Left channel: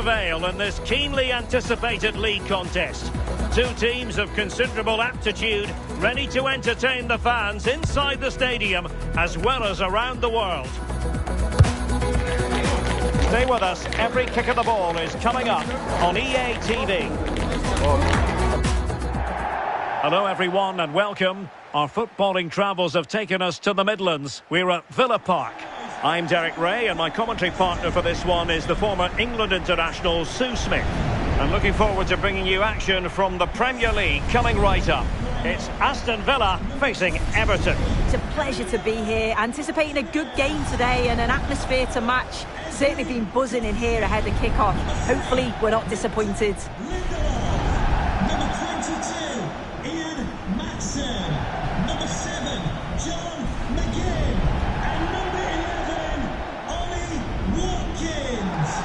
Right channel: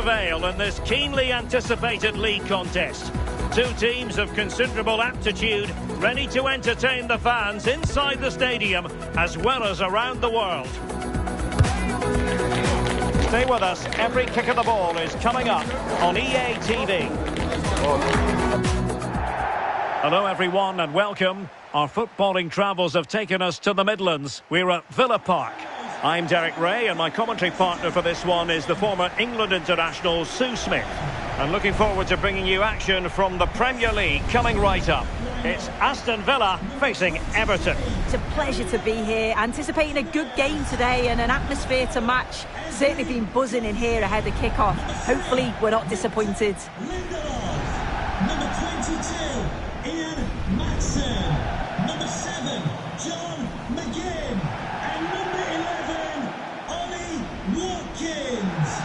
prevail in this keenly anticipated league contest. Two teams of considerable aptitude, ready to entertain the fans inside the stadium as well as around the world. Stay with us, every kick of the ball is coming up on EA TV. Hello everyone and welcome. Our footballing travels have taken us to the Midlands. We're at Villa Park. I'm Derek Ray and my commentary partner for this one is the former England international Sue Smith. And looking forward to bringing you action from the Premier League coming right up. It's Aston Villa facing Everton. It's a pleasure to be here, anticipating a good game today and an atmosphere to match. Certainly been buzzing in here ahead of kick-off. Hopefully we're not disappointed. Number 22, Ian Matson. Number 7, John McGinn. And number 11, Ollie Watkins.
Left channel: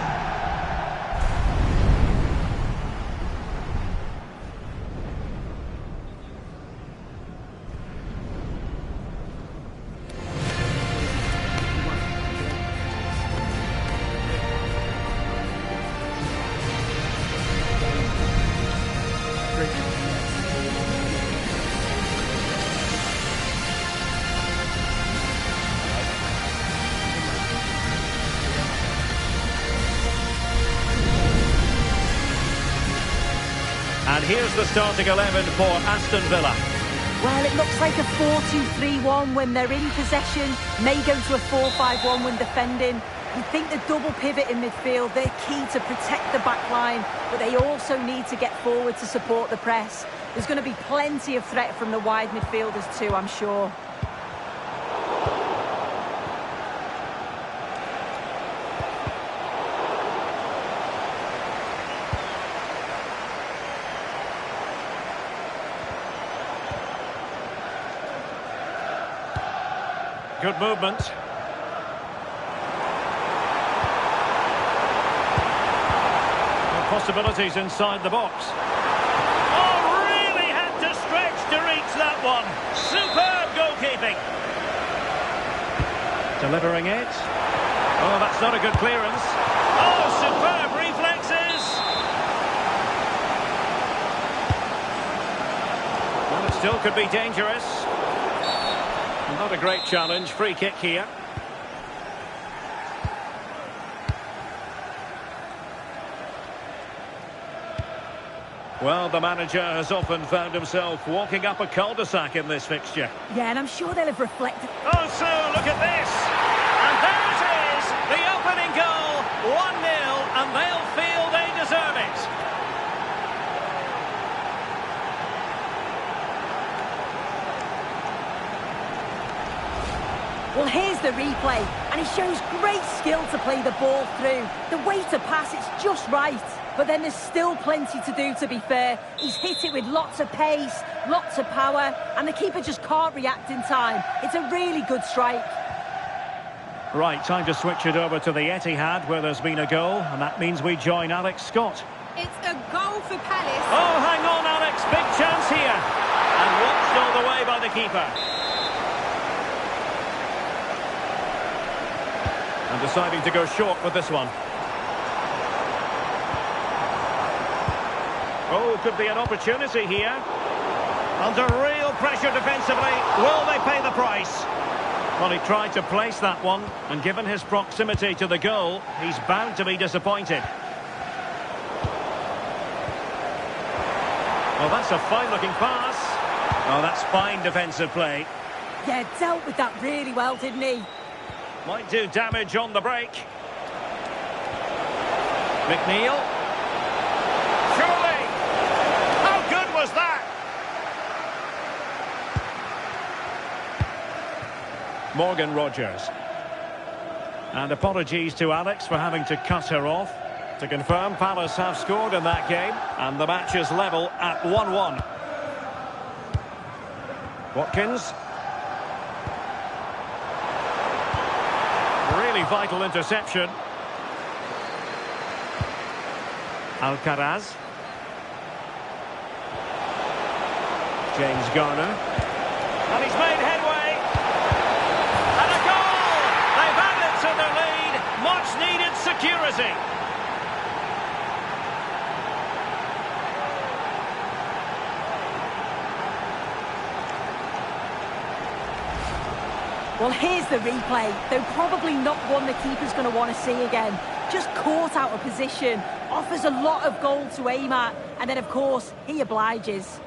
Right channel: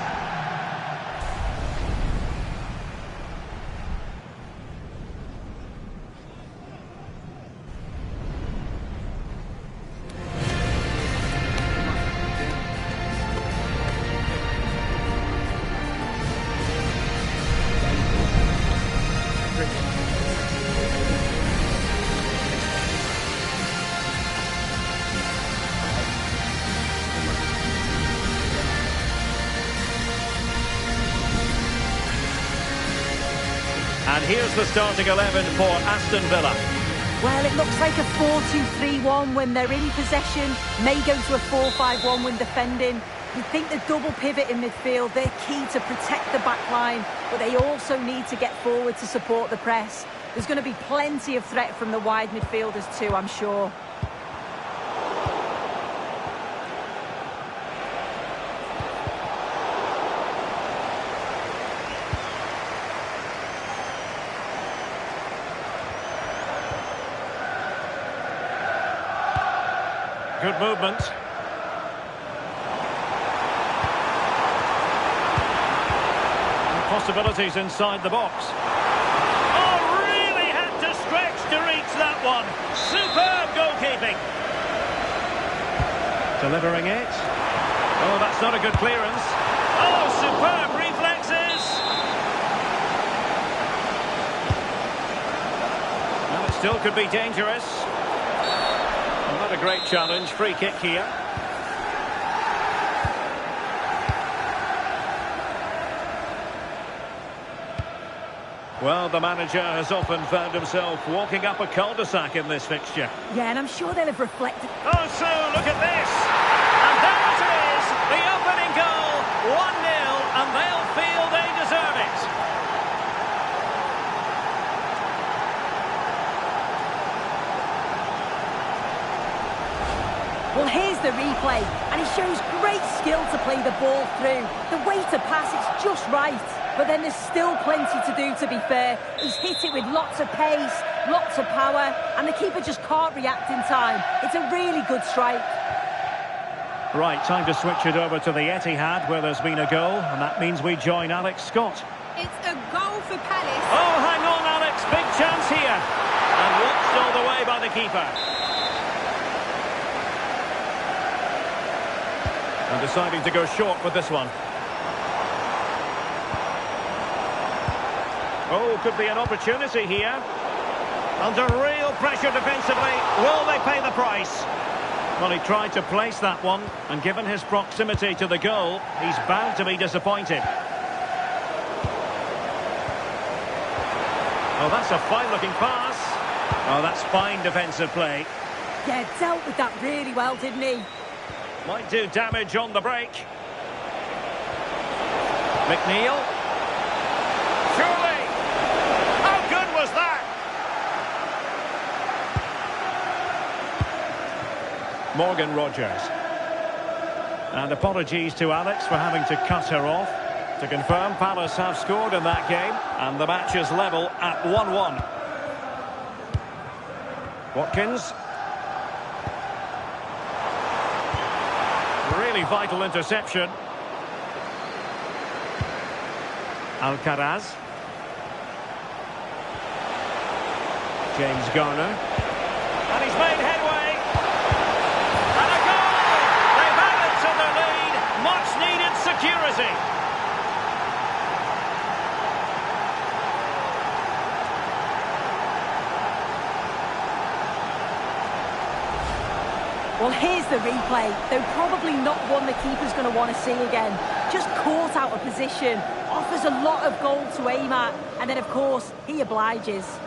And here's the starting 11 for Aston Villa. Well, it looks like a 4-2-3-1 when they're in possession. May go to a 4-5-1 when defending. You think the double pivot in midfield, they're key to protect the back line, but they also need to get forward to support the press. There's going to be plenty of threat from the wide midfielders too, I'm sure. Good movement. Possibilities inside the box. Oh, really had to stretch to reach that one. Superb goalkeeping. Delivering it. Oh, that's not a good clearance. Oh, superb reflexes. Well, it still could be dangerous. Not a great challenge. Free kick here. Well, the manager has often found himself walking up a cul-de-sac in this fixture. Yeah, and I'm sure they'll have reflected. Oh, so look at this. And there it is. The opening goal. 1-0, and they'll feel they deserve it. Well, here's the replay, and he shows great skill to play the ball through. The way to pass, it's just right. But then there's still plenty to do, to be fair. He's hit it with lots of pace, lots of power, and the keeper just can't react in time. It's a really good strike. Right, time to switch it over to the Etihad, where there's been a goal, and that means we join Alex Scott. It's a goal for Palace. Oh, hang on, Alex, big chance here. And watched all the way by the keeper. And deciding to go short with this one. Oh, could be an opportunity here. Under real pressure defensively. Will they pay the price? Well, he tried to place that one, and given his proximity to the goal, he's bound to be disappointed. Oh, that's a fine-looking pass. Oh, that's fine defensive play. Yeah, dealt with that really well, didn't he? Might do damage on the break. McNeil. Surely. How good was that? Morgan Rogers. And apologies to Alex for having to cut her off. To confirm, Palace have scored in that game, and the match is level at 1-1. Watkins. Really vital interception. Alcaraz. James Garner. And he's made headway. And a goal! They've added to their lead. Much needed security. Well, here's the replay. Though probably not one the keeper's going to want to see again. Just caught out of position. Offers a lot of goal to aim at. And then, of course, he obliges.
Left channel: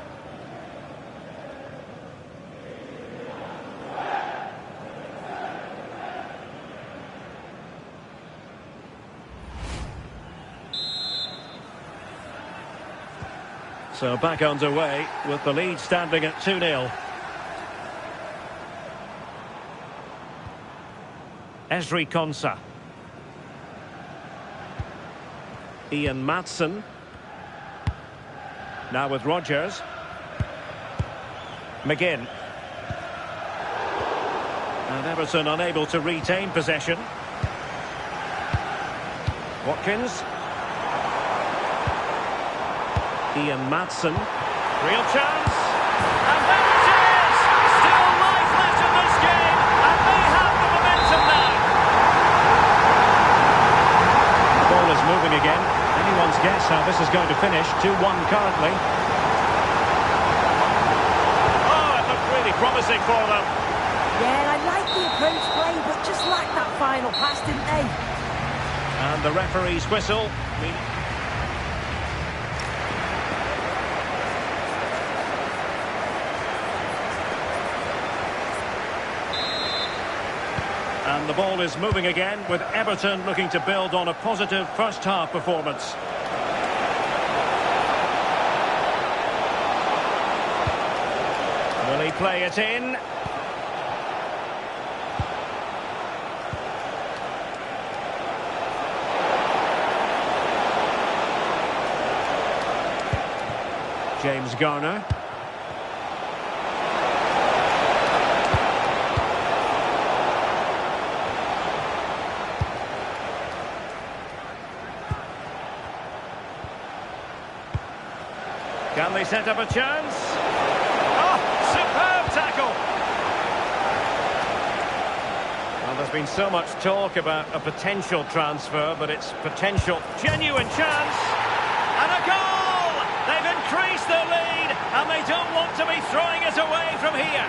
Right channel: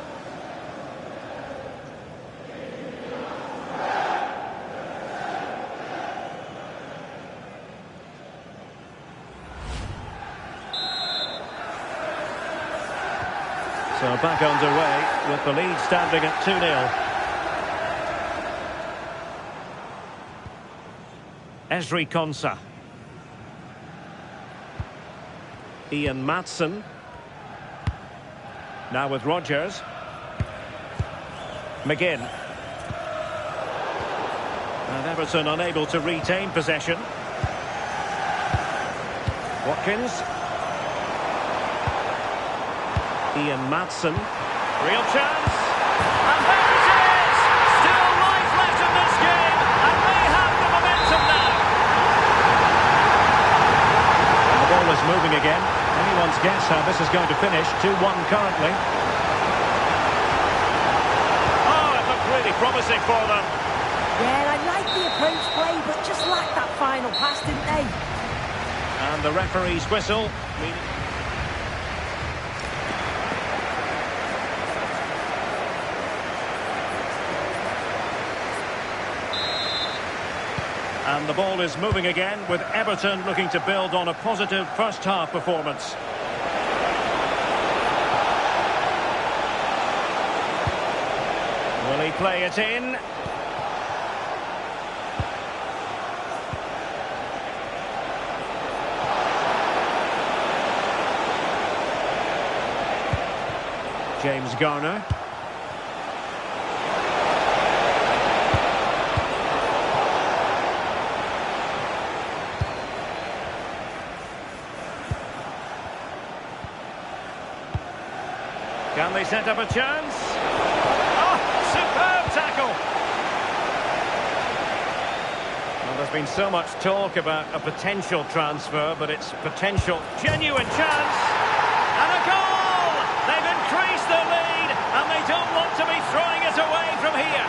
So back underway with the lead standing at 2-0. Ezri Konsa. Ian Maatsen. Now with Rodgers. McGinn. And Everton unable to retain possession. Watkins. Ian Maatsen. Real chance. And there it is! Still life left in this game. And they have the momentum now. And the ball is moving again. Anyone's guess how this is going to finish. 2-1 currently. Oh, it looked really promising for them. Yeah, I like the approach play, but just lacked that final pass, didn't they? And the referee's whistle. And the ball is moving again with Everton looking to build on a positive first half performance. Will he play it in? James Garner. Can they set up a chance? Oh, superb tackle! Well, there's been so much talk about a potential transfer, but it's potential genuine chance. And a goal! They've increased their lead, and they don't want to be throwing it away from here.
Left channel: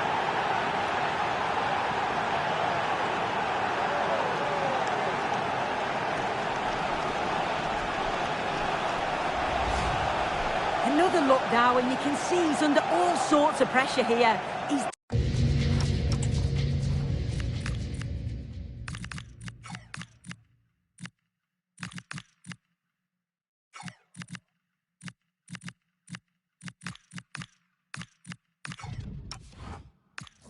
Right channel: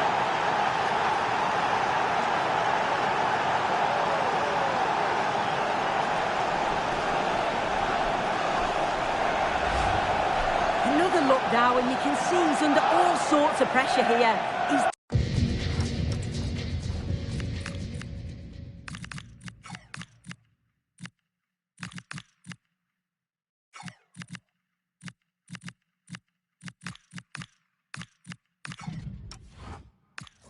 Another look now, and you can see he's under all sorts of pressure here. He's...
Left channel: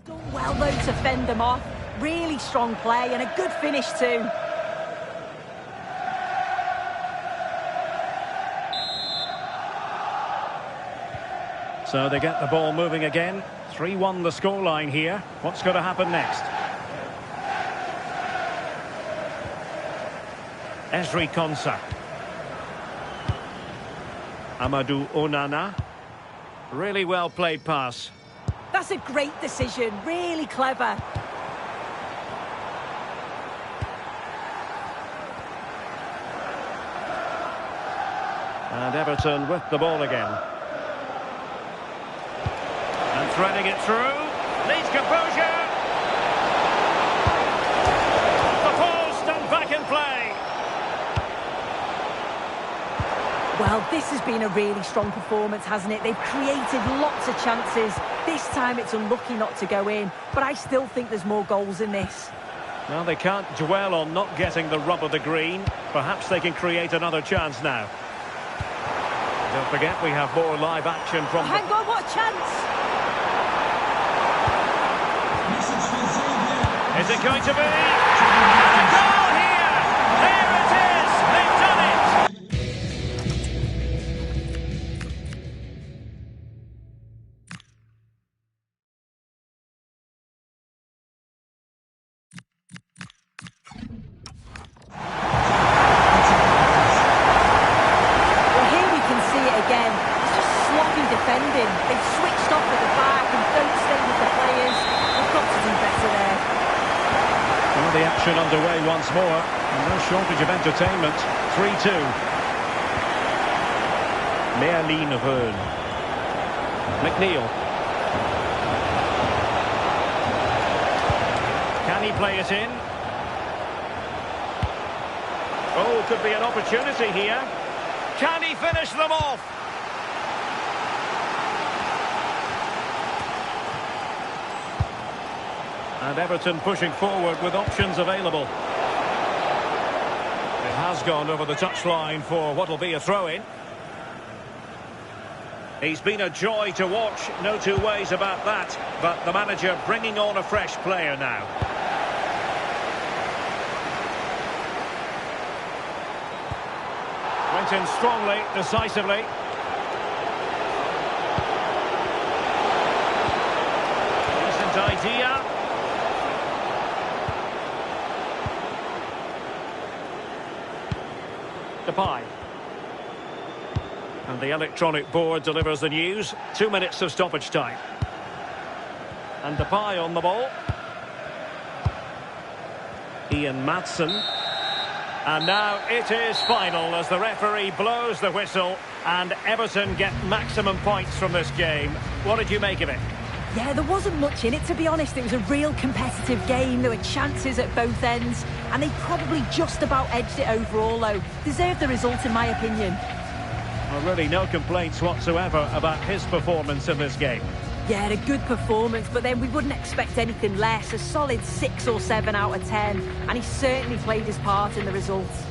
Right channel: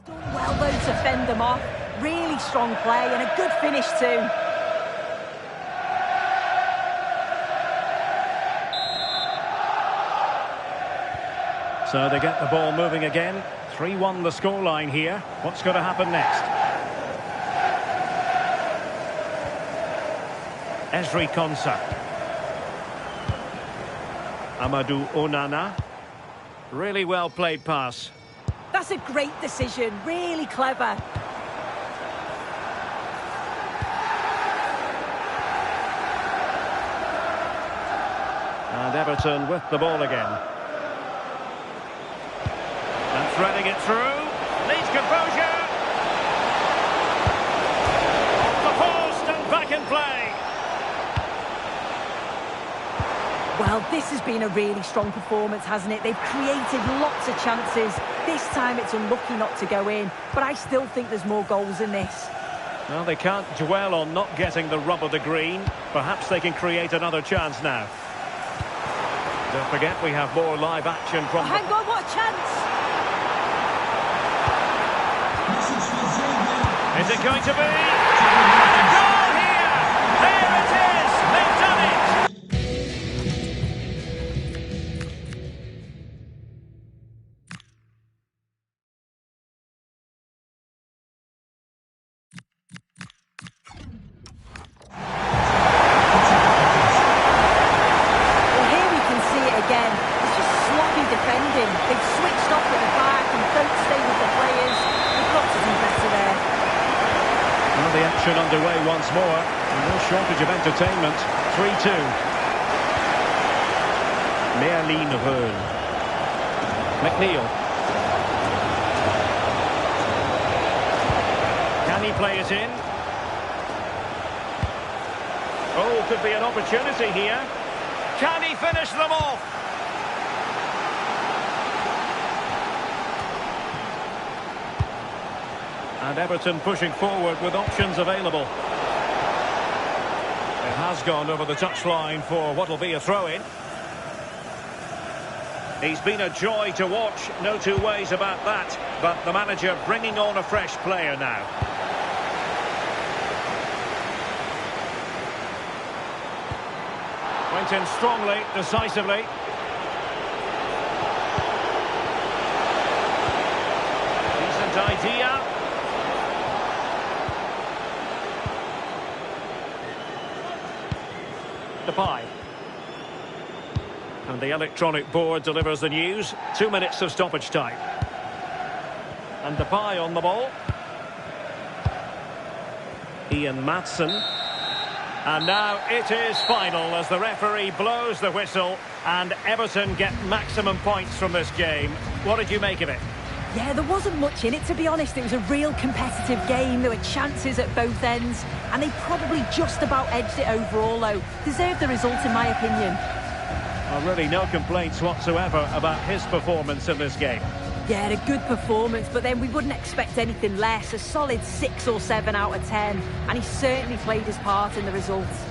done well, though, to fend them off. Really strong play and a good finish, too. So they get the ball moving again. 3-1 the scoreline here. What's going to happen next? Ezri Konsa. Amadou Onana. Really well played pass. That's a great decision. Really clever. And Everton with the ball again. And threading it through. Needs composure. Off the post and back in play. Well, this has been a really strong performance, hasn't it? They've created lots of chances. This time it's unlucky not to go in, but I still think there's more goals in this. Well, they can't dwell on not getting the rub of the green. Perhaps they can create another chance now. Don't forget, we have more live action from... Hang on, what a chance! Is it going to be? And a goal here! There it is! They've done it! Well, here we can see it again. It's just sloppy defending. They've switched off at the back and don't stay with the players. They've got to do better there. Well, the action underway once more, and no shortage of entertainment. 3-2. Merlin Röhl. McNeil. Can he play it in? Oh, could be an opportunity here. Can he finish them off? And Everton pushing forward with options available. It has gone over the touchline for what will be a throw-in. He's been a joy to watch, no two ways about that. But the manager bringing on a fresh player now. Went in strongly, decisively. Decent idea. Depay. And the electronic board delivers the news. 2 minutes of stoppage time. And Depay on the ball. Ian Maatsen. And now it is final as the referee blows the whistle and Everton get maximum points from this game. What did you make of it? Yeah, there wasn't much in it, to be honest. It was a real competitive game. There were chances at both ends, and they probably just about edged it overall, though. Deserved the result, in my opinion. Well, really no complaints whatsoever about his performance in this game. Yeah, a good performance, but then we wouldn't expect anything less. A solid 6 or 7 out of 10, and he certainly played his part in the results.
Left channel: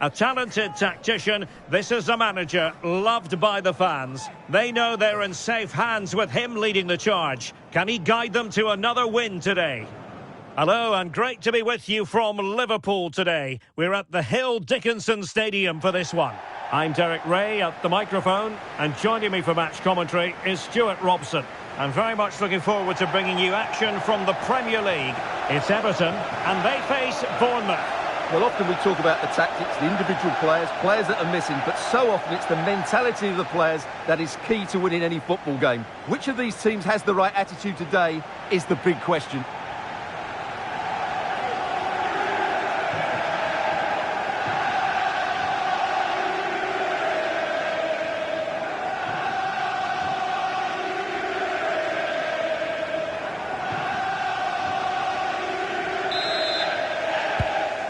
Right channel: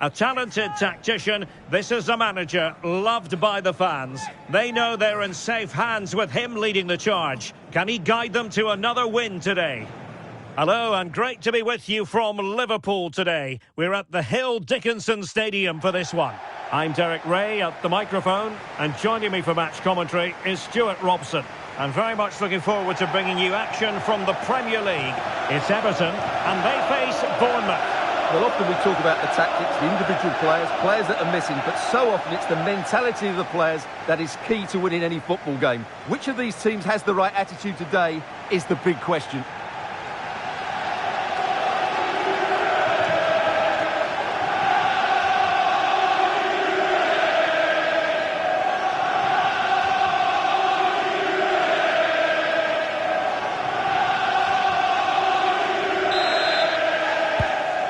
A talented tactician, this is a manager loved by the fans. They know they're in safe hands with him leading the charge. Can he guide them to another win today? Hello and great to be with you from Liverpool today. We're at the Hill Dickinson Stadium for this one. I'm Derek Ray at the microphone, and joining me for match commentary is Stuart Robson. I'm very much looking forward to bringing you action from the Premier League. It's Everton and they face Bournemouth. Well, often we talk about the tactics, the individual players that are missing, but so often it's the mentality of the players that is key to winning any football game. Which of these teams has the right attitude today is the big question.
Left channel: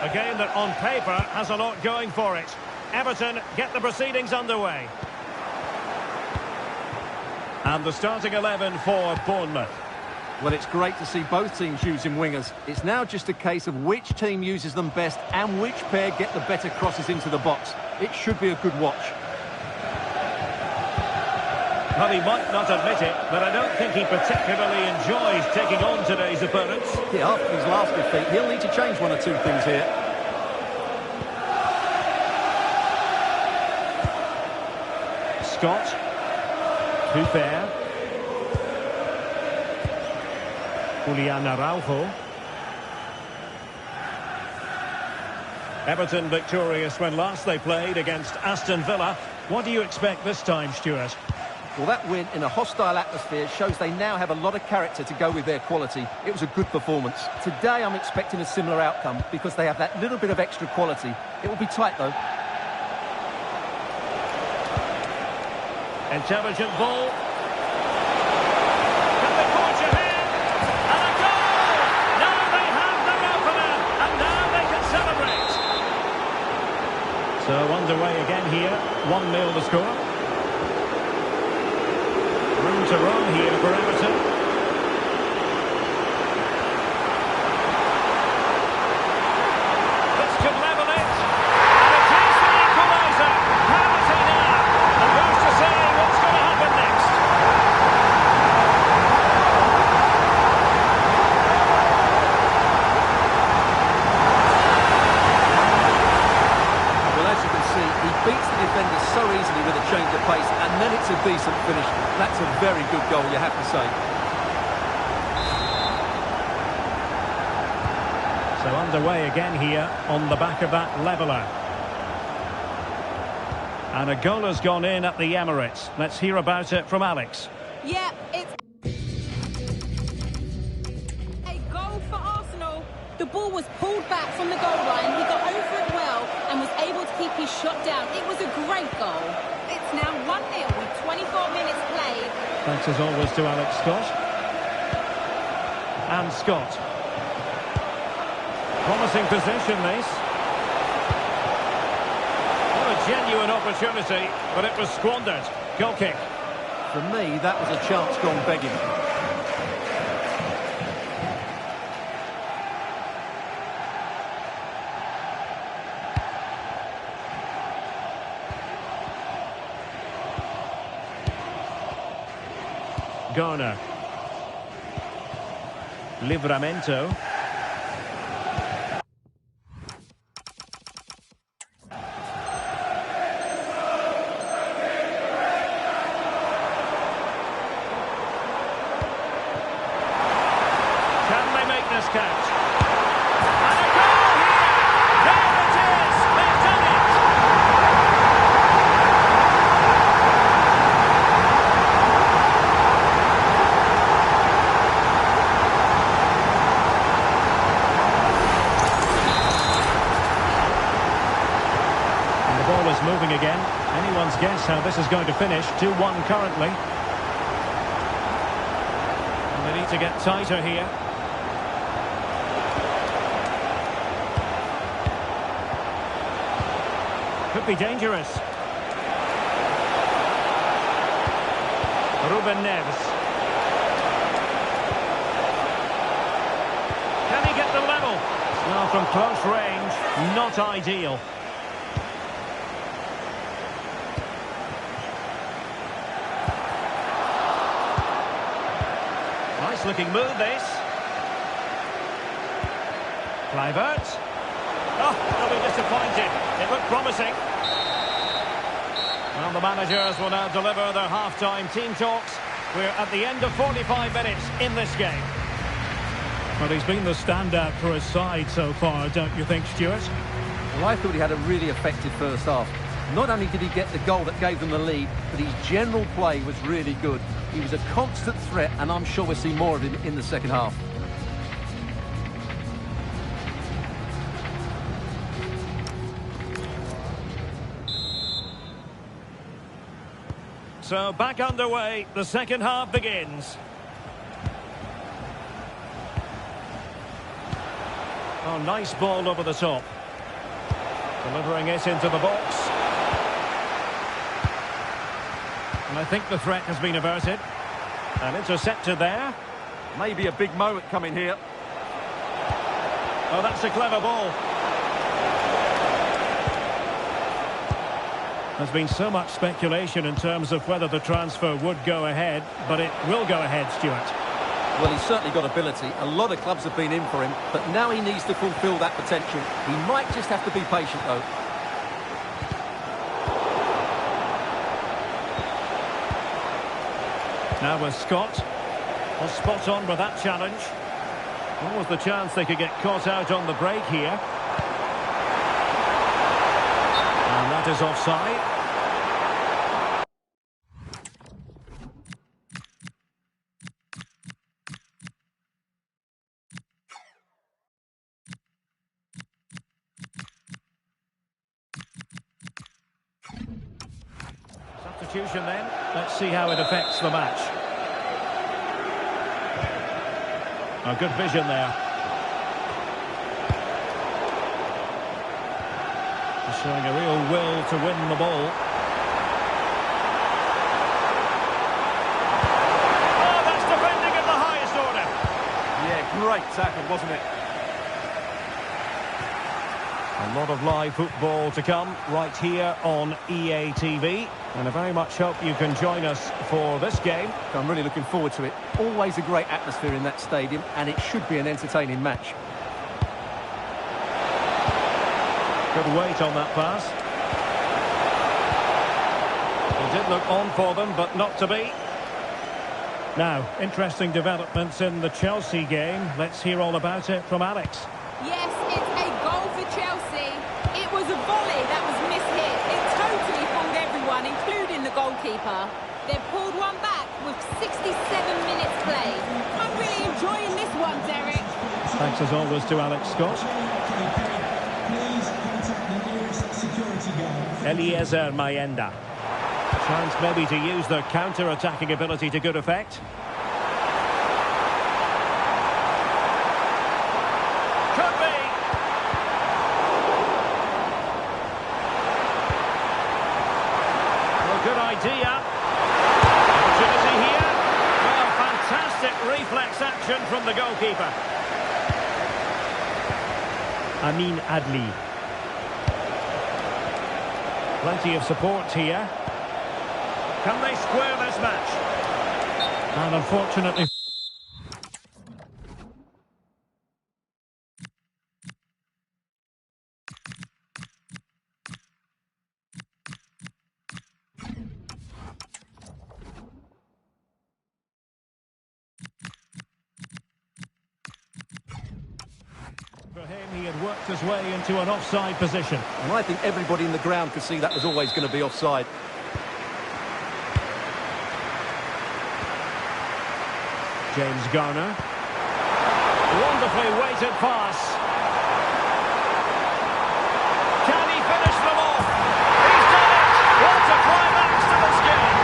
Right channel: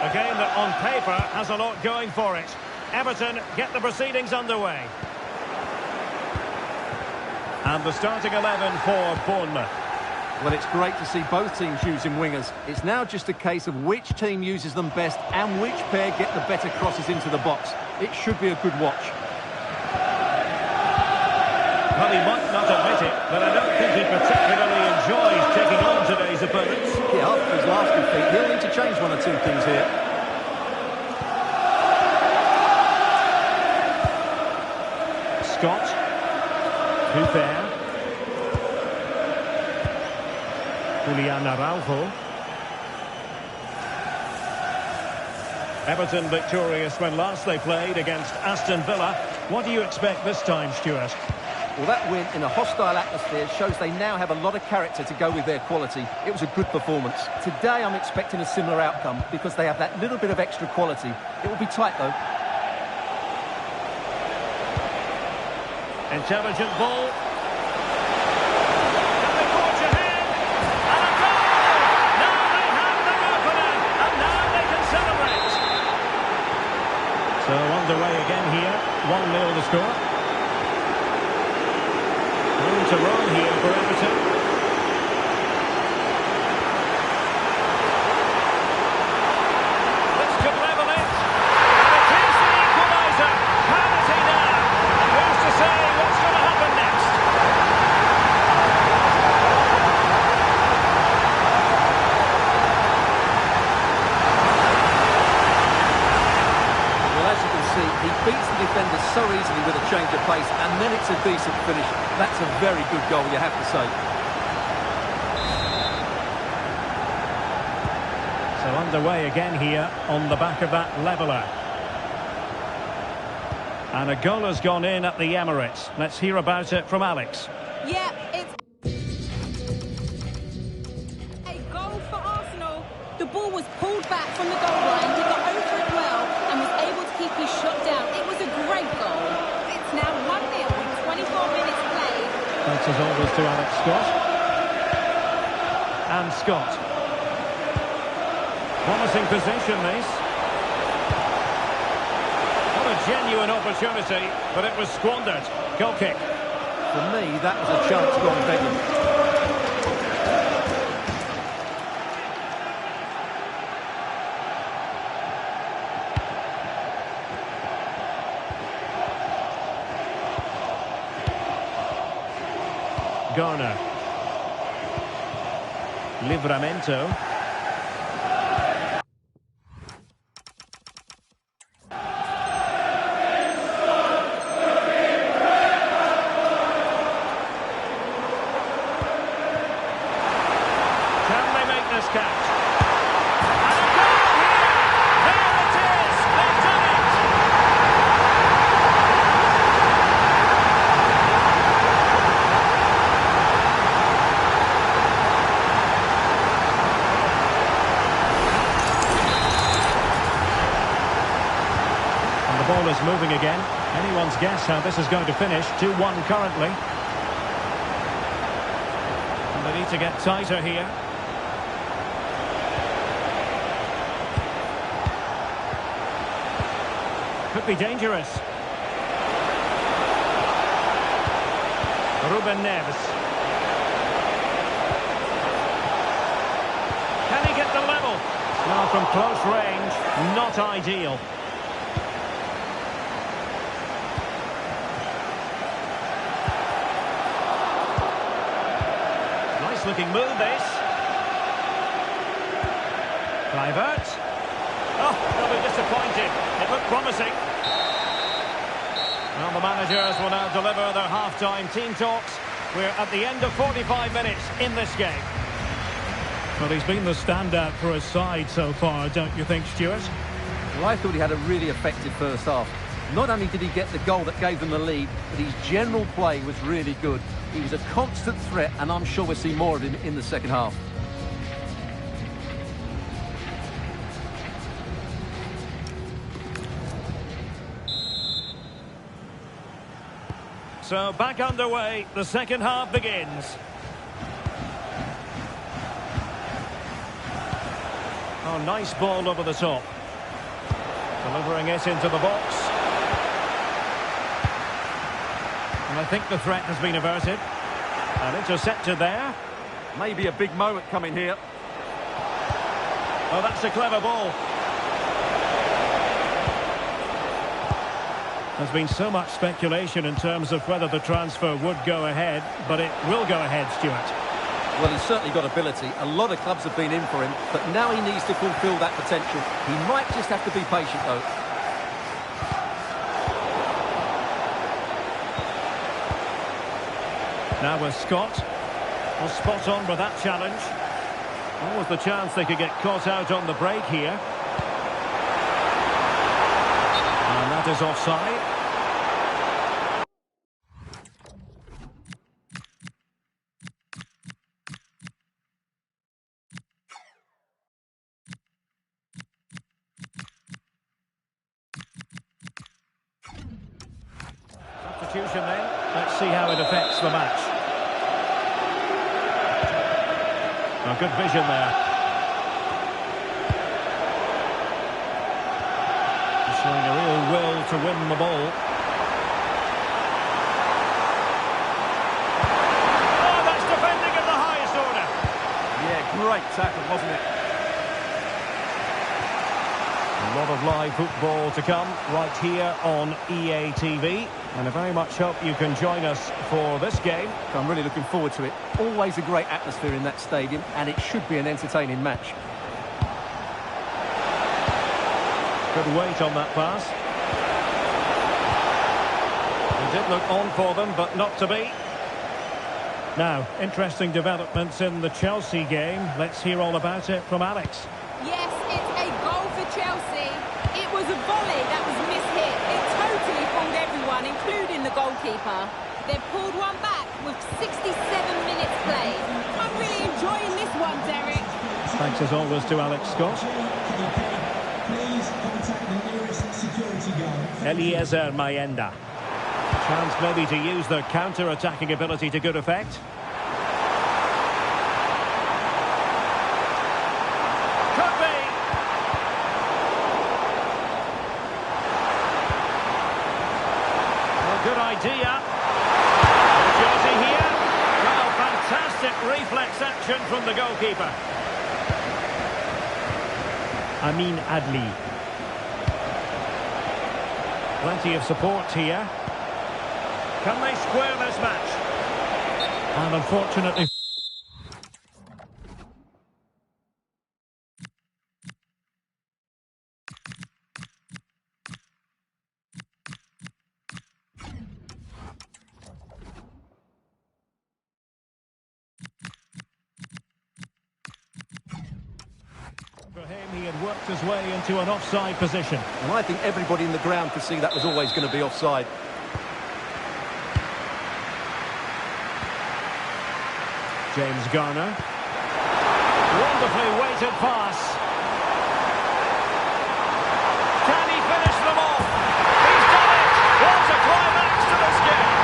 A game that on paper has a lot going for it. Everton get the proceedings underway. And the starting 11 for Bournemouth. Well, it's great to see both teams using wingers. It's now just a case of which team uses them best and which pair get the better crosses into the box. It should be a good watch. Well, he might not admit it, but I don't think he particularly enjoys taking on today's opponents. Yeah, after his last defeat, he'll need to change one or two things here. Scott. Too fair. Araujo. Everton victorious when last they played against Aston Villa. What do you expect this time, Stuart? Well, that win in a hostile atmosphere shows they now have a lot of character to go with their quality. It was a good performance. Today I'm expecting a similar outcome because they have that little bit of extra quality. It will be tight though. Intelligent ball. Can they forge ahead? And a goal! Now they have their opener, and now they can celebrate. So underway again here. 1-0 the score. Room to run here for Everton. This could level it. And it is the equaliser. Penalty now. And who's to say what's going to happen next? Well, as you can see, he beats the defender so easily with a change of pace, and then it's a decent finish. That's a very good goal, you have to say. So underway again here on the back of that leveller. And a goal has gone in at the Emirates. Let's hear about it from Alex. Yeah, it's a goal for Arsenal. The ball was pulled back from the goal line. He got over it well and was able to keep his shot down. It was a great goal. It's now 1-0 with 24 minutes played. Thanks as always to Alex Scott. And Scott. Promising position this. What a genuine opportunity, but it was squandered. Goal kick. For me, that was a chance gone begging. Garner. Livramento. Can they make this count? And a goal here! There it is! They've done it! And the ball is moving again. Anyone's guess how this is going to finish. 2-1 currently. And they need to get tighter here. Could be dangerous. Ruben Neves. Can he get the level? Now from close range, not ideal. Nice looking move this. Kluivert. Oh, they'll be disappointed. It looked promising. Well, the managers will now deliver their half-time team talks. We're at the end of 45 minutes in this game. Well, he's been the standout for his side so far, don't you think, Stuart? Well, I thought he had a really effective first half. Not only did he get the goal that gave them the lead, but his general play was really good. He was a constant threat, and I'm sure we'll see more of him in the second half. So back underway, the second half begins. Oh, nice ball over the top. Delivering it into the box. And I think the threat has been averted. And intercepted there. Maybe a big moment coming here. Oh, that's a clever ball. There's been so much speculation in terms of whether the transfer would go ahead, but it will go ahead, Stuart. Well, he's certainly got ability. A lot of clubs have been in for him, but now he needs to fulfil that potential. He might just have to be patient, though. Now with Scott. Well, spot on with that challenge. What was the chance they could get caught out on the break here? And that is offside. Substitution then. Let's see how it affects the match. A good vision there. He's showing a real will to win the ball. Oh, that's defending at the highest order. Yeah, great tackle, wasn't it? A lot of live football to come right here on EA TV. And I very much hope you can join us for this game. I'm really looking forward to it. Always a great atmosphere in that stadium, and it should be an entertaining match. Good weight on that pass. He did look on for them, but not to be. Now, interesting developments in the Chelsea game. Let's hear all about it from Alex. Yes, it's a goal for Chelsea. It was a volley that was mishit. It totally fooled everyone, including the goalkeeper. They've pulled one back with 67 minutes played. I'm really enjoying this one, Derek. Thanks as always to Alex Scott. Please contact the nearest security guard. Eliezer Mayenda. Chance maybe to use their counter-attacking ability to good effect. Could be. Well, good idea. Opportunity here. Well, fantastic reflex action from the goalkeeper. Amin Adli. Plenty of support here. Can they square this match? And unfortunately... For him, he had worked his way into an offside position. And I think everybody in the ground could see that was always going to be offside. James Garner. Wonderfully weighted pass. Can he finish them off? He's done it! What a climax to this game!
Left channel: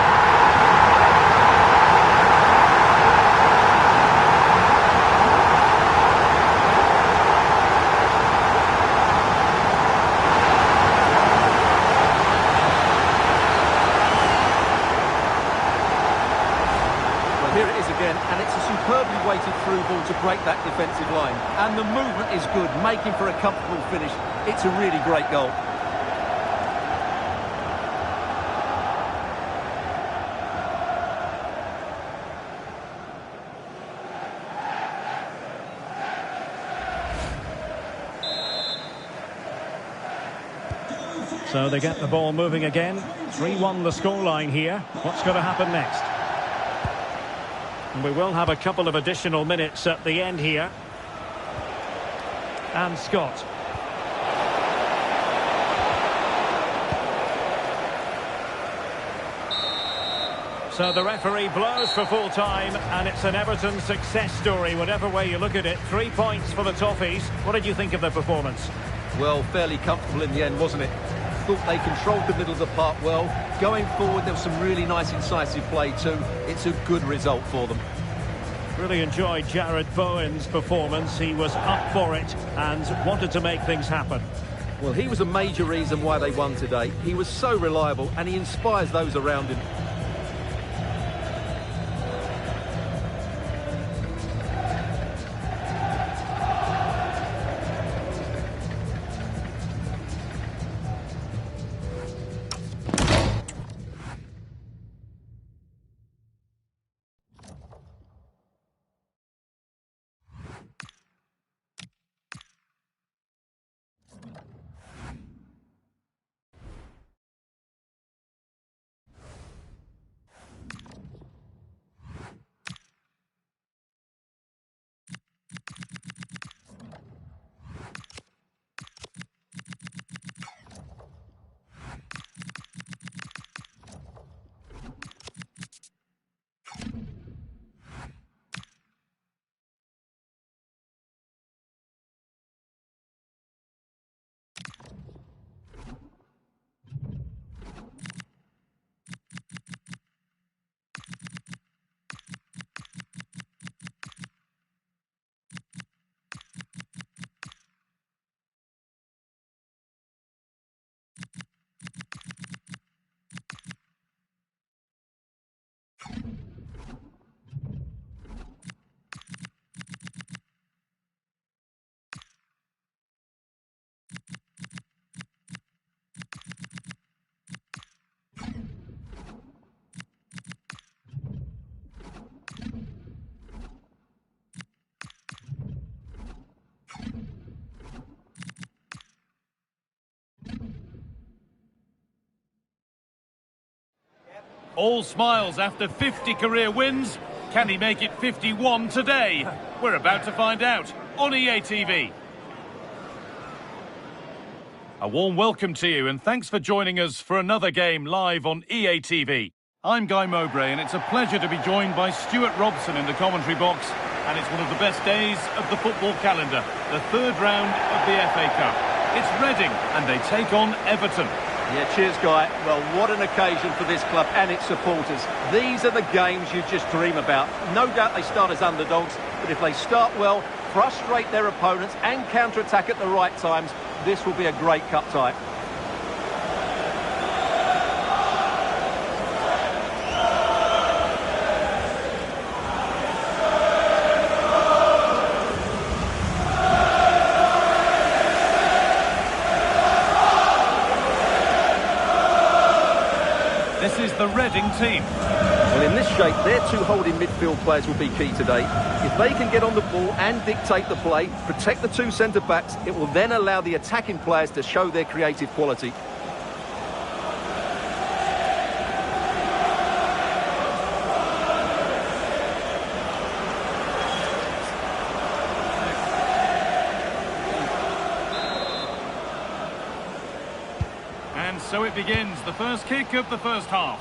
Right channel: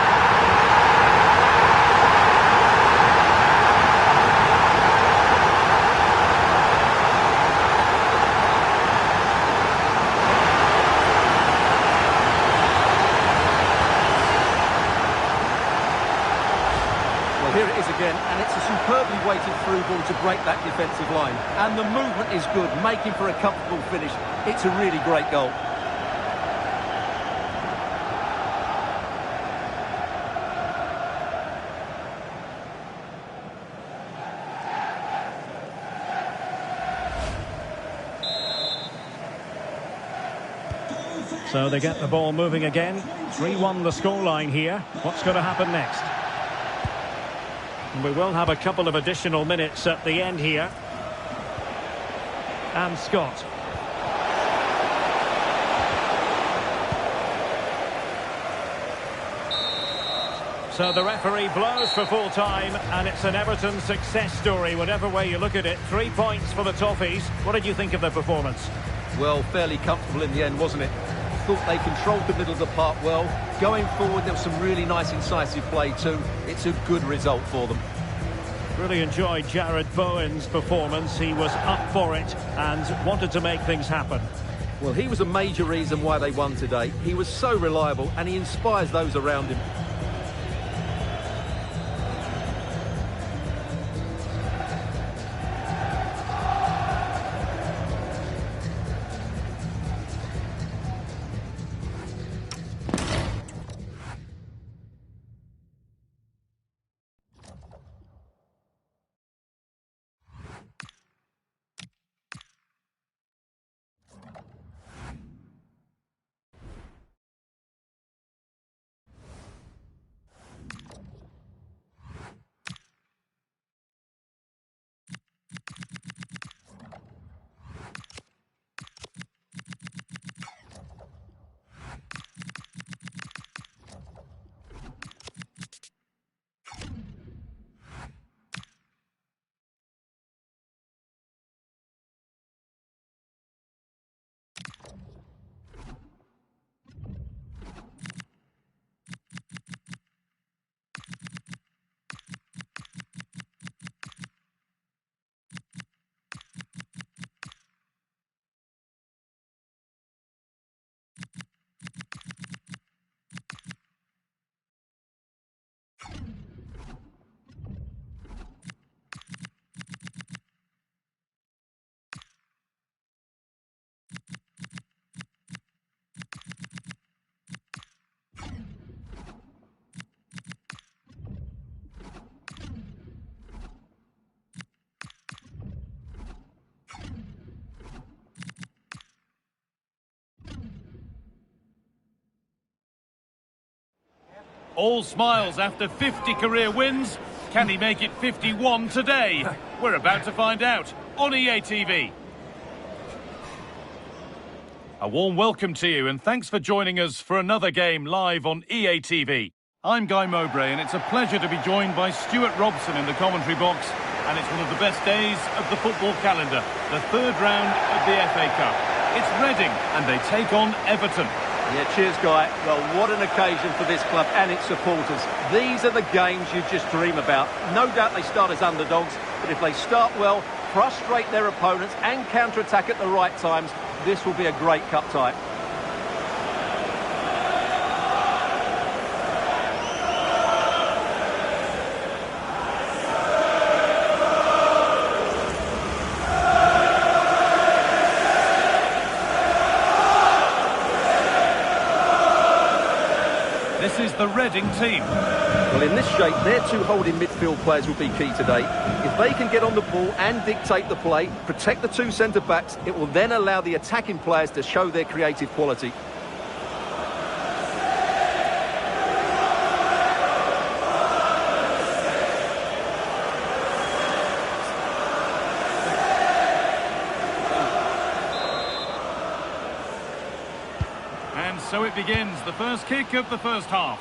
Here it is again, and it's a superbly weighted through ball to break that defensive line. And the movement is good, making for a comfortable finish. It's a really great goal. So they get the ball moving again. 3-1 the scoreline here. What's going to happen next? We will have a couple of additional minutes at the end here. And Scott. So the referee blows for full time, and it's an Everton success story, whatever way you look at it. 3 points for the Toffees. What did you think of their performance? Well, fairly comfortable in the end, wasn't it? Thought they controlled the middle of the park well. Going forward, there was some really nice incisive play too. It's a good result for them. Really enjoyed Jarrad Bowen's performance. He was up for it and wanted to make things happen. Well, he was a major reason why they won today. He was so reliable and he inspires those around him. All smiles after 50 career wins. Can he make it 51 today? We're about to find out on EA TV. A warm welcome to you and thanks for joining us for another game live on EA TV. I'm Guy Mowbray and it's a pleasure to be joined by Stuart Robson in the commentary box. And it's one of the best days of the football calendar, the third round of the FA Cup. It's Reading and they take on Everton. Yeah, cheers, Guy. Well, what an occasion for this club and its supporters. These are the games you just dream about. No doubt they start as underdogs, but if they start well, frustrate their opponents and counter-attack at the right times, this will be a great cup tie. This is the Reading team. Well, in this shape, their two holding midfield players will be key today. If they can get on the ball and dictate the play, protect the two centre-backs, it will then allow the attacking players to show their creative quality. And so it begins, the first kick of the first half.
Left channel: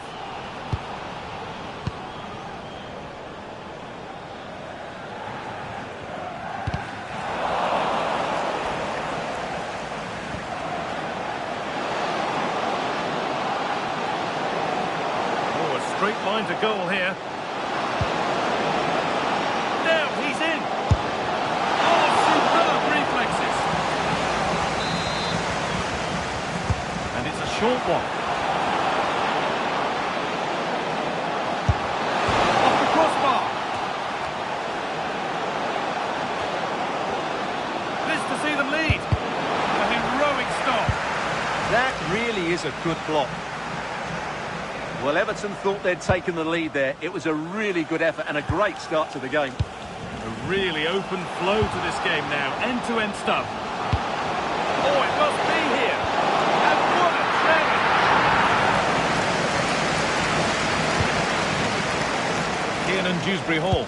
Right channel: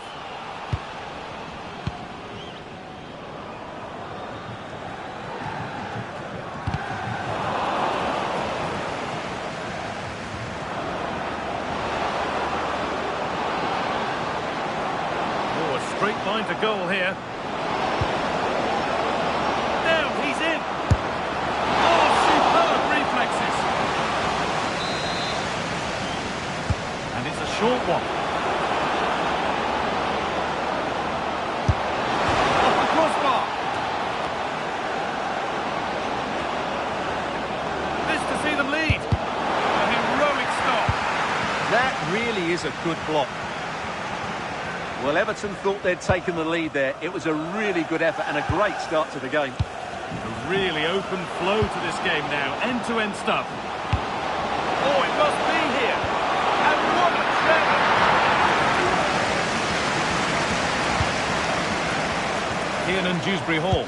Oh, a straight line to goal here. Now he's in. Oh, superb reflexes. And it's a short one. Off the crossbar. This to see them lead. A heroic stop. That really is a good block. Well, Everton thought they'd taken the lead there. It was a really good effort and a great start to the game. A really open flow to this game now. End-to-end stuff. Oh, it must be here. And what a challenge! Kiernan, Dewsbury-Hall.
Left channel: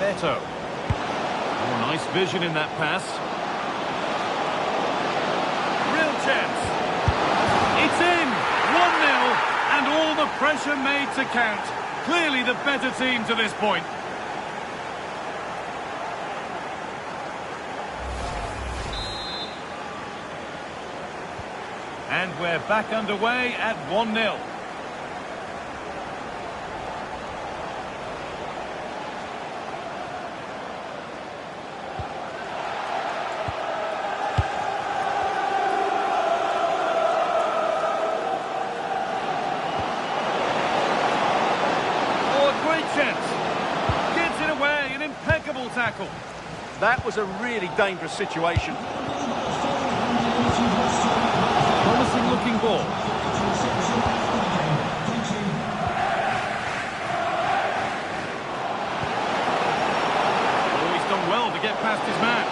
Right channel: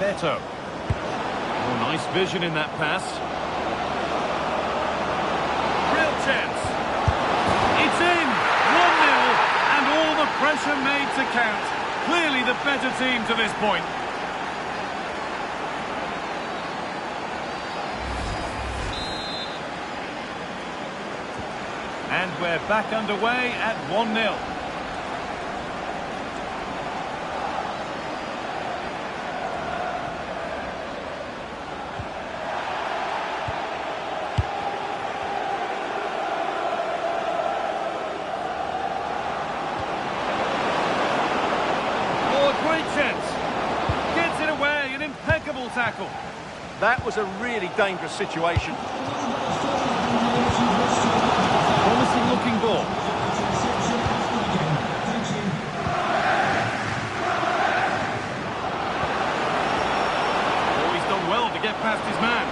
Beto. Oh, nice vision in that pass. Real chance. It's in! 1-0, and all the pressure made to count. Clearly the better team to this point. And we're back underway at 1-0. Oh, a great chance. Gets it away, an impeccable tackle. That was a really dangerous situation. Promising looking ball. Oh, he's done well to get past his man.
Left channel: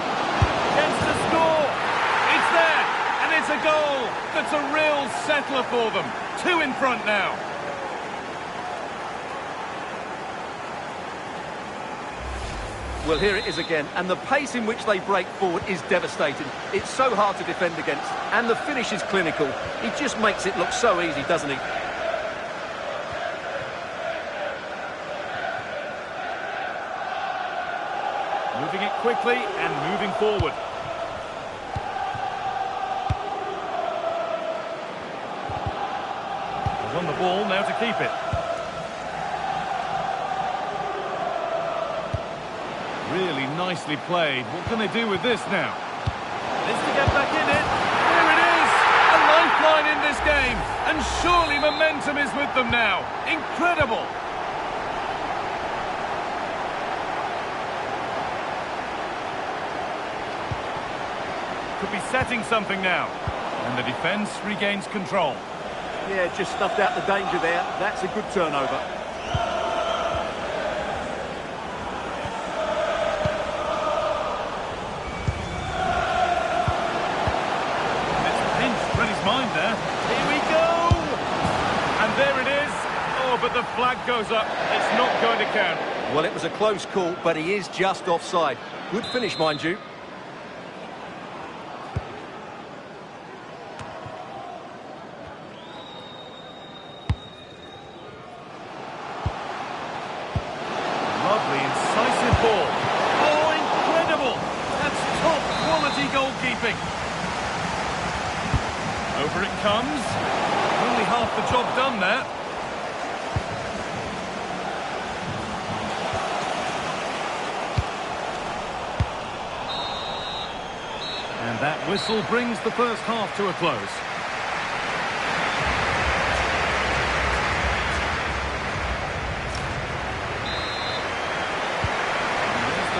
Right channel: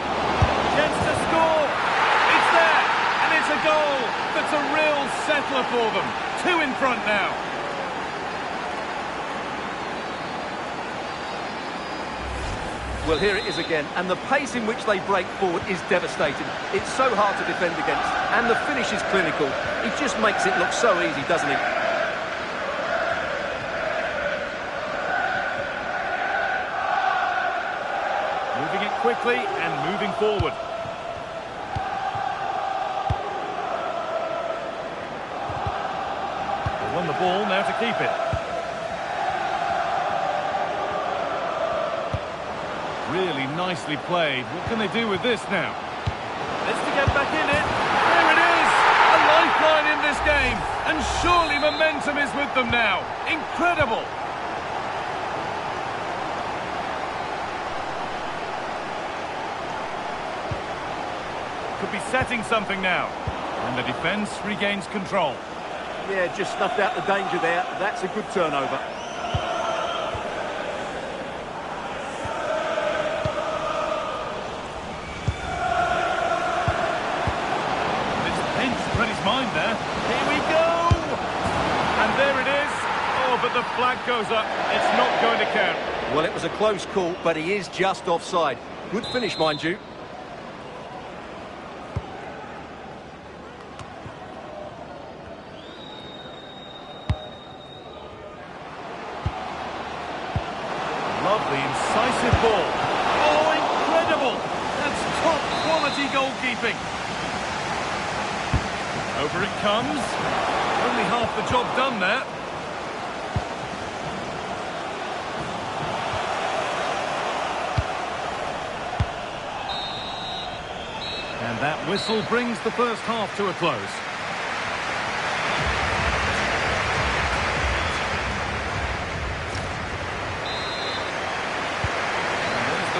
Chance to score. It's there. And it's a goal. That's a real settler for them. 2 in front now. Well, here it is again, and the pace in which they break forward is devastating. It's so hard to defend against, and the finish is clinical. He just makes it look so easy, doesn't he? Moving it quickly and moving forward. They've won the ball, now to keep it. Really nicely played. What can they do with this now? This to get back in it. There it is! A lifeline in this game. And surely momentum is with them now. Incredible! Could be setting something now. And the defence regains control. Yeah, just snuffed out the danger there. That's a good turnover. Read his mind there. Here we go! And there it is. Oh, but the flag goes up. It's not going to count. Well, it was a close call, but he is just offside. Good finish, mind you. Lovely, incisive ball. Oh, incredible! That's top quality goalkeeping. Over it comes. Only half the job done there. And that whistle brings the first half to a close.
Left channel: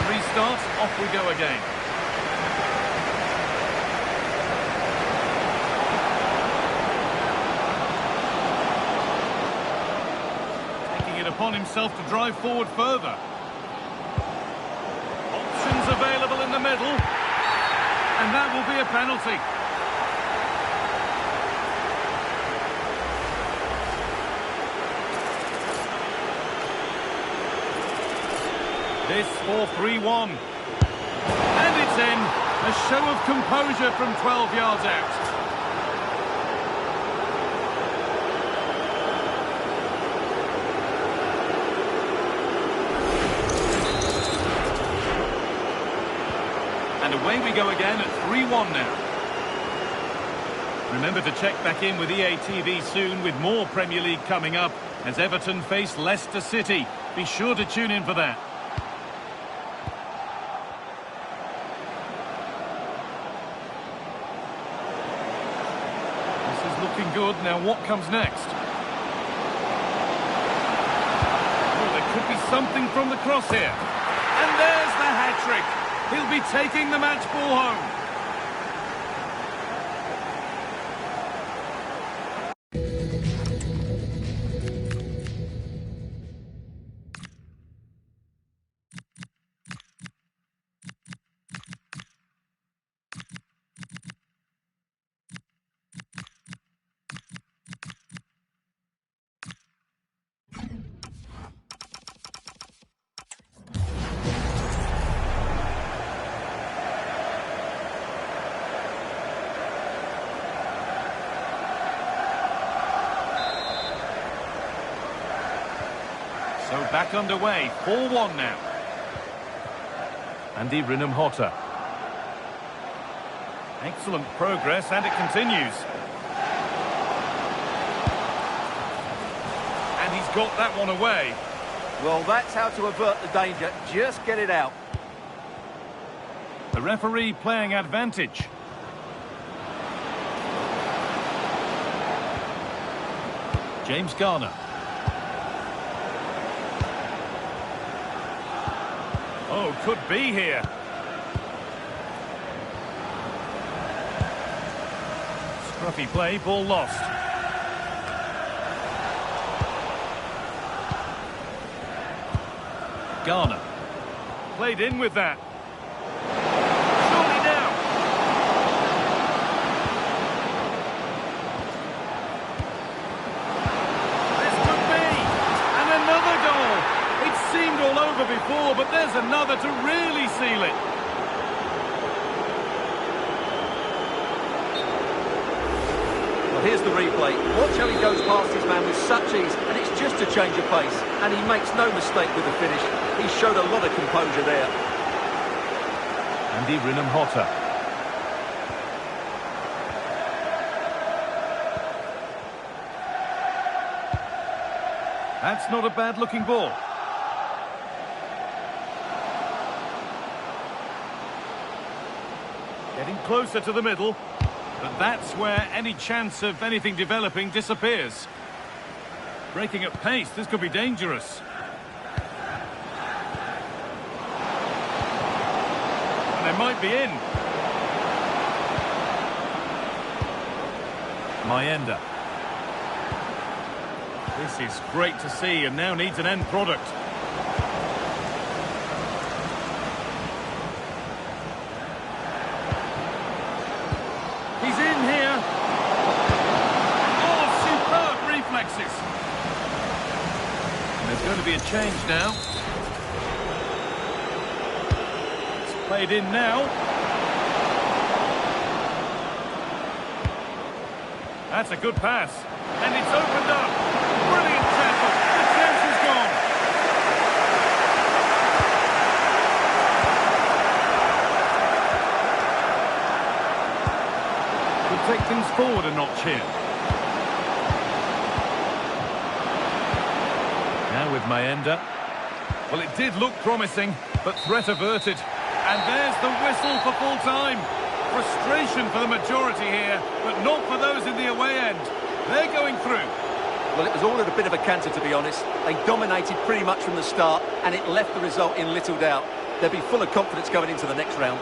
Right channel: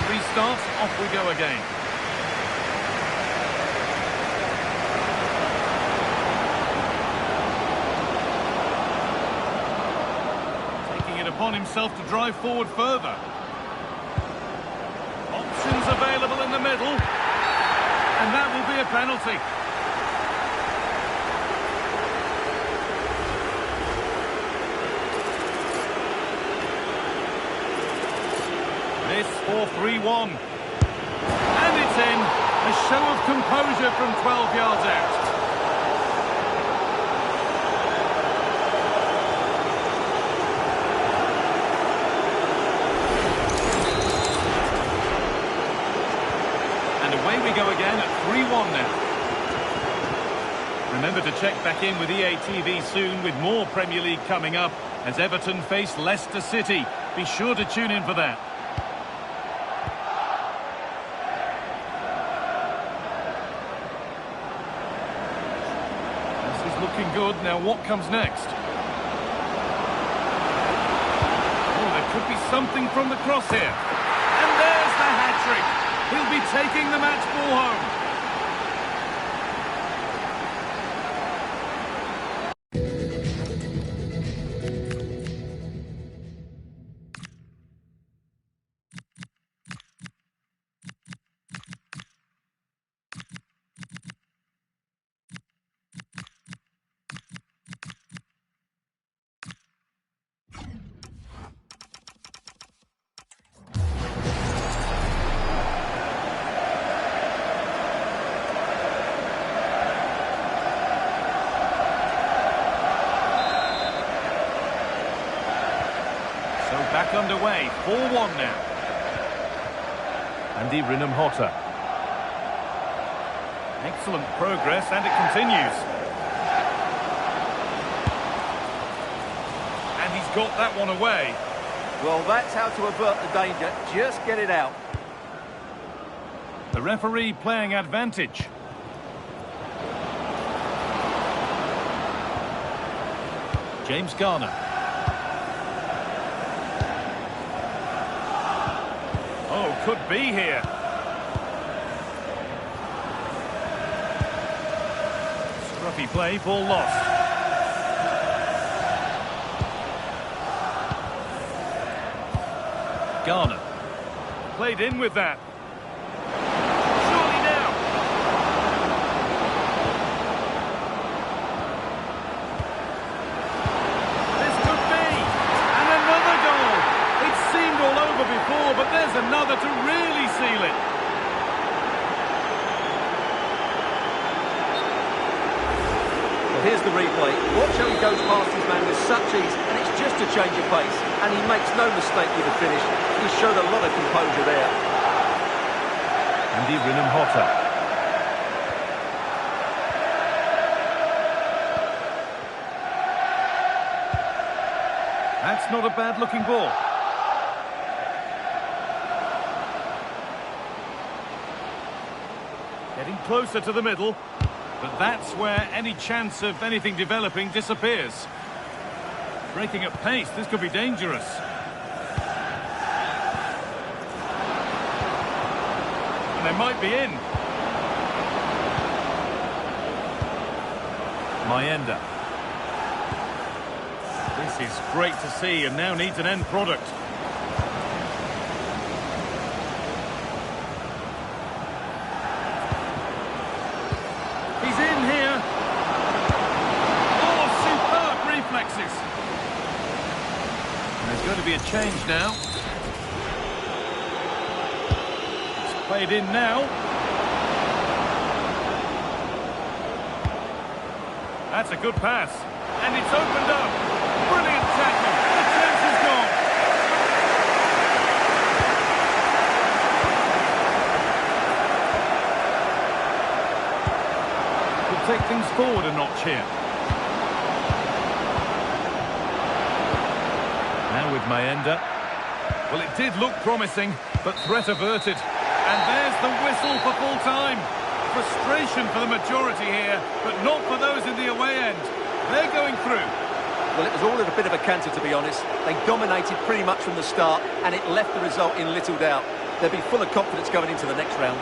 Restart, off we go again. Taking it upon himself to drive forward further. Options available in the middle. And that will be a penalty. This for 3-1. And it's in. A show of composure from 12 yards out. And away we go again at 3-1 now. Remember to check back in with EA TV soon with more Premier League coming up as Everton face Leicester City. Be sure to tune in for that. This is looking good. Now what comes next? Oh, there could be something from the cross here. And there's the hat-trick. He'll be taking the match ball home. So back underway, 4-1 now. Andy Rinham-Hotter. Excellent progress, and it continues. And he's got that one away. Well, that's how to avert the danger. Just get it out. The referee playing advantage. James Garner. Oh, could be here. Scruffy play, ball lost. Garner. Played in with that. Surely now. This could be. And another goal. It seemed all over before, but there's another to really seal it. Well, here's the replay. Watch how he goes past his man with such ease, and it's just a change of pace. And he makes no mistake with the finish. He showed a lot of composure there. Andy Rinham-Hotter. That's not a bad-looking ball. Getting closer to the middle, but that's where any chance of anything developing disappears. Breaking at pace, this could be dangerous. And they might be in. Manger. This is great to see and now needs an end product. He's in here. Oh, superb reflexes. There's going to be a change now. It's played in now. That's a good pass. And it's opened up. Brilliant tackle. The chance is gone. Could take things forward a notch here. Now with Manger. Well, it did look promising, but threat averted. And there's the whistle for full time. Frustration for the majority here, but not for those in the away end. They're going through. Well, it was all at a bit of a canter, to be honest. They dominated pretty much from the start, and it left the result in little doubt. They'll be full of confidence going into the next round.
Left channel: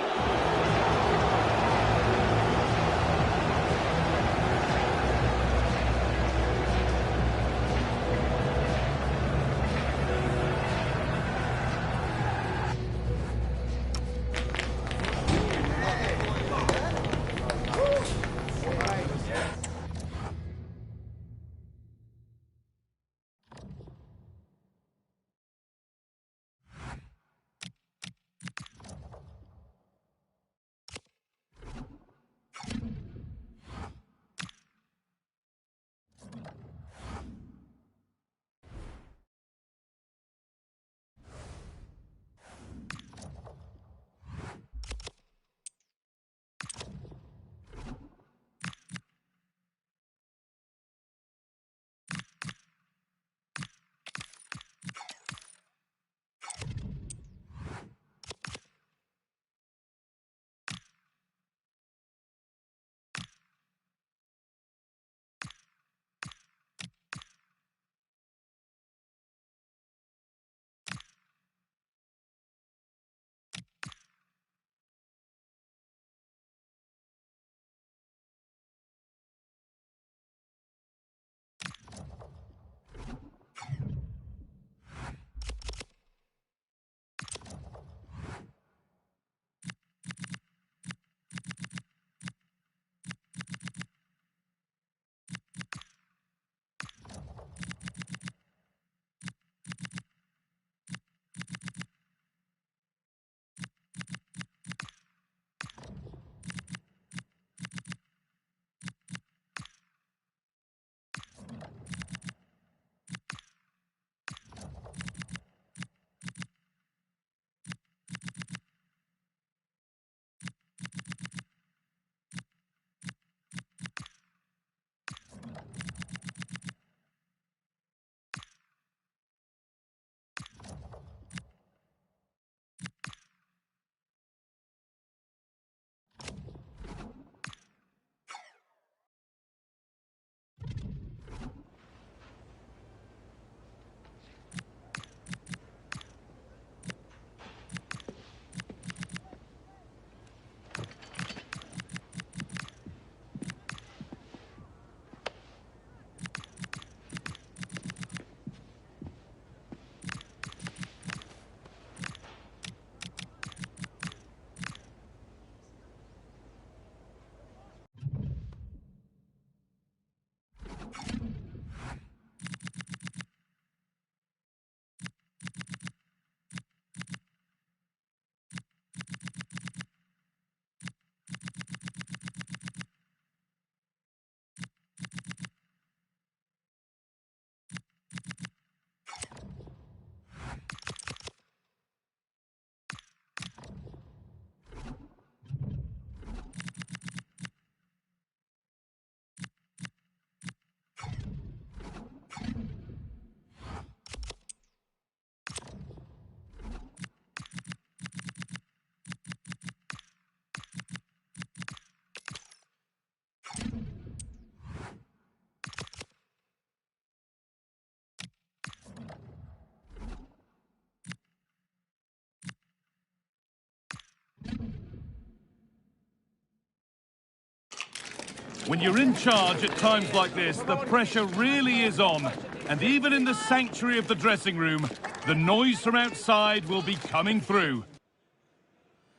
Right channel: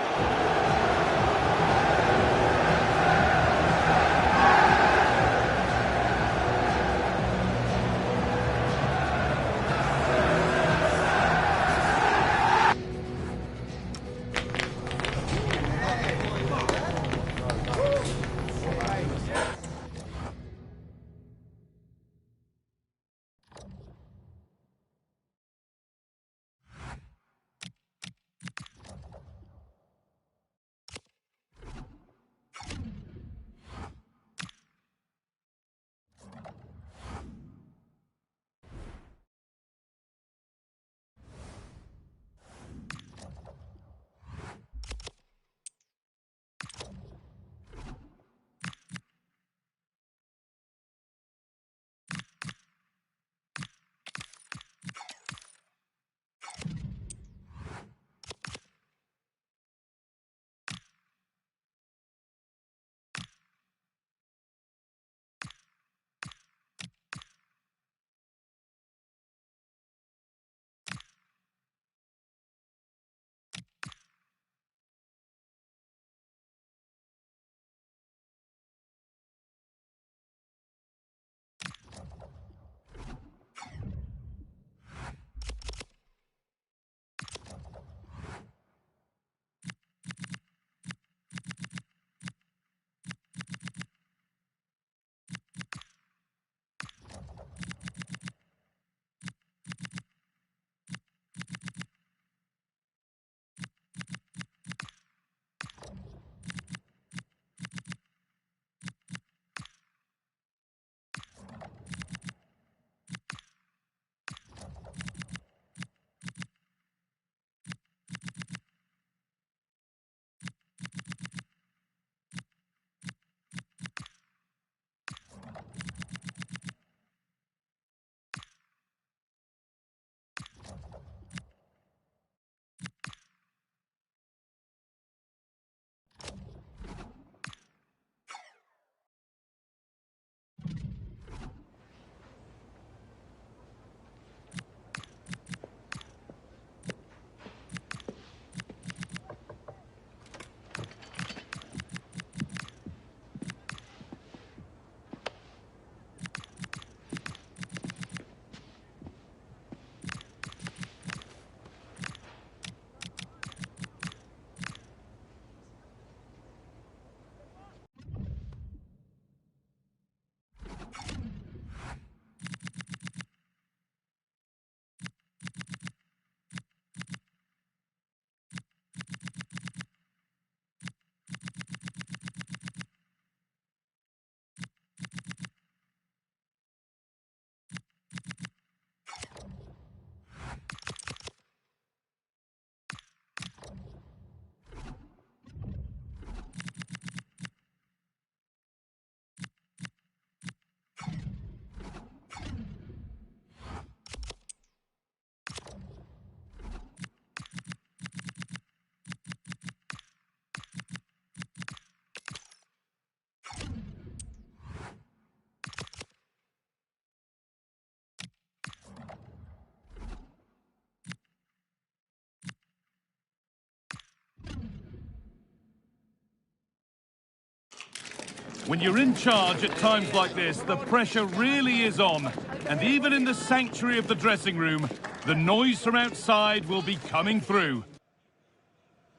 When you're in charge at times like this, the pressure really is on. And even in the sanctuary of the dressing room, the noise from outside will be coming through.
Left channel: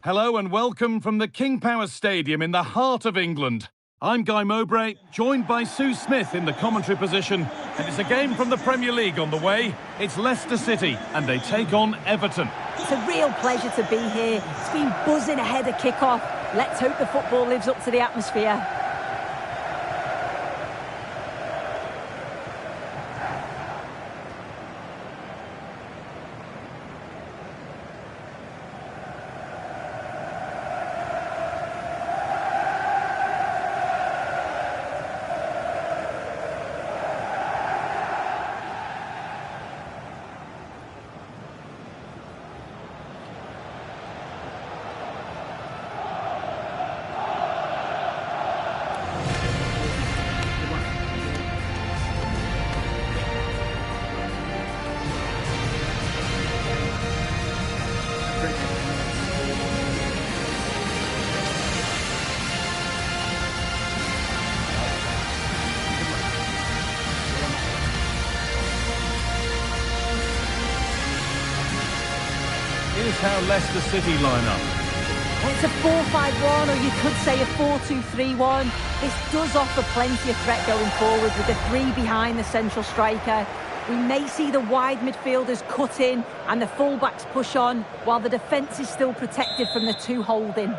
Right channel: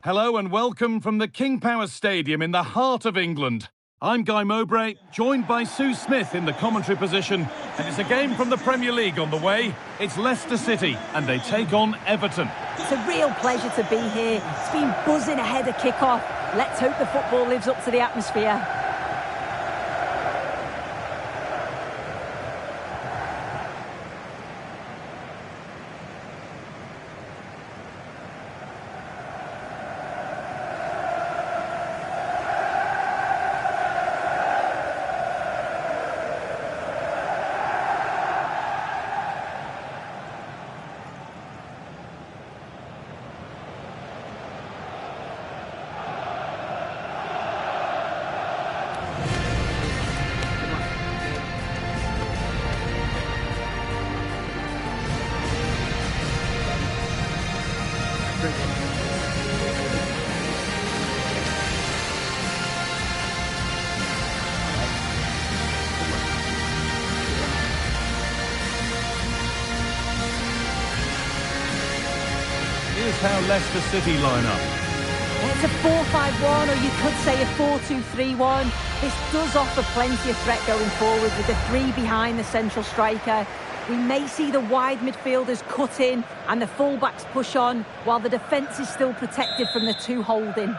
Hello and welcome from the King Power Stadium in the heart of England. I'm Guy Mowbray, joined by Sue Smith in the commentary position, and it's a game from the Premier League on the way. It's Leicester City, and they take on Everton. It's a real pleasure to be here. It's been buzzing ahead of kick-off. Let's hope the football lives up to the atmosphere. Here's how Leicester City line up. It's a 4-5-1, or you could say a 4-2-3-1. This does offer plenty of threat going forward with the three behind the central striker. We may see the wide midfielders cut in and the fullbacks push on, while the defence is still protected from the two holding.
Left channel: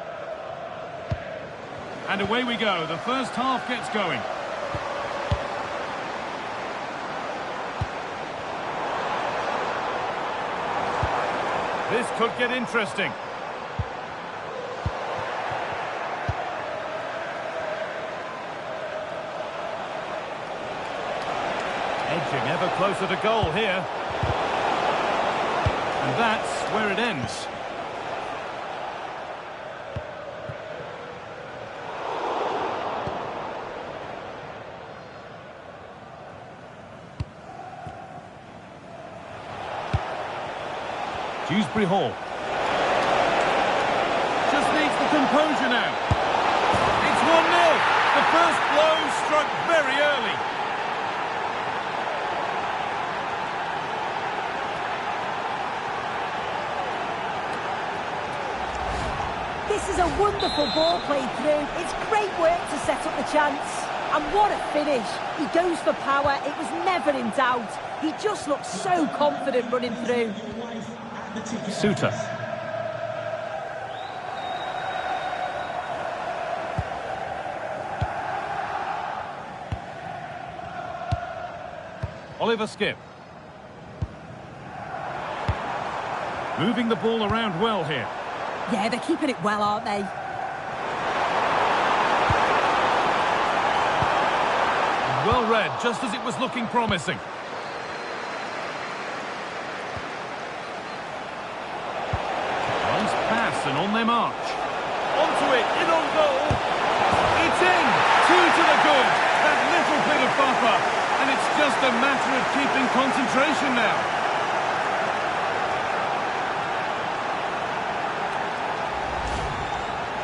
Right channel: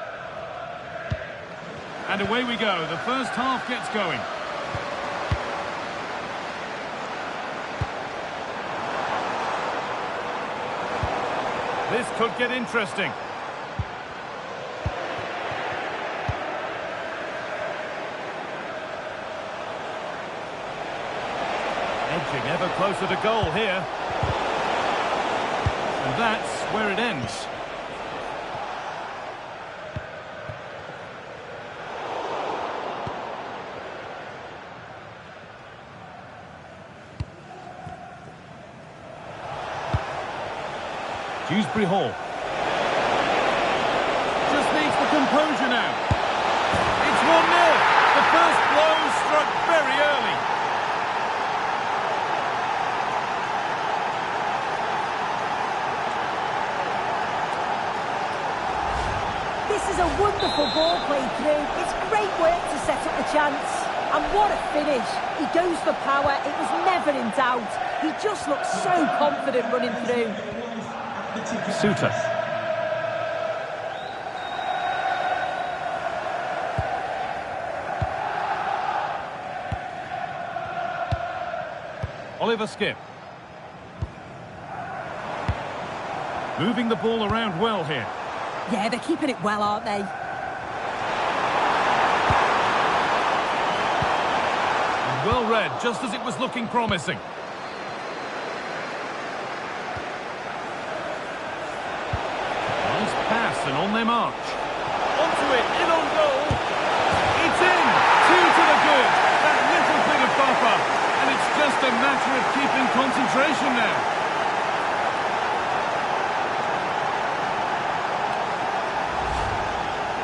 And away we go. The first half gets going. This could get interesting. Edging ever closer to goal here. And that's where it ends. Dewsbury-Hall. Just needs the composure now. It's 1-0. The first blow struck very early. This is a wonderful ball played through. It's great work to set up the chance. And what a finish. He goes for power. It was never in doubt. He just looks so confident running through. Suter. Oliver Skip. Moving the ball around well here. Yeah, they're keeping it well, aren't they? And well read, just as it was looking promising. Nice pass and on their march. Onto it, in on goal. It's in! 2 to the good. That little bit of buffer. And it's just a matter of keeping concentration now.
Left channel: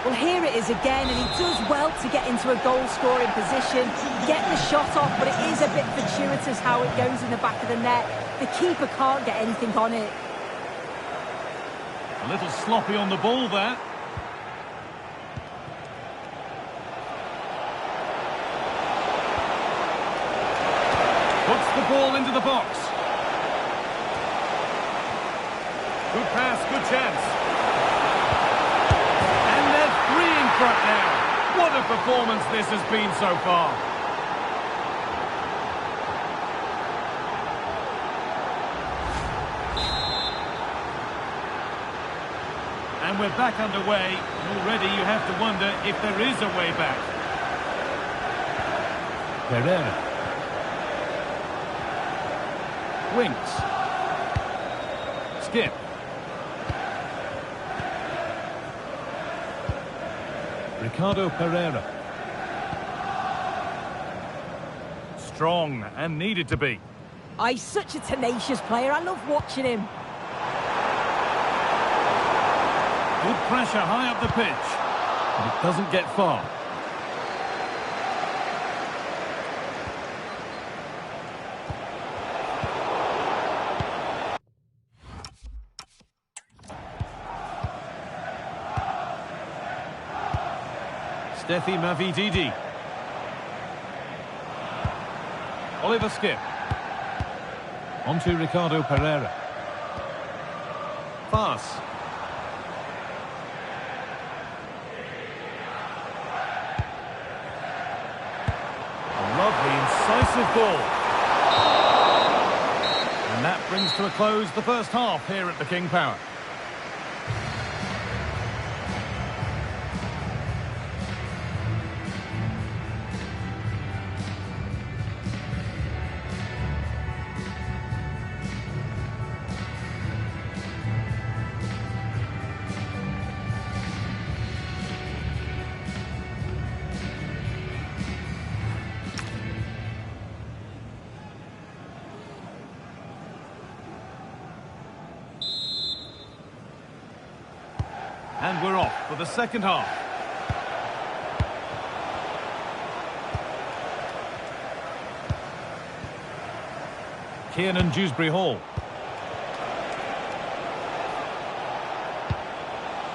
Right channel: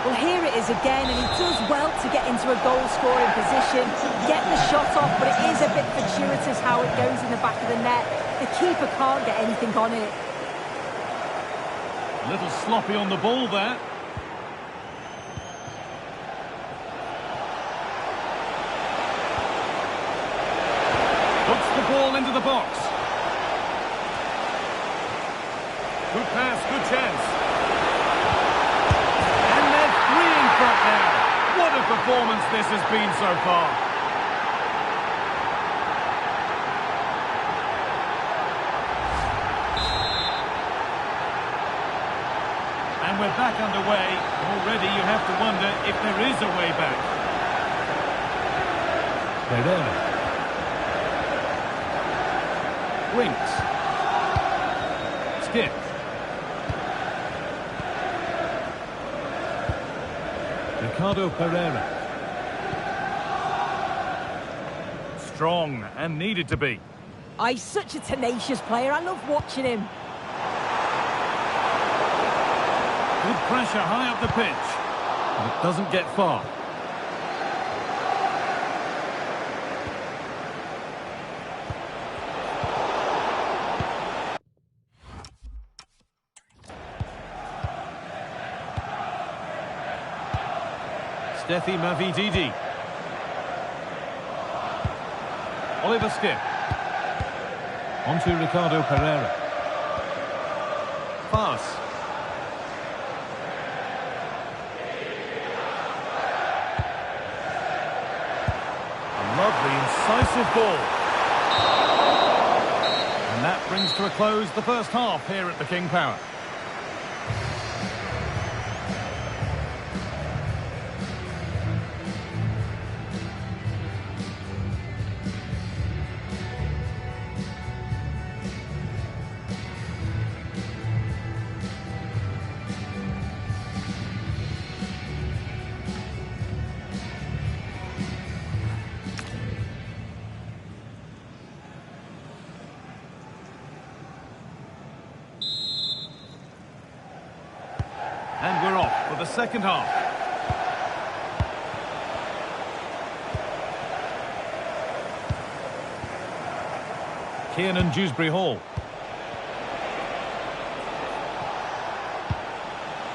Well, here it is again, and he does well to get into a goal-scoring position, get the shot off, but it is a bit fortuitous how it goes in the back of the net. The keeper can't get anything on it. A little sloppy on the ball there. Puts the ball into the box. Good pass, good chance. And they're 3 in front now. What a performance this has been so far. And we're back underway. Already you have to wonder if there is a way back. Pereira. Winks. Skip. Ricardo Pereira. Strong and needed to be. Oh, he's such a tenacious player. I love watching him. Good pressure high up the pitch. But it doesn't get far. Steffi Mavididi. Oliver Skip. On to Ricardo Pereira. Pass. A lovely, incisive ball. And that brings to a close the first half here at the King Power. And we're off for the second half. Kiernan, Dewsbury-Hall.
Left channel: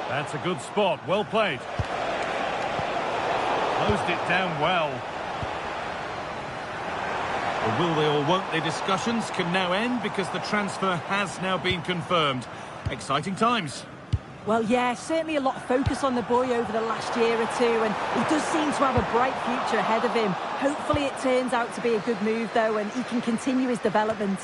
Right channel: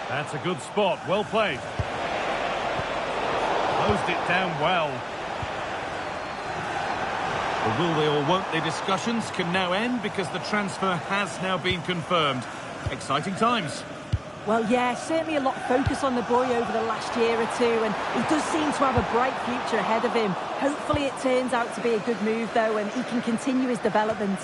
That's a good spot, well played. Closed it down well. The will they or won't they discussions can now end because the transfer has now been confirmed. Exciting times. Well, yeah, certainly a lot of focus on the boy over the last year or two, and he does seem to have a bright future ahead of him. Hopefully it turns out to be a good move, though, and he can continue his development.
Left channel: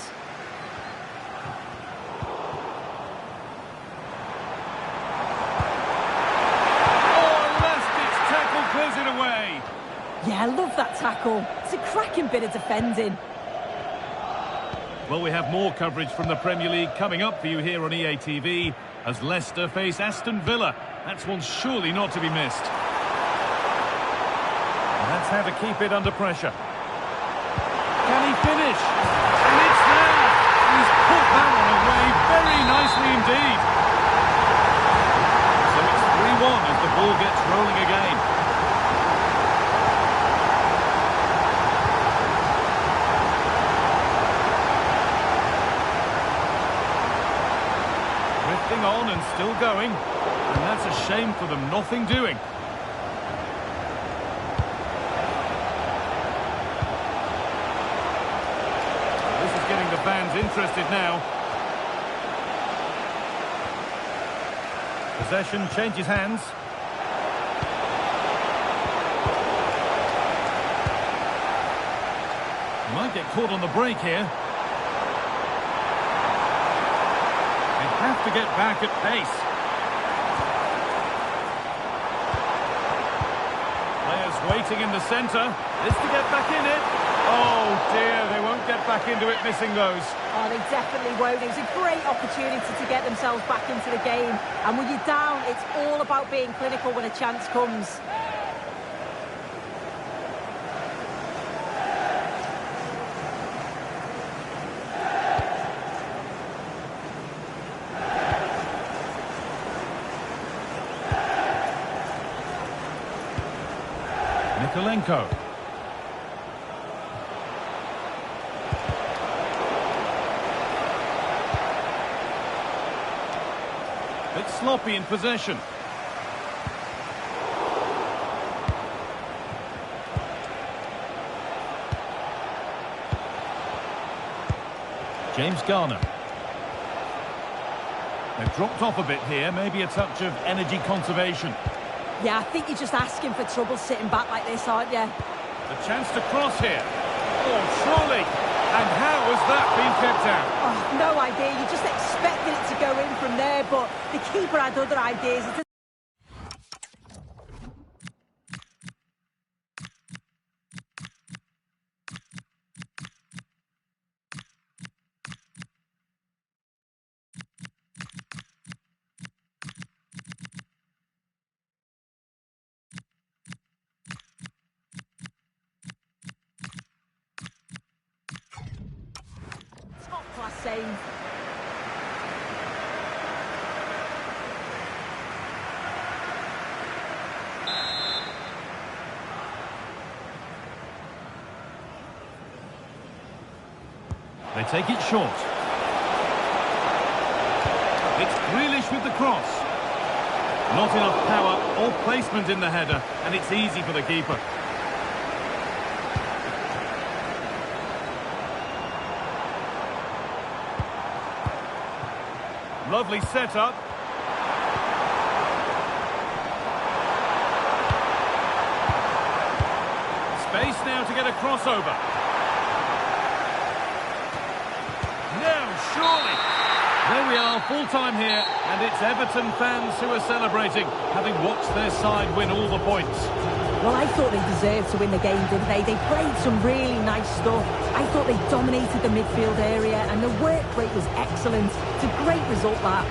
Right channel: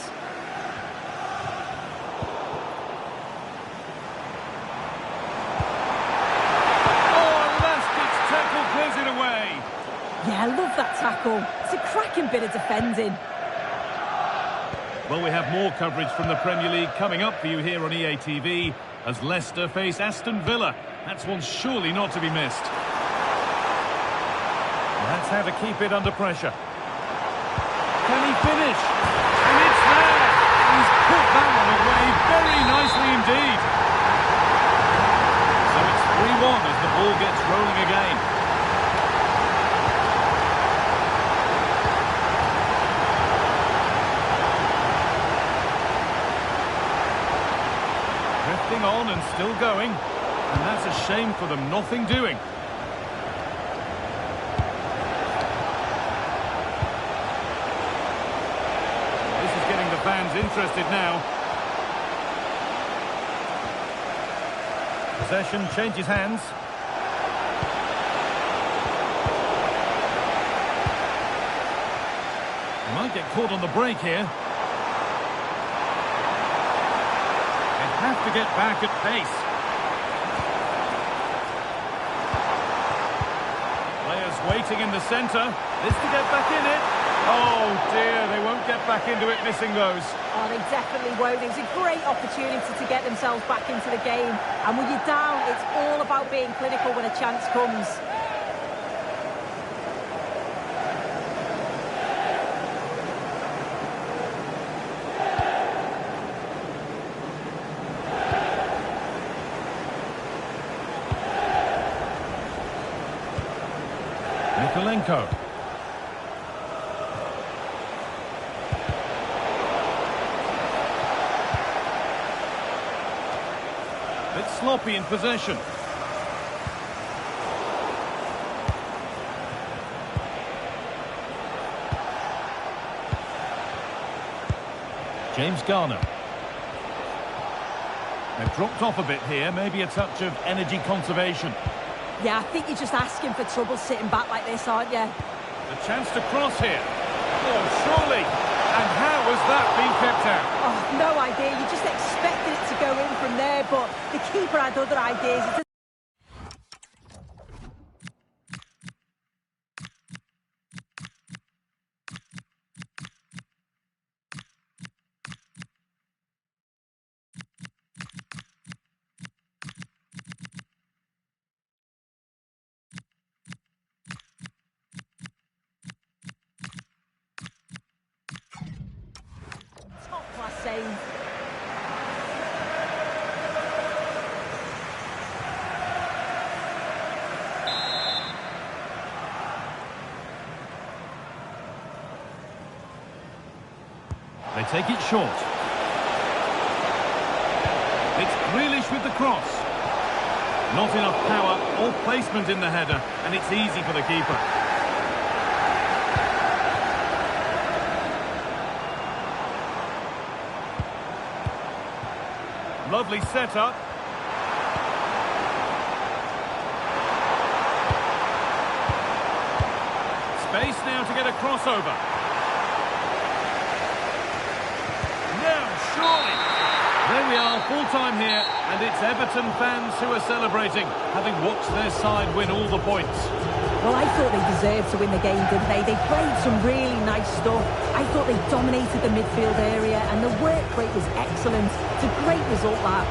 Oh, elastic's tackle clears it away. Yeah, I love that tackle. It's a cracking bit of defending. Well, we have more coverage from the Premier League coming up for you here on EA TV. As Leicester face Aston Villa. That's one surely not to be missed. And that's how to keep it under pressure. Can he finish? And it's there! He's put that one away very nicely indeed. So it's 3-1 as the ball gets rolling again. Drifting on and still going, and that's a shame for them, nothing doing. Well, this is getting the fans interested now. Possession changes hands. He might get caught on the break here. Have to get back at pace. Players waiting in the centre. This to get back in it. Oh dear, they won't get back into it, missing those. Oh, they definitely won't. It was a great opportunity to get themselves back into the game. And when you're down, it's all about being clinical when a chance comes. Mykolenko. Bit sloppy in possession. James Garner. They've dropped off a bit here, maybe a touch of energy conservation. Yeah, I think you're just asking for trouble sitting back like this, aren't you? The chance to cross here. Oh, surely. And how has that been kept out? Oh, no idea. You just expected it to go in from there, but the keeper had other ideas. Top-class save. They take it short. It's Grealish with the cross. Not enough power or placement in the header, and it's easy for the keeper. Lovely setup. Space now to get a crossover. Now, surely. There we are, full time here, and it's Everton fans who are celebrating, having watched their side win all the points. Well, I thought they deserved to win the game, didn't they? They played some really nice stuff. I thought they dominated the midfield area, and the work rate was excellent. It's a great result, that.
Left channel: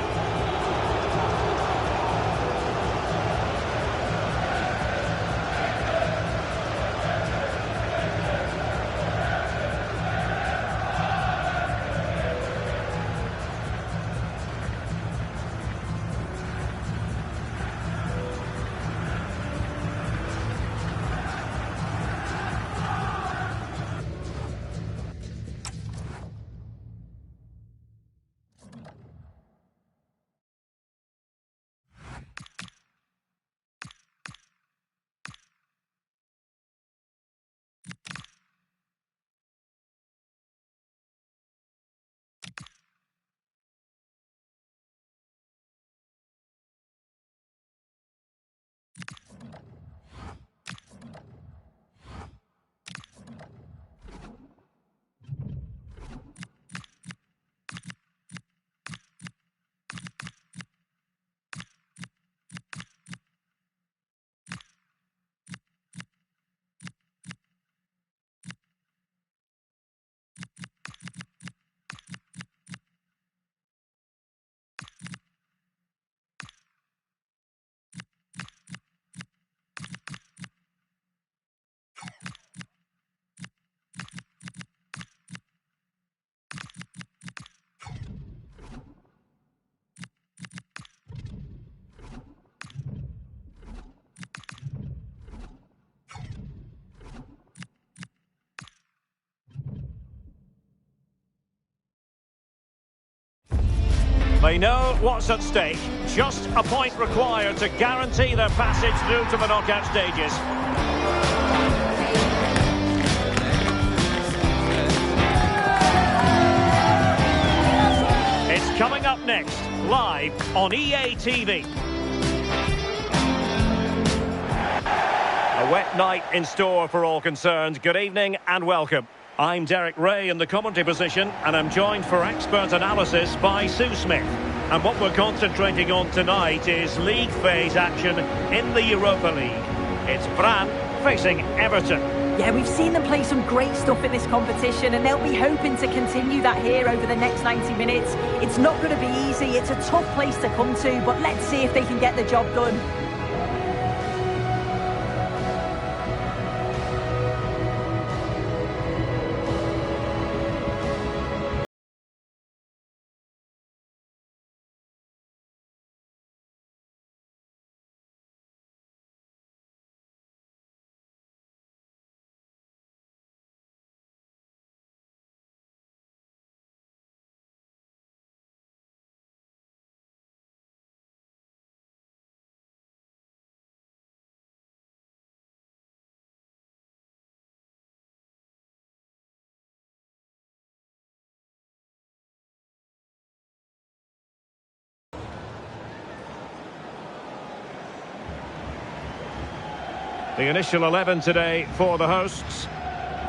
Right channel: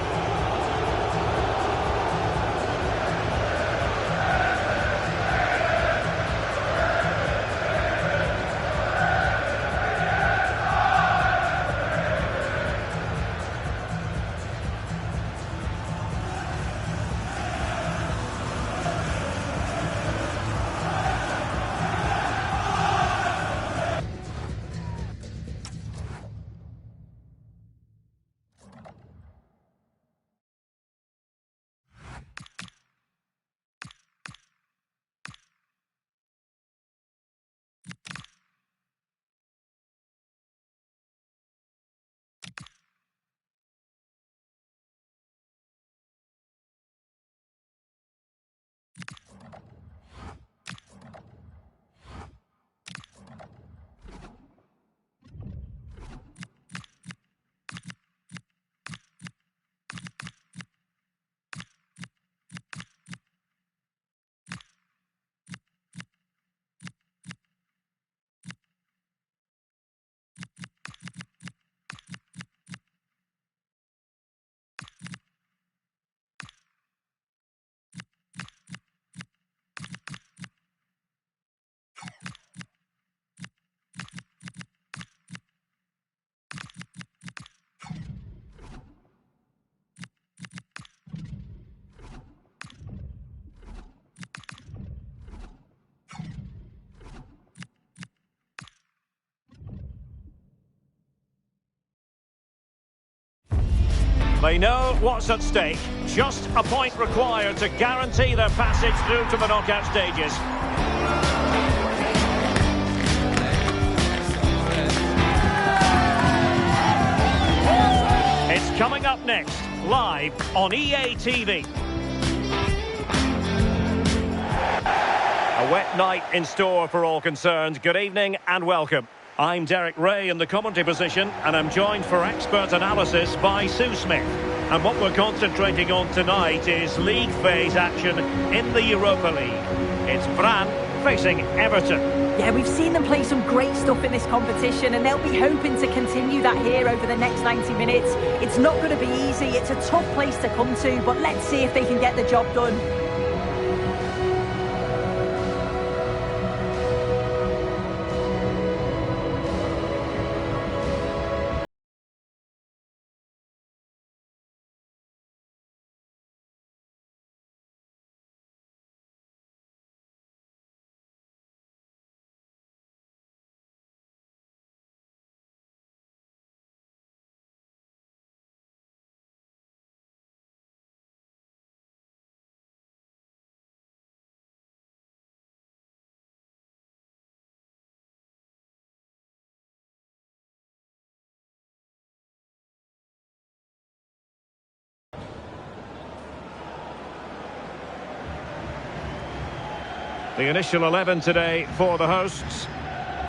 They know what's at stake. Just a point required to guarantee their passage through to the knockout stages. It's coming up next, live on EA TV. A wet night in store for all concerned. Good evening and welcome. I'm Derek Ray in the commentary position, and I'm joined for expert analysis by Sue Smith. And what we're concentrating on tonight is league phase action in the Europa League. It's Brann facing Everton. Yeah, we've seen them play some great stuff in this competition, and they'll be hoping to continue that here over the next 90 minutes. It's not going to be easy. It's a tough place to come to, but let's see if they can get the job done. The initial 11 today for the hosts.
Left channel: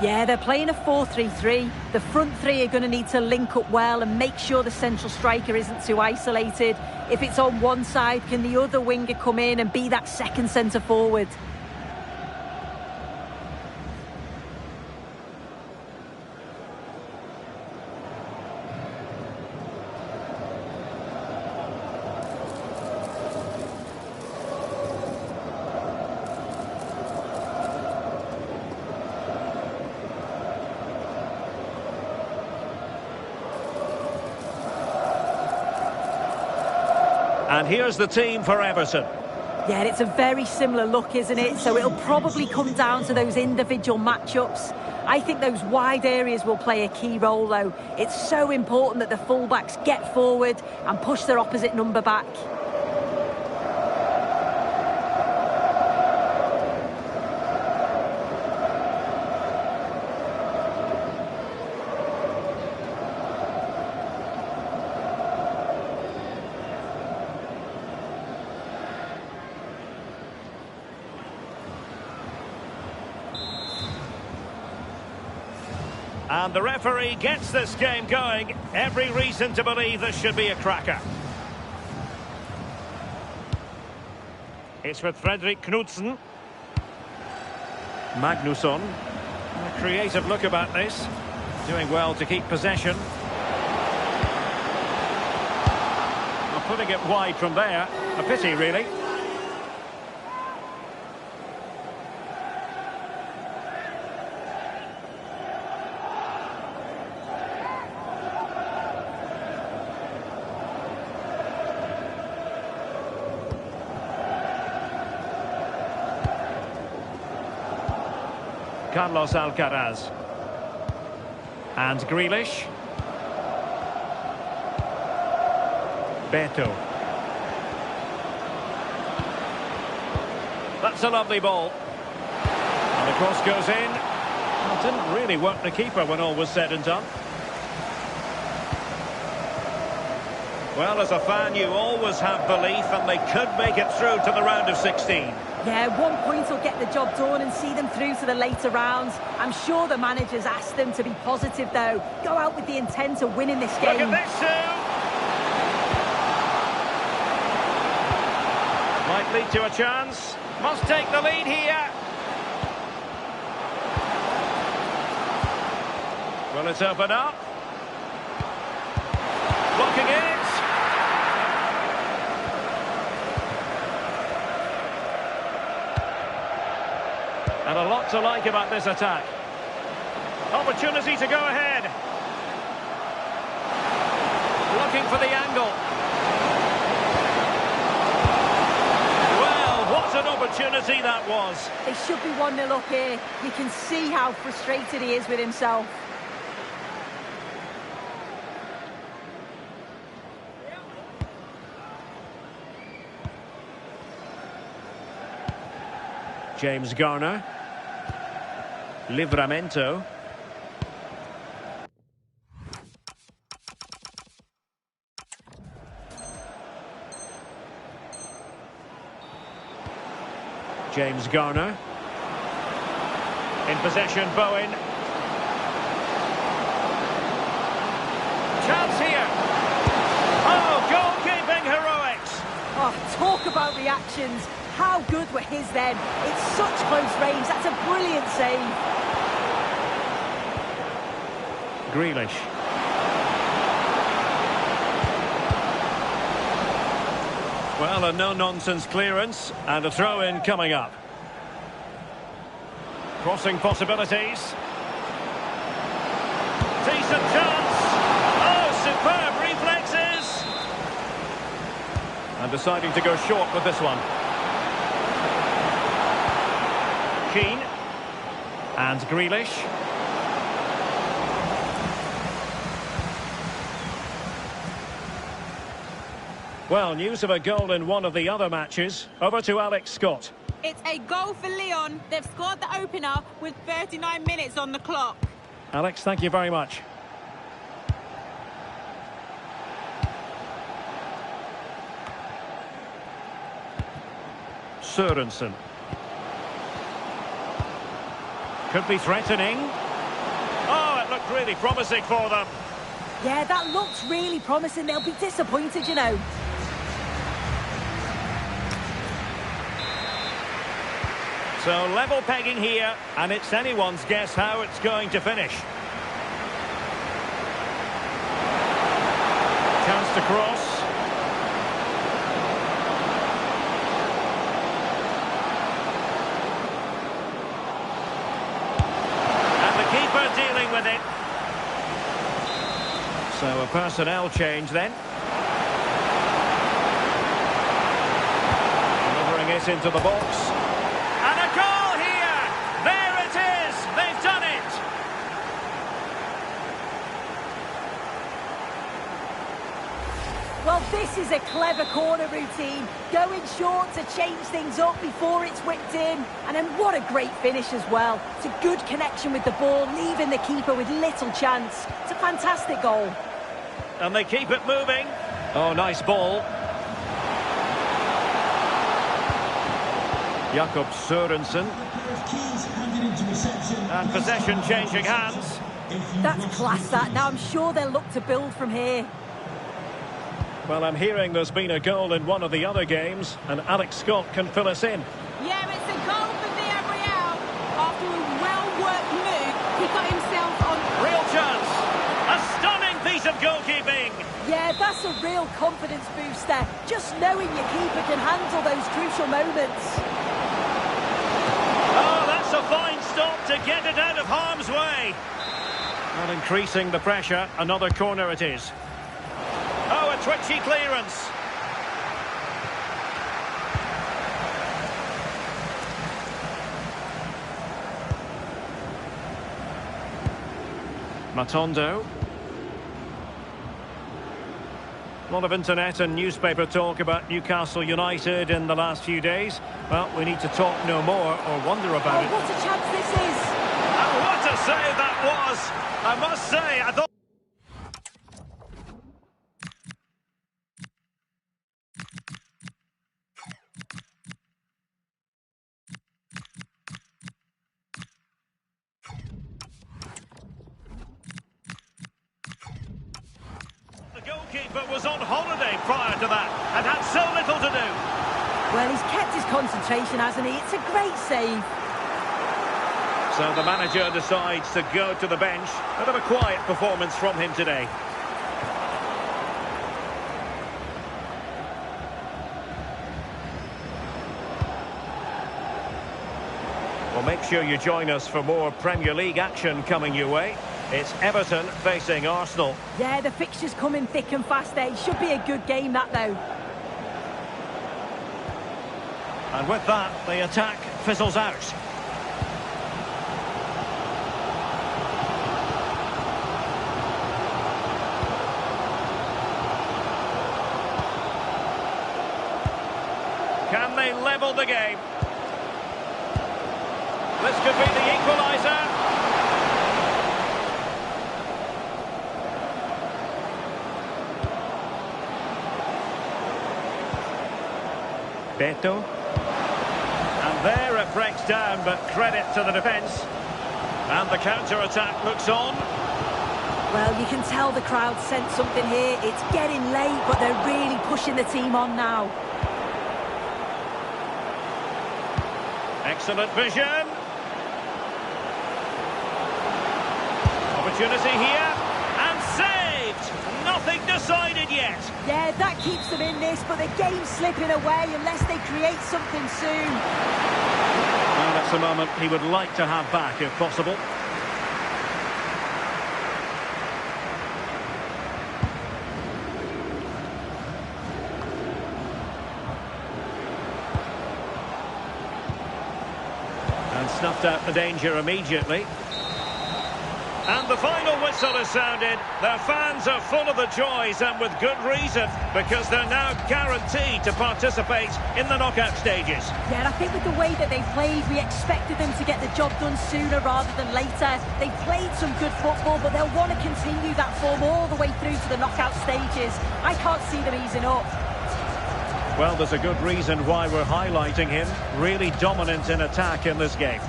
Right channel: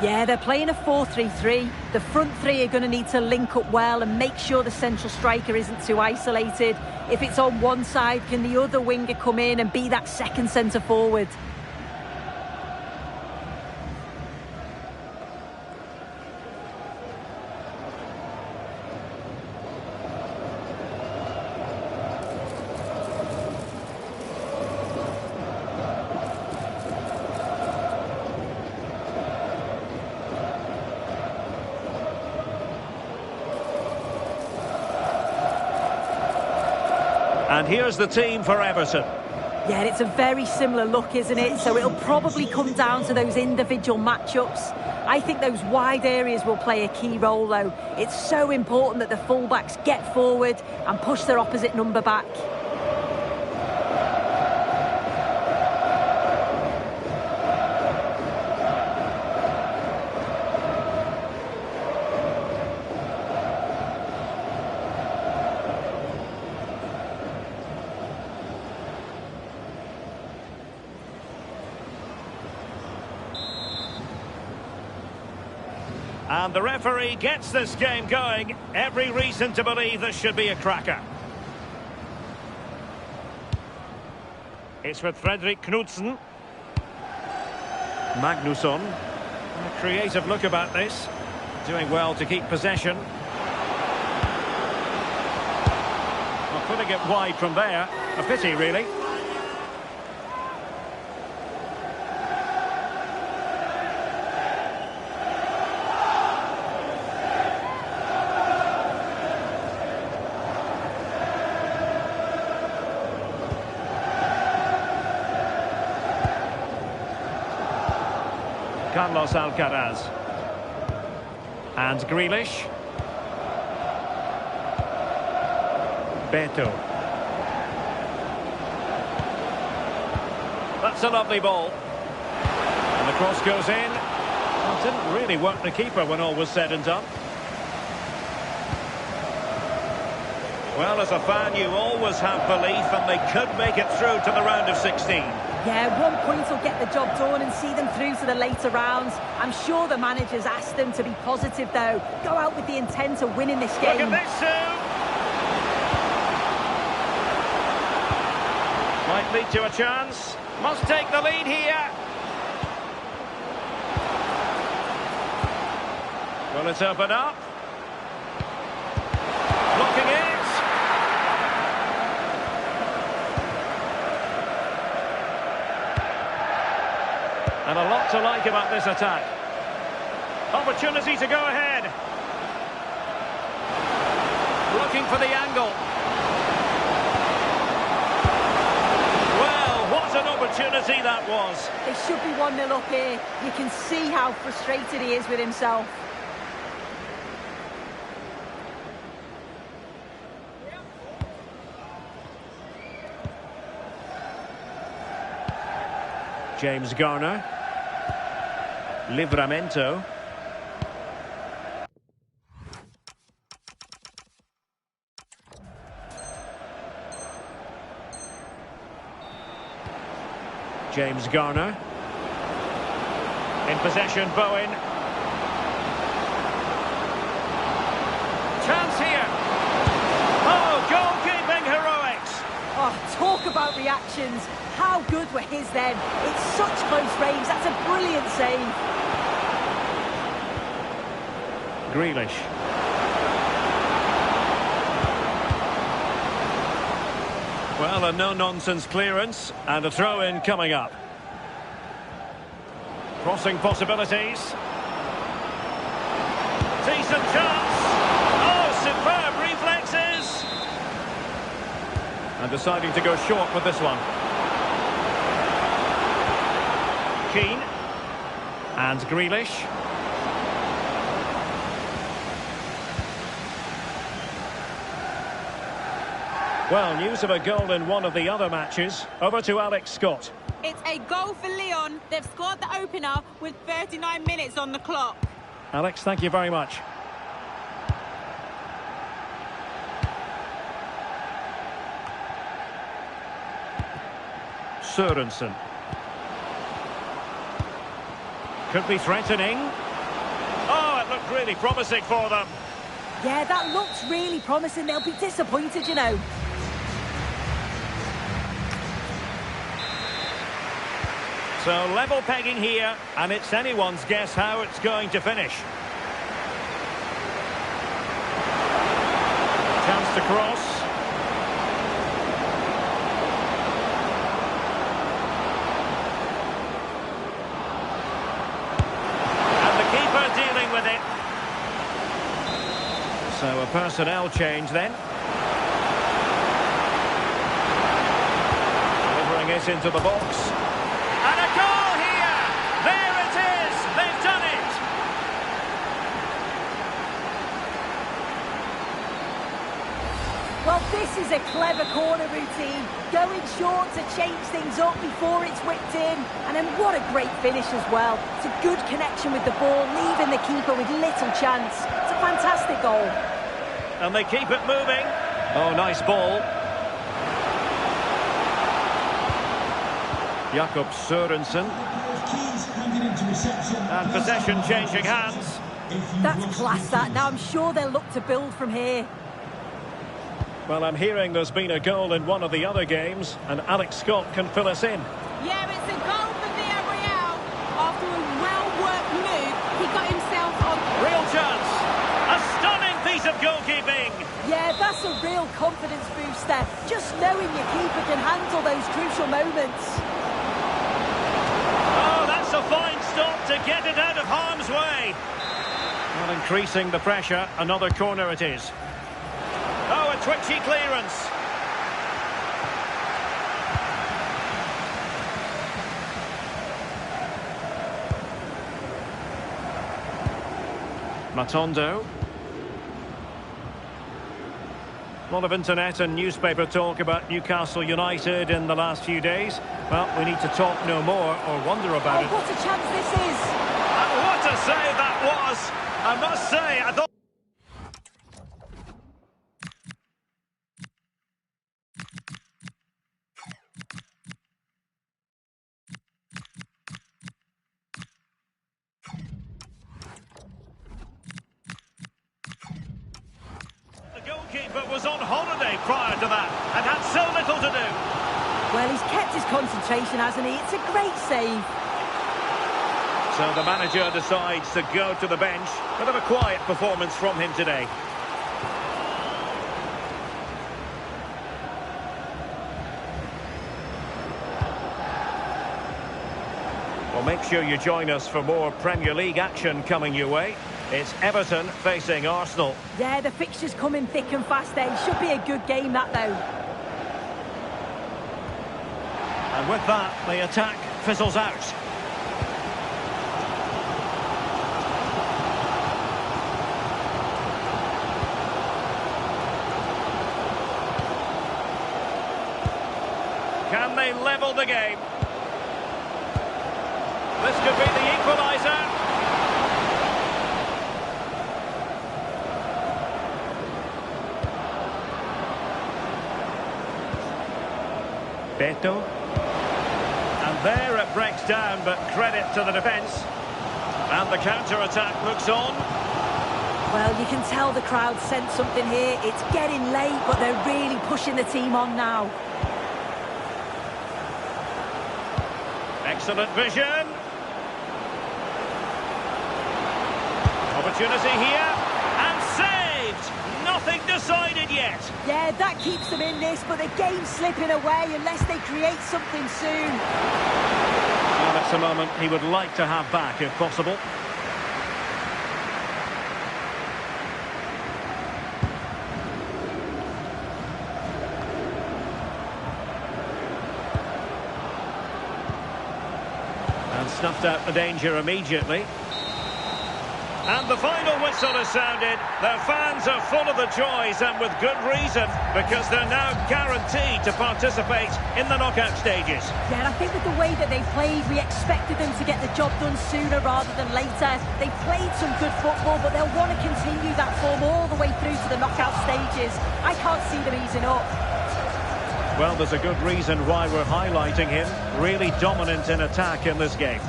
Yeah, they're playing a 4-3-3. The front three are going to need to link up well and make sure the central striker isn't too isolated. If it's on one side, can the other winger come in and be that second centre forward? And here's the team for Everton. Yeah, it's a very similar look, isn't it? So it'll probably come down to those individual matchups. I think those wide areas will play a key role, though. It's so important that the fullbacks get forward and push their opposite number back. And the referee gets this game going. Every reason to believe this should be a cracker. It's with Fredrik Knudsen. Magnusson. A creative look about this. Doing well to keep possession. Well, putting it wide from there. A pity, really. Carlos Alcaraz. And Grealish. Beto. That's a lovely ball. And the cross goes in. Well, didn't really work the keeper when all was said and done. Well, as a fan, you always have belief, and they could make it through to the round of 16. Yeah, 1 point will get the job done and see them through to the later rounds. I'm sure the manager's asked them to be positive, though. Go out with the intent of winning this game. Look at this, Sue! Might lead to a chance. Must take the lead here. Will it open up? Blocking it. And a lot to like about this attack. Opportunity to go ahead. Looking for the angle. Well, what an opportunity that was. They should be 1-0 up here. You can see how frustrated he is with himself. James Garner. Livramento. James Garner. In possession, Bowen. Chance here. Oh, goalkeeping heroics. Oh, talk about reactions. How good were his then? It's such close range. That's a brilliant save. Grealish. Well, a no-nonsense clearance and a throw-in coming up. Crossing possibilities. Decent chance. Oh, superb reflexes. And deciding to go short with this one. Keane. And Grealish. Well, news of a goal in one of the other matches. Over to Alex Scott. It's a goal for Lyon. They've scored the opener with 39 minutes on the clock. Alex, thank you very much. Sørensen. Could be threatening. Oh, it looked really promising for them. Yeah, that looks really promising. They'll be disappointed, you know. So level pegging here, and it's anyone's guess how it's going to finish. Chance to cross. And the keeper dealing with it. So a personnel change then. Delivering it into the box. And a goal here! There it is! They've done it! Well, this is a clever corner routine. Going short to change things up before it's whipped in. And then what a great finish as well. It's a good connection with the ball, leaving the keeper with little chance. It's a fantastic goal. And they keep it moving. Oh, nice ball. Jakob Sørensen. Keane's handed into reception. And possession changing hands. if you've That's lost class, your that. keys. Now I'm sure they'll look to build from here. Well, I'm hearing there's been a goal in one of the other games, and Alex Scott can fill us in. Yeah, it's a goal for Villarreal. After a well-worked move, he got himself on... Real chance! A stunning piece of goalkeeping! Yeah, that's a real confidence booster. Just knowing your keeper can handle those crucial moments. Oh, that's a fine stop to get it out of harm's way. Well, increasing the pressure, another corner it is. Oh, a twitchy clearance. Matondo. A lot of internet and newspaper talk about Newcastle United in the last few days. Well, we need to talk no more or wonder about it. Oh, what a chance this is. And what a save that was! I must say, I thought... The goalkeeper was on holiday prior to that and had so little to do. Well, he's kept his concentration, hasn't he? It's a great save. So the manager decides to go to the bench. Bit of a quiet performance from him today. Well, make sure you join us for more Premier League action coming your way. It's Everton facing Arsenal. Yeah, the fixtures coming thick and fast there. It should be a good game, that, though. And with that, the attack fizzles out. Can they level the game? This could be the equaliser. Beto. And there it breaks down, but credit to the defence. And the counter-attack looks on. Well, you can tell the crowd sensed something here. It's getting late, but they're really pushing the team on now. Excellent vision. Opportunity here. And saved! Nothing decided yet. Yeah, that keeps them in this, but the game's slipping away unless they create something soon. Well, that's a moment he would like to have back, if possible. And snuffed out the danger immediately. And the final whistle has sounded. Their fans are full of the joys, and with good reason, because they're now guaranteed to participate in the knockout stages. Yeah, and I think with the way that they've played, we expected them to get the job done sooner rather than later. They've played some good football, but they'll want to continue that form all the way through to the knockout stages. I can't see them easing up. Well, there's a good reason why we're highlighting him. Really dominant in attack in this game.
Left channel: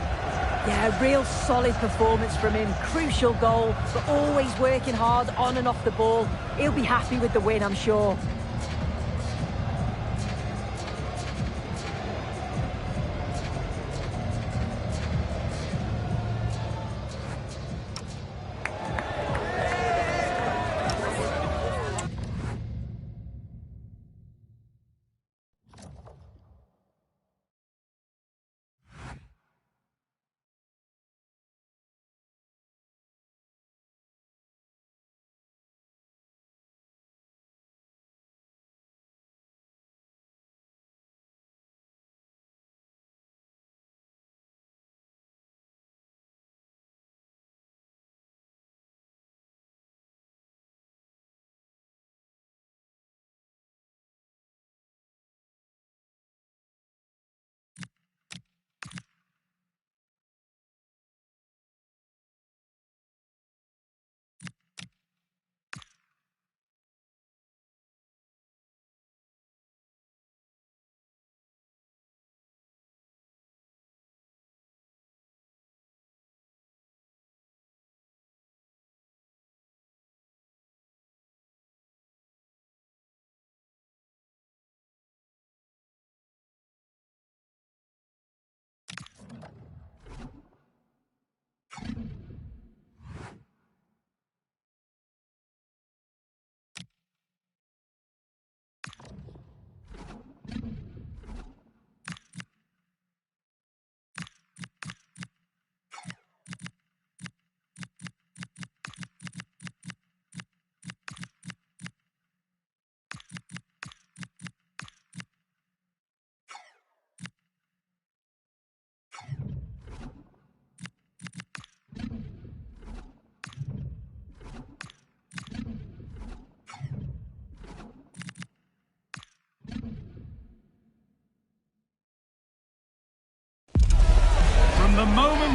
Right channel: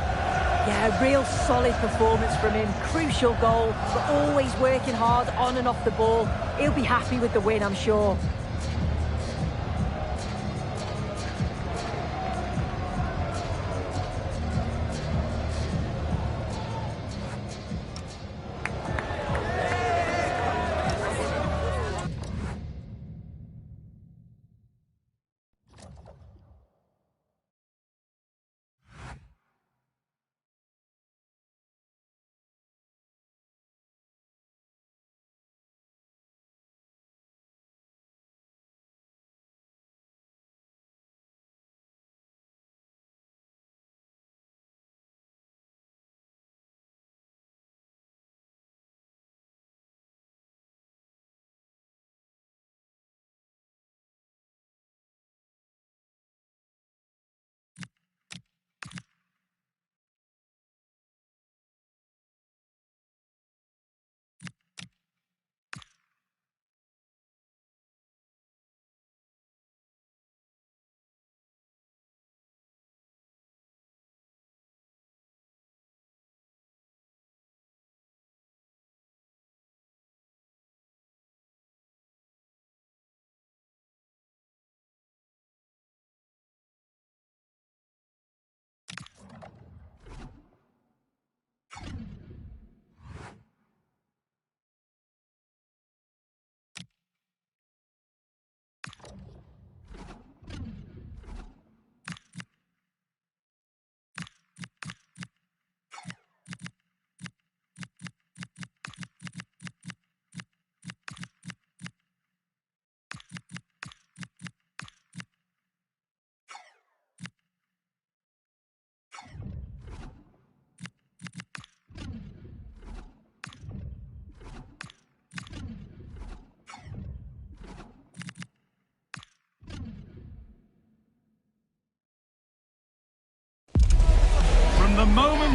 Yeah, a real solid performance from him. Crucial goal, but always working hard on and off the ball. He'll be happy with the win, I'm sure.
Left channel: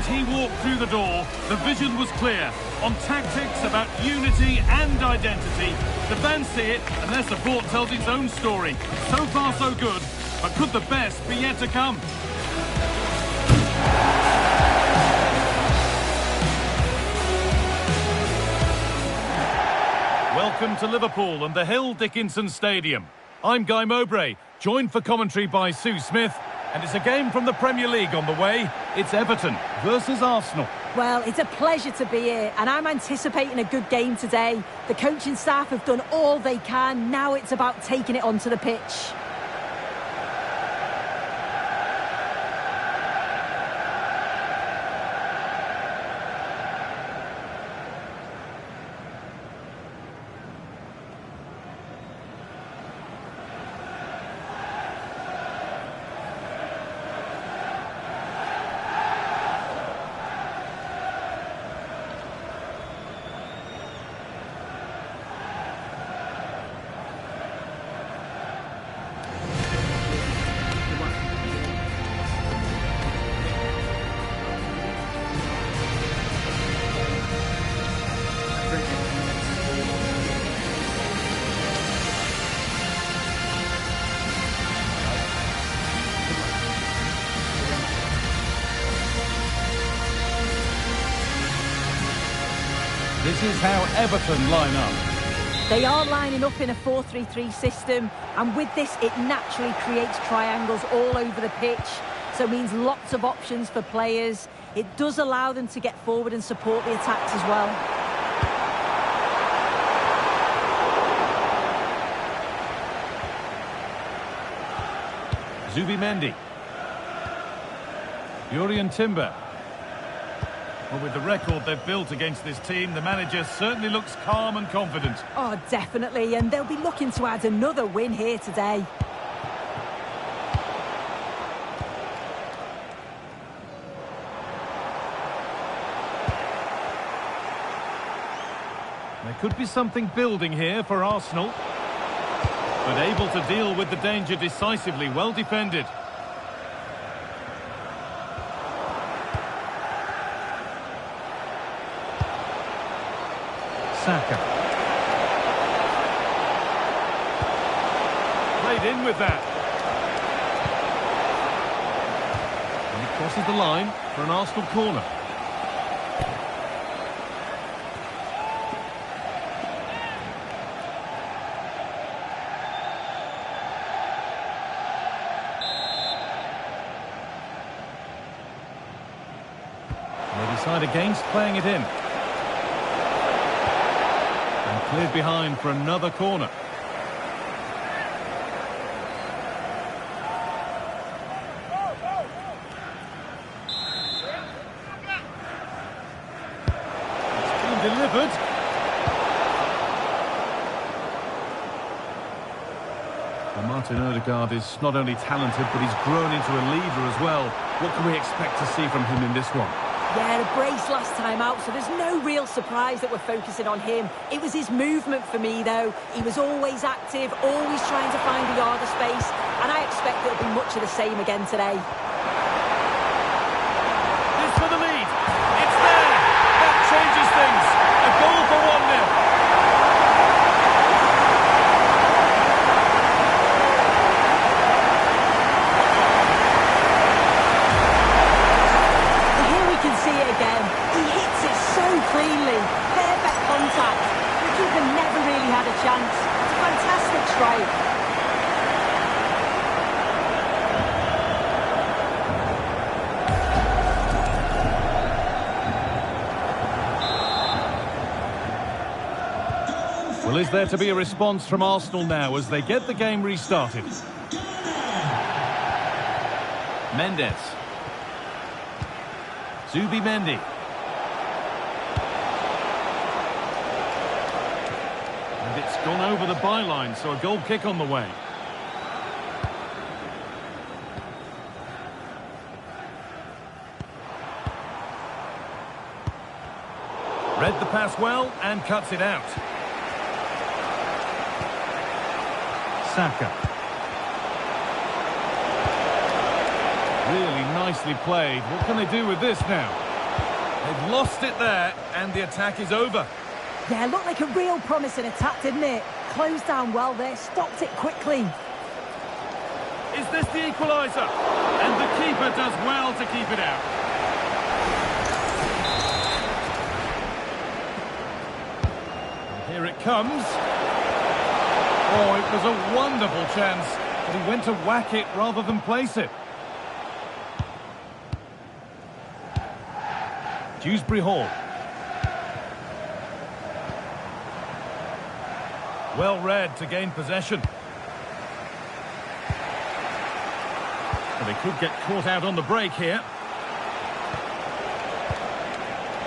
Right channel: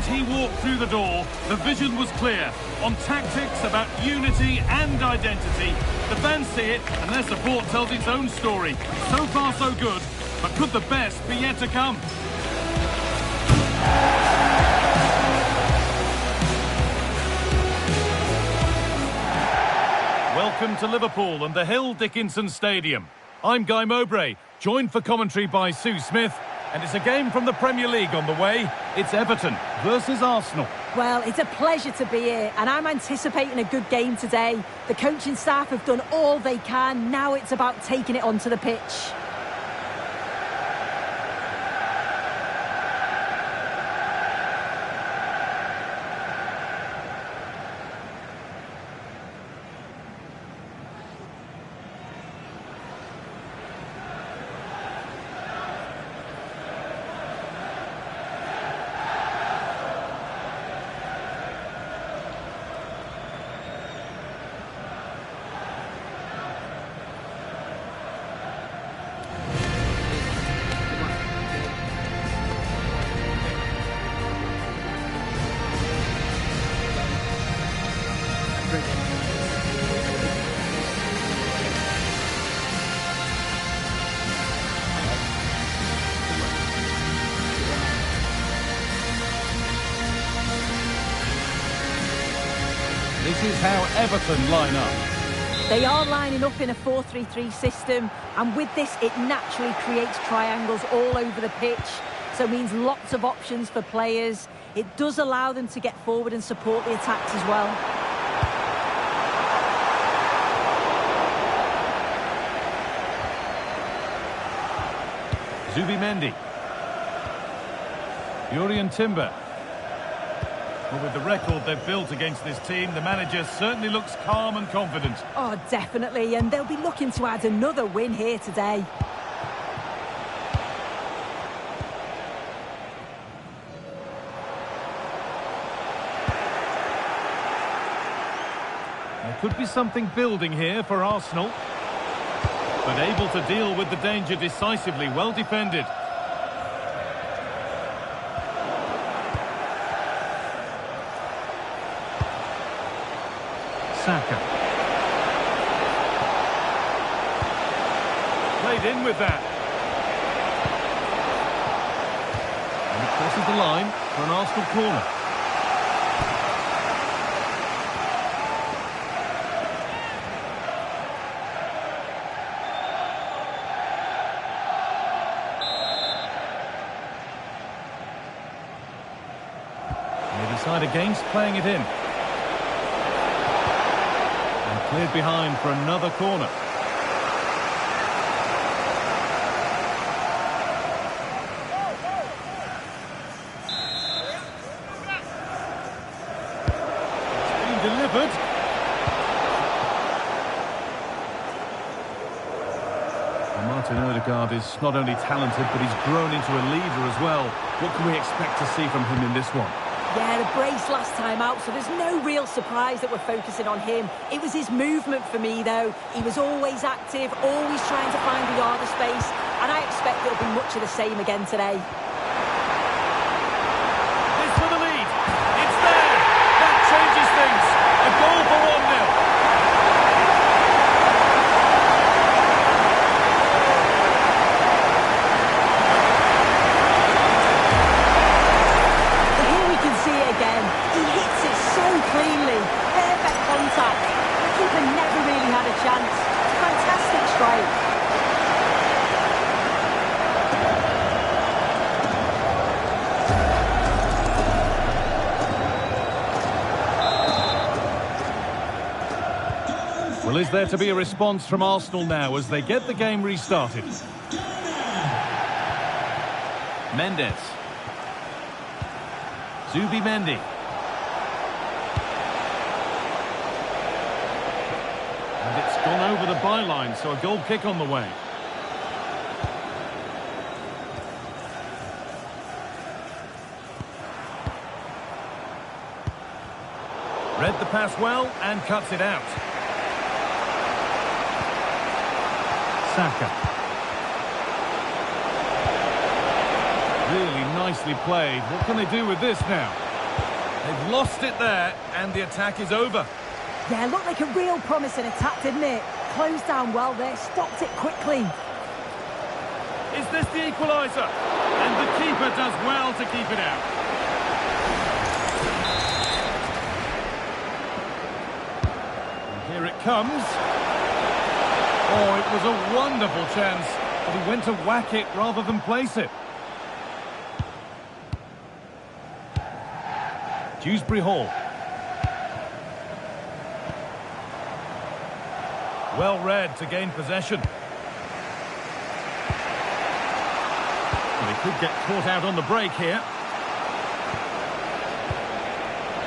moment he walked through the door, the vision was clear. On tactics, about unity and identity. The fans see it, and their support tells its own story. So far, so good. But could the best be yet to come? Welcome to Liverpool and the Hill Dickinson Stadium. I'm Guy Mowbray, joined for commentary by Sue Smith. And it's a game from the Premier League on the way. It's Everton versus Arsenal. Well, it's a pleasure to be here, and I'm anticipating a good game today. The coaching staff have done all they can. Now it's about taking it onto the pitch. This is how Everton line up. They are lining up in a 4-3-3 system, and with this it naturally creates triangles all over the pitch, so it means lots of options for players. It does allow them to get forward and support the attacks as well. Zubimendi. Jurrien Timber. Well, with the record they've built against this team, the manager certainly looks calm and confident. Oh, definitely, and they'll be looking to add another win here today. There could be something building here for Arsenal, but able to deal with the danger decisively, well defended. Saka. Played in with that. And it crosses the line for an Arsenal corner. They decide against playing it in. Cleared behind for another corner. It's been delivered. Well, Martin Odegaard is not only talented, but he's grown into a leader as well. What can we expect to see from him in this one? Yeah, a brace last time out, so there's no real surprise that we're focusing on him. It was his movement for me, though. He was always active, always trying to find a yard of space, and I expect it'll be much of the same again today. This for the lead. It's there. That changes things. A goal for 1-0. See it again. He hits it so cleanly. Perfect contact. The keeper never really had a chance. It's a fantastic strike. Well, is there to be a response from Arsenal now as they get the game restarted? Mendes. Zubimendi. And it's gone over the byline, so a goal kick on the way. Read the pass well and cuts it out. Saka. Really nicely played. What can they do with this now? They've lost it there, and the attack is over. Yeah, looked like a real promising attack, didn't it? Closed down well there, stopped it quickly. Is this the equaliser? And the keeper does well to keep it out. And here it comes. Oh, it was a wonderful chance, but he went to whack it rather than place it. Dewsbury-Hall. Well read to gain possession. Well, they could get caught out on the break here.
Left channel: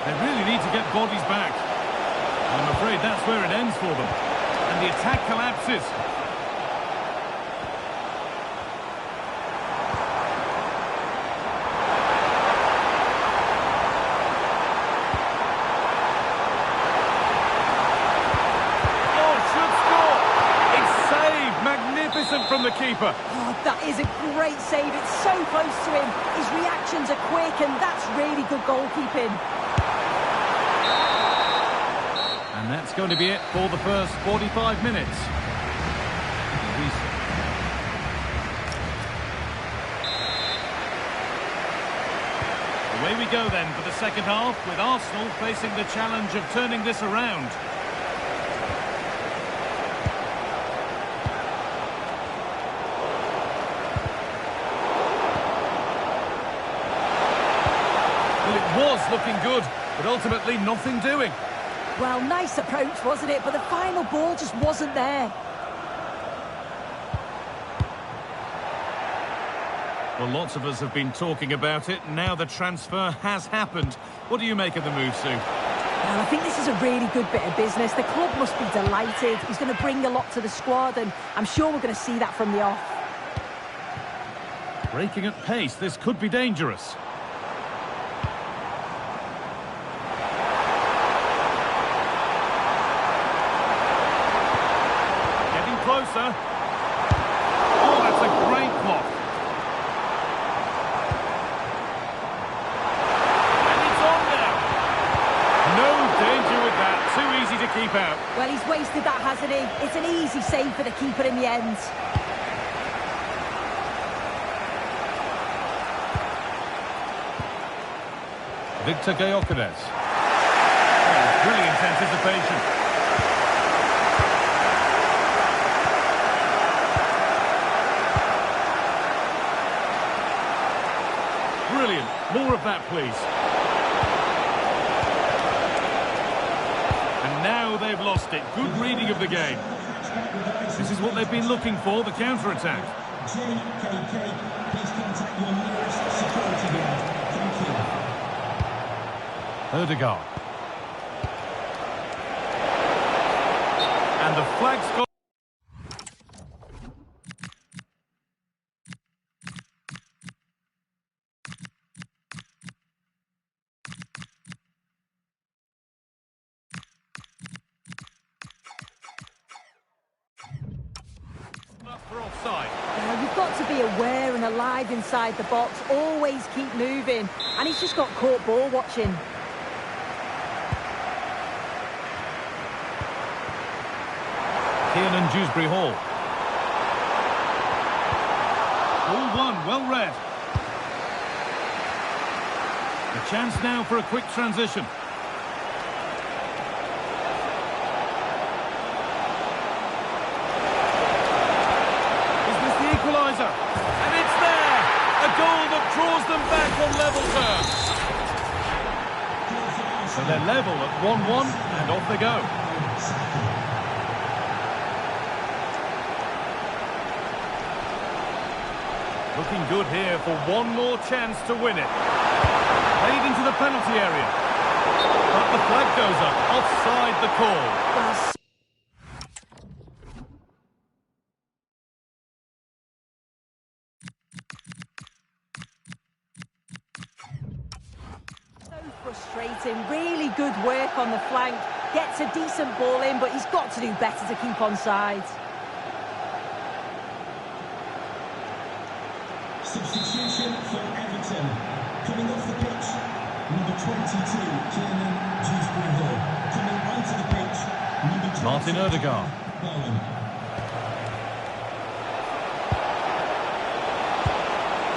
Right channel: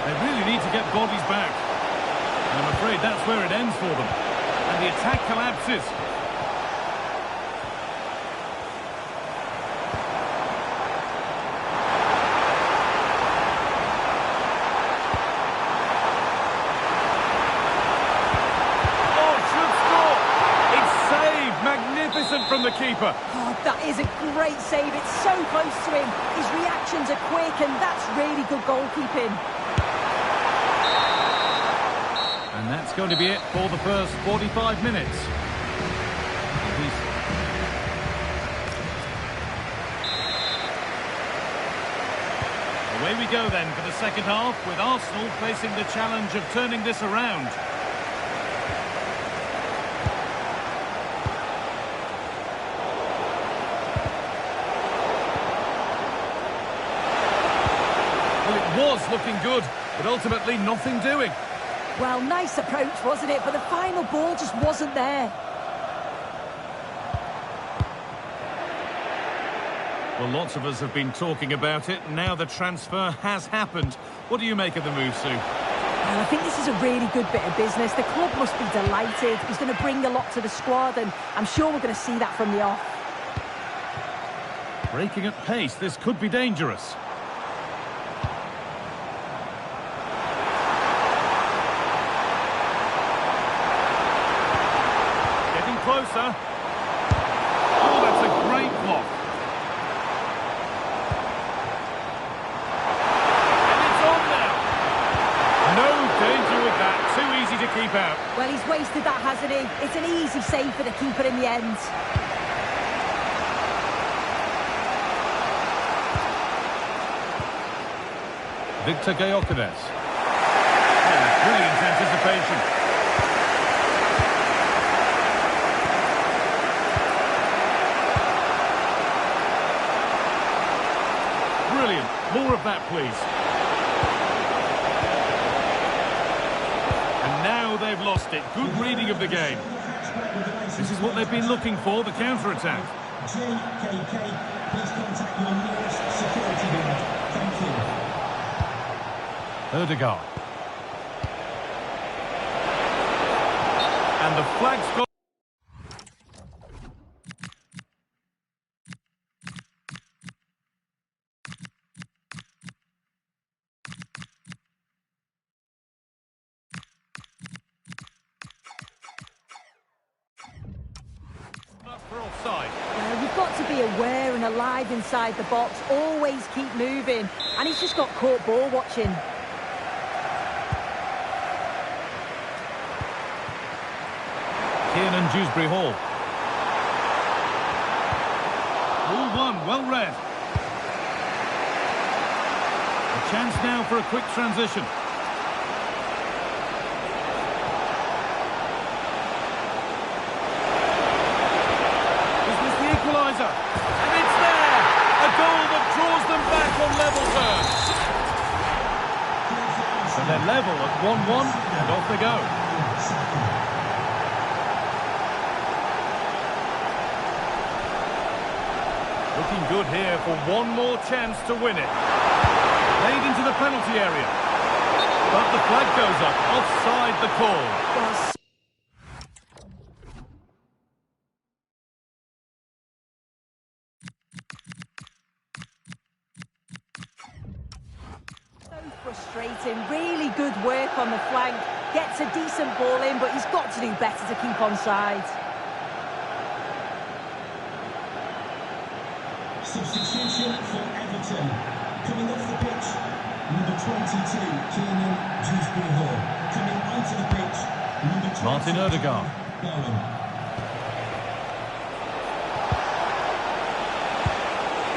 They really need to get bodies back. And I'm afraid that's where it ends for them. And the attack collapses. Magnificent from the keeper. Oh, that is a great save. It's so close to him. His reactions are quick, and that's really good goalkeeping. And that's going to be it for the first 45 minutes. Away we go then for the second half, with Arsenal facing the challenge of turning this around. Well, it was looking good, but ultimately nothing doing. Well, nice approach, wasn't it? But the final ball just wasn't there. Well, lots of us have been talking about it. Now the transfer has happened. What do you make of the move, Sue? Well, I think this is a really good bit of business. The club must be delighted. He's going to bring a lot to the squad, and I'm sure we're going to see that from the off. Breaking at pace, this could be dangerous. Closer. Oh, that's a great block. And it's on now. No danger with that. Too easy to keep out. Well, he's wasted that, hasn't he? It's an easy save for the keeper in the end. Victor Gyökeres. Oh, brilliant anticipation. Brilliant. More of that, please. And now they've lost it. Good reading of the game. This is what they've been looking for, the counter-attack. JKK, please contact your nearest security guard. Thank you. Ødegaard. And the flag's got... for offside. You've got to be aware and alive inside the box. Always keep moving. And he's just got caught ball watching. Kiernan, Dewsbury-Hall. All one, well read. A chance now for a quick transition. Equaliser, and it's there! A goal that draws them back on level terms. So they're level at 1-1, and off they go. Looking good here for one more chance to win it. Played into the penalty area. But the flag goes up, offside the call. Well, frustrating. Really good work on the flank. Gets a decent ball in, but he's got to do better to keep onside. Substitution for Everton. Coming off the pitch, number 22, Kiernan, Dewsbury-Hall. Coming onto the pitch, number 20, Martin Odegaard. Bowen.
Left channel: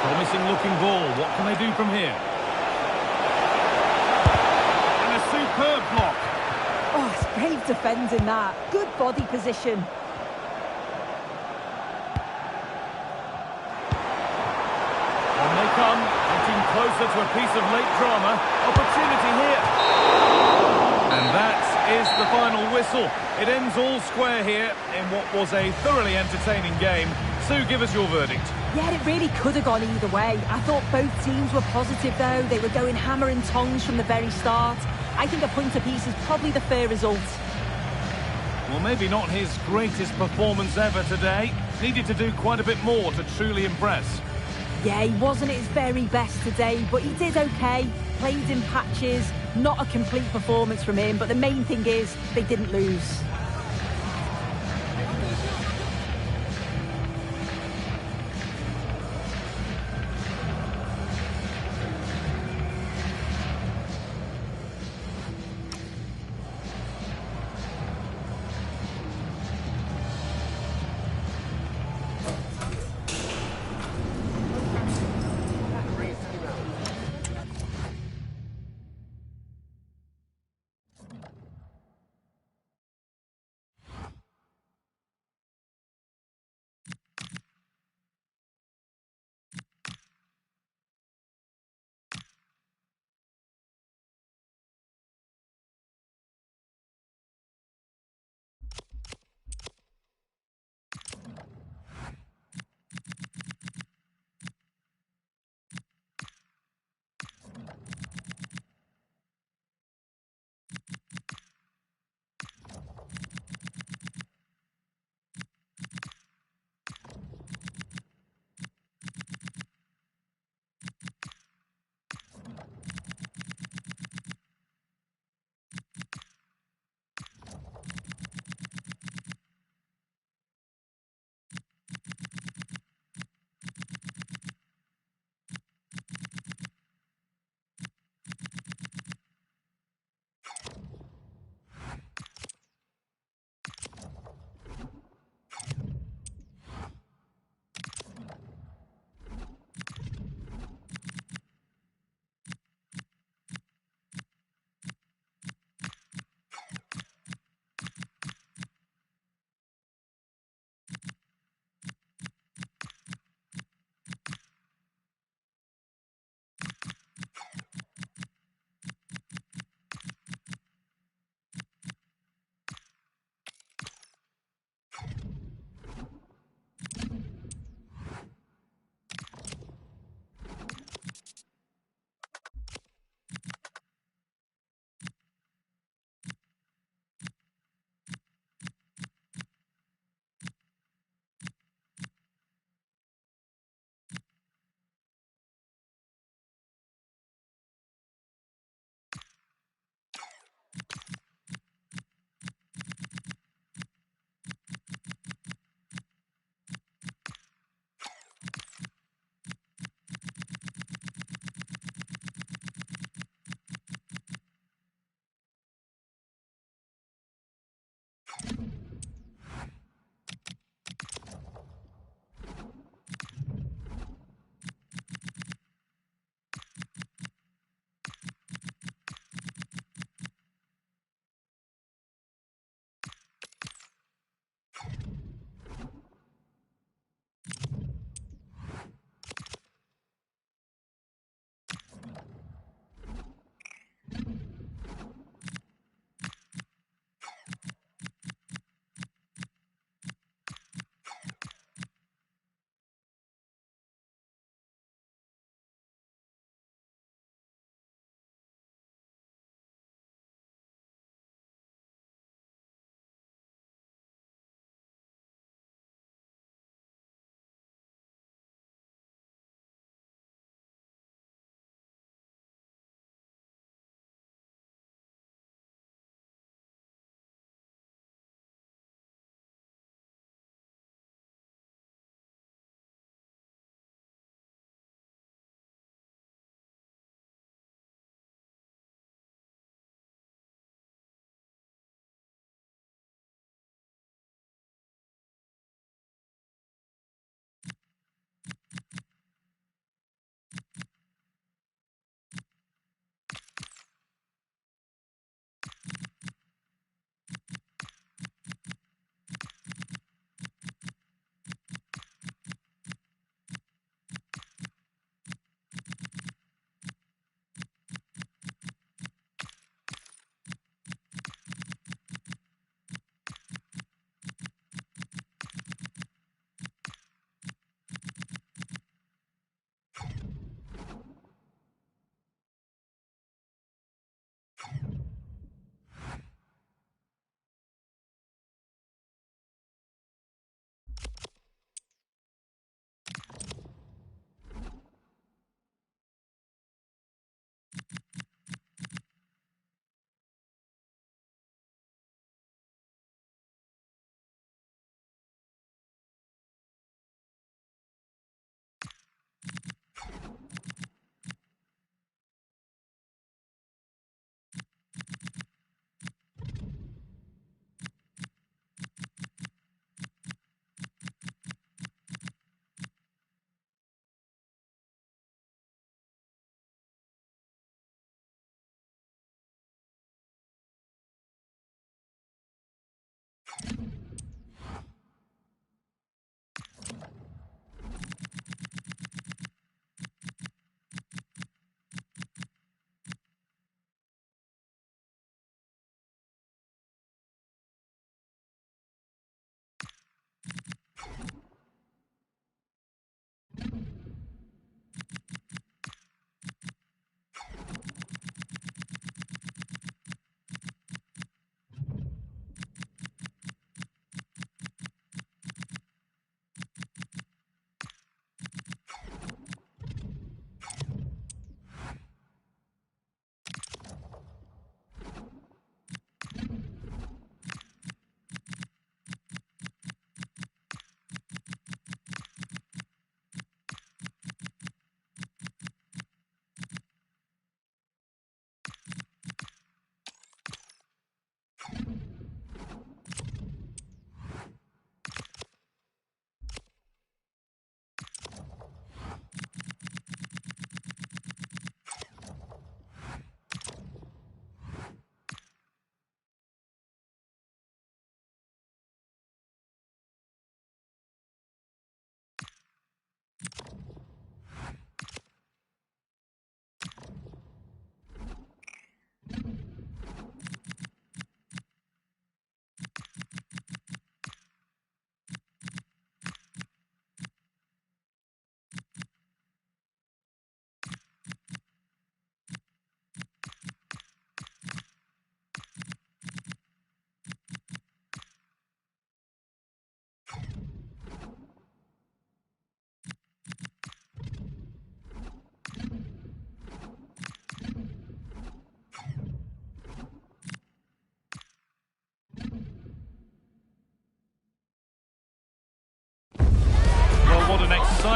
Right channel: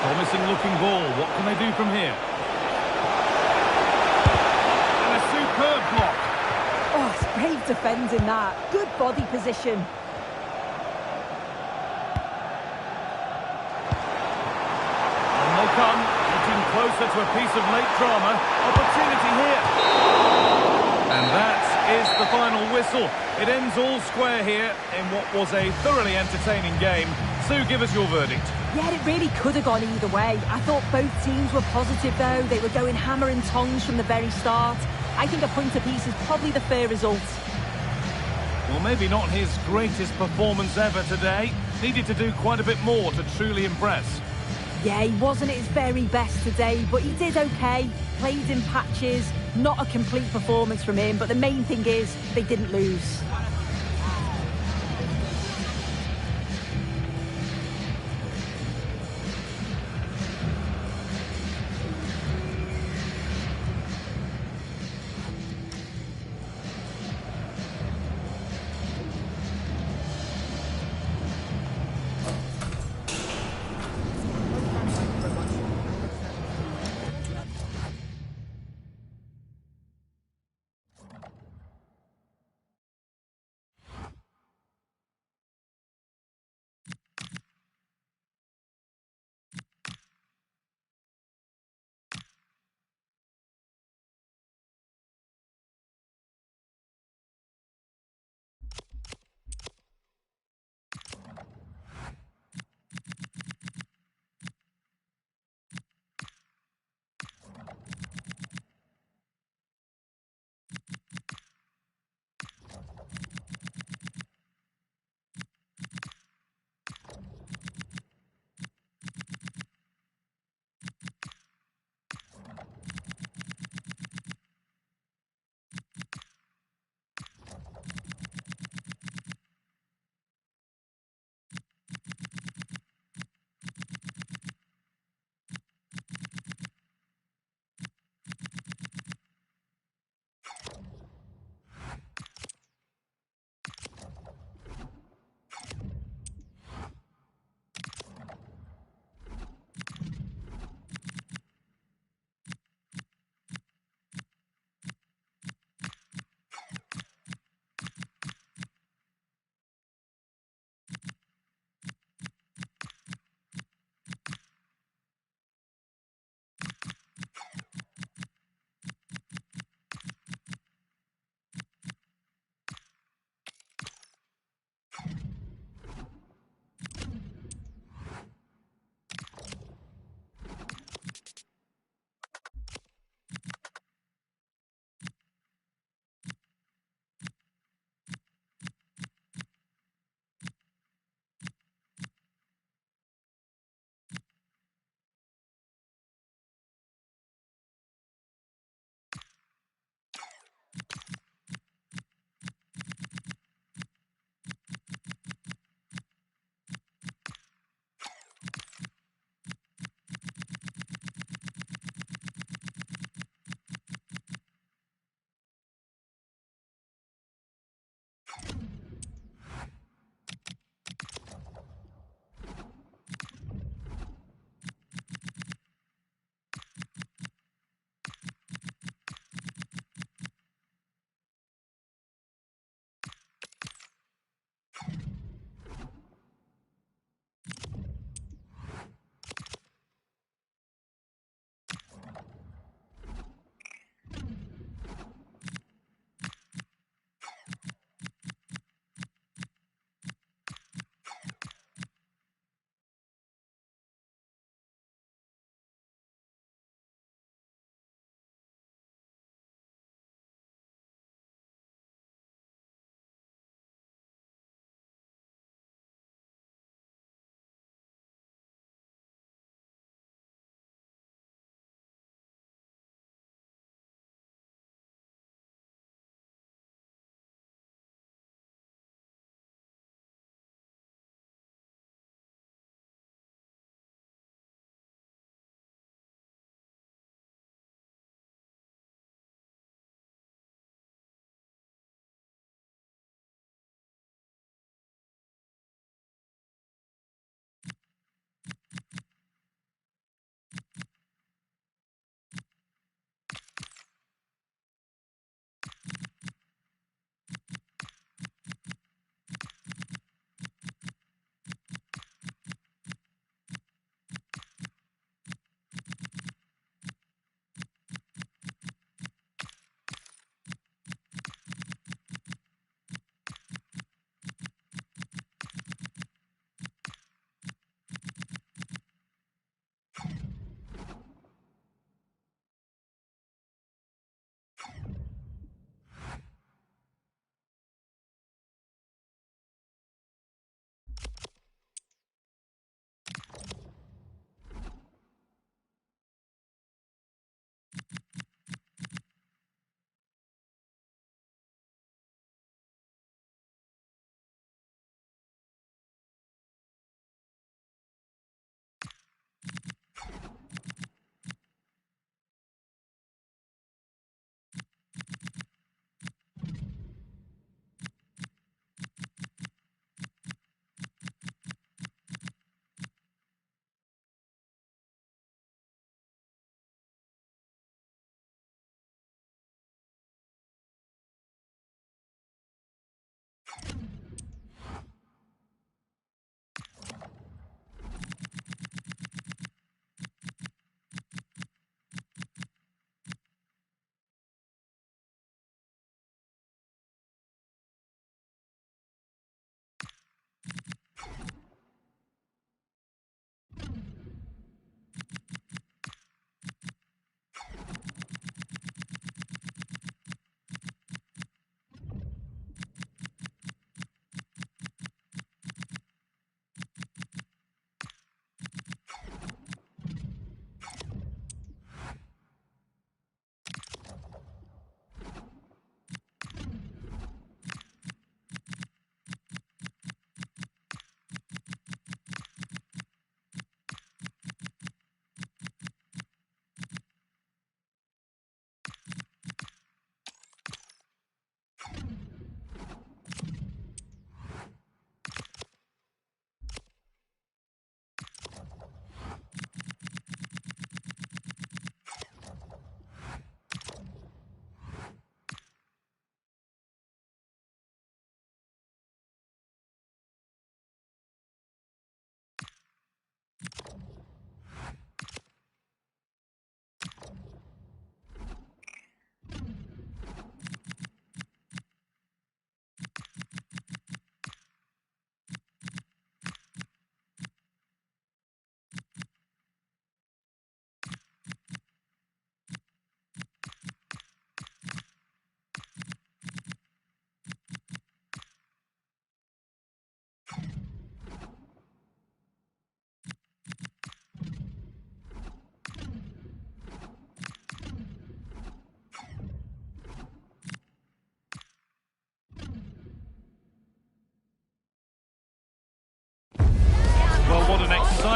Promising looking ball. What can they do from here? And a superb block. Oh, it's brave defending that. Good body position. And they come, getting closer to a piece of late drama. Opportunity here. And that is the final whistle. It ends all square here in what was a thoroughly entertaining game. Sue, give us your verdict. Yeah, it really could have gone either way. I thought both teams were positive, though. They were going hammer and tongs from the very start. I think a point apiece is probably the fair result. Well, maybe not his greatest performance ever today. Needed to do quite a bit more to truly impress. Yeah, he wasn't at his very best today, but he did okay. Played in patches. Not a complete performance from him, but the main thing is they didn't lose.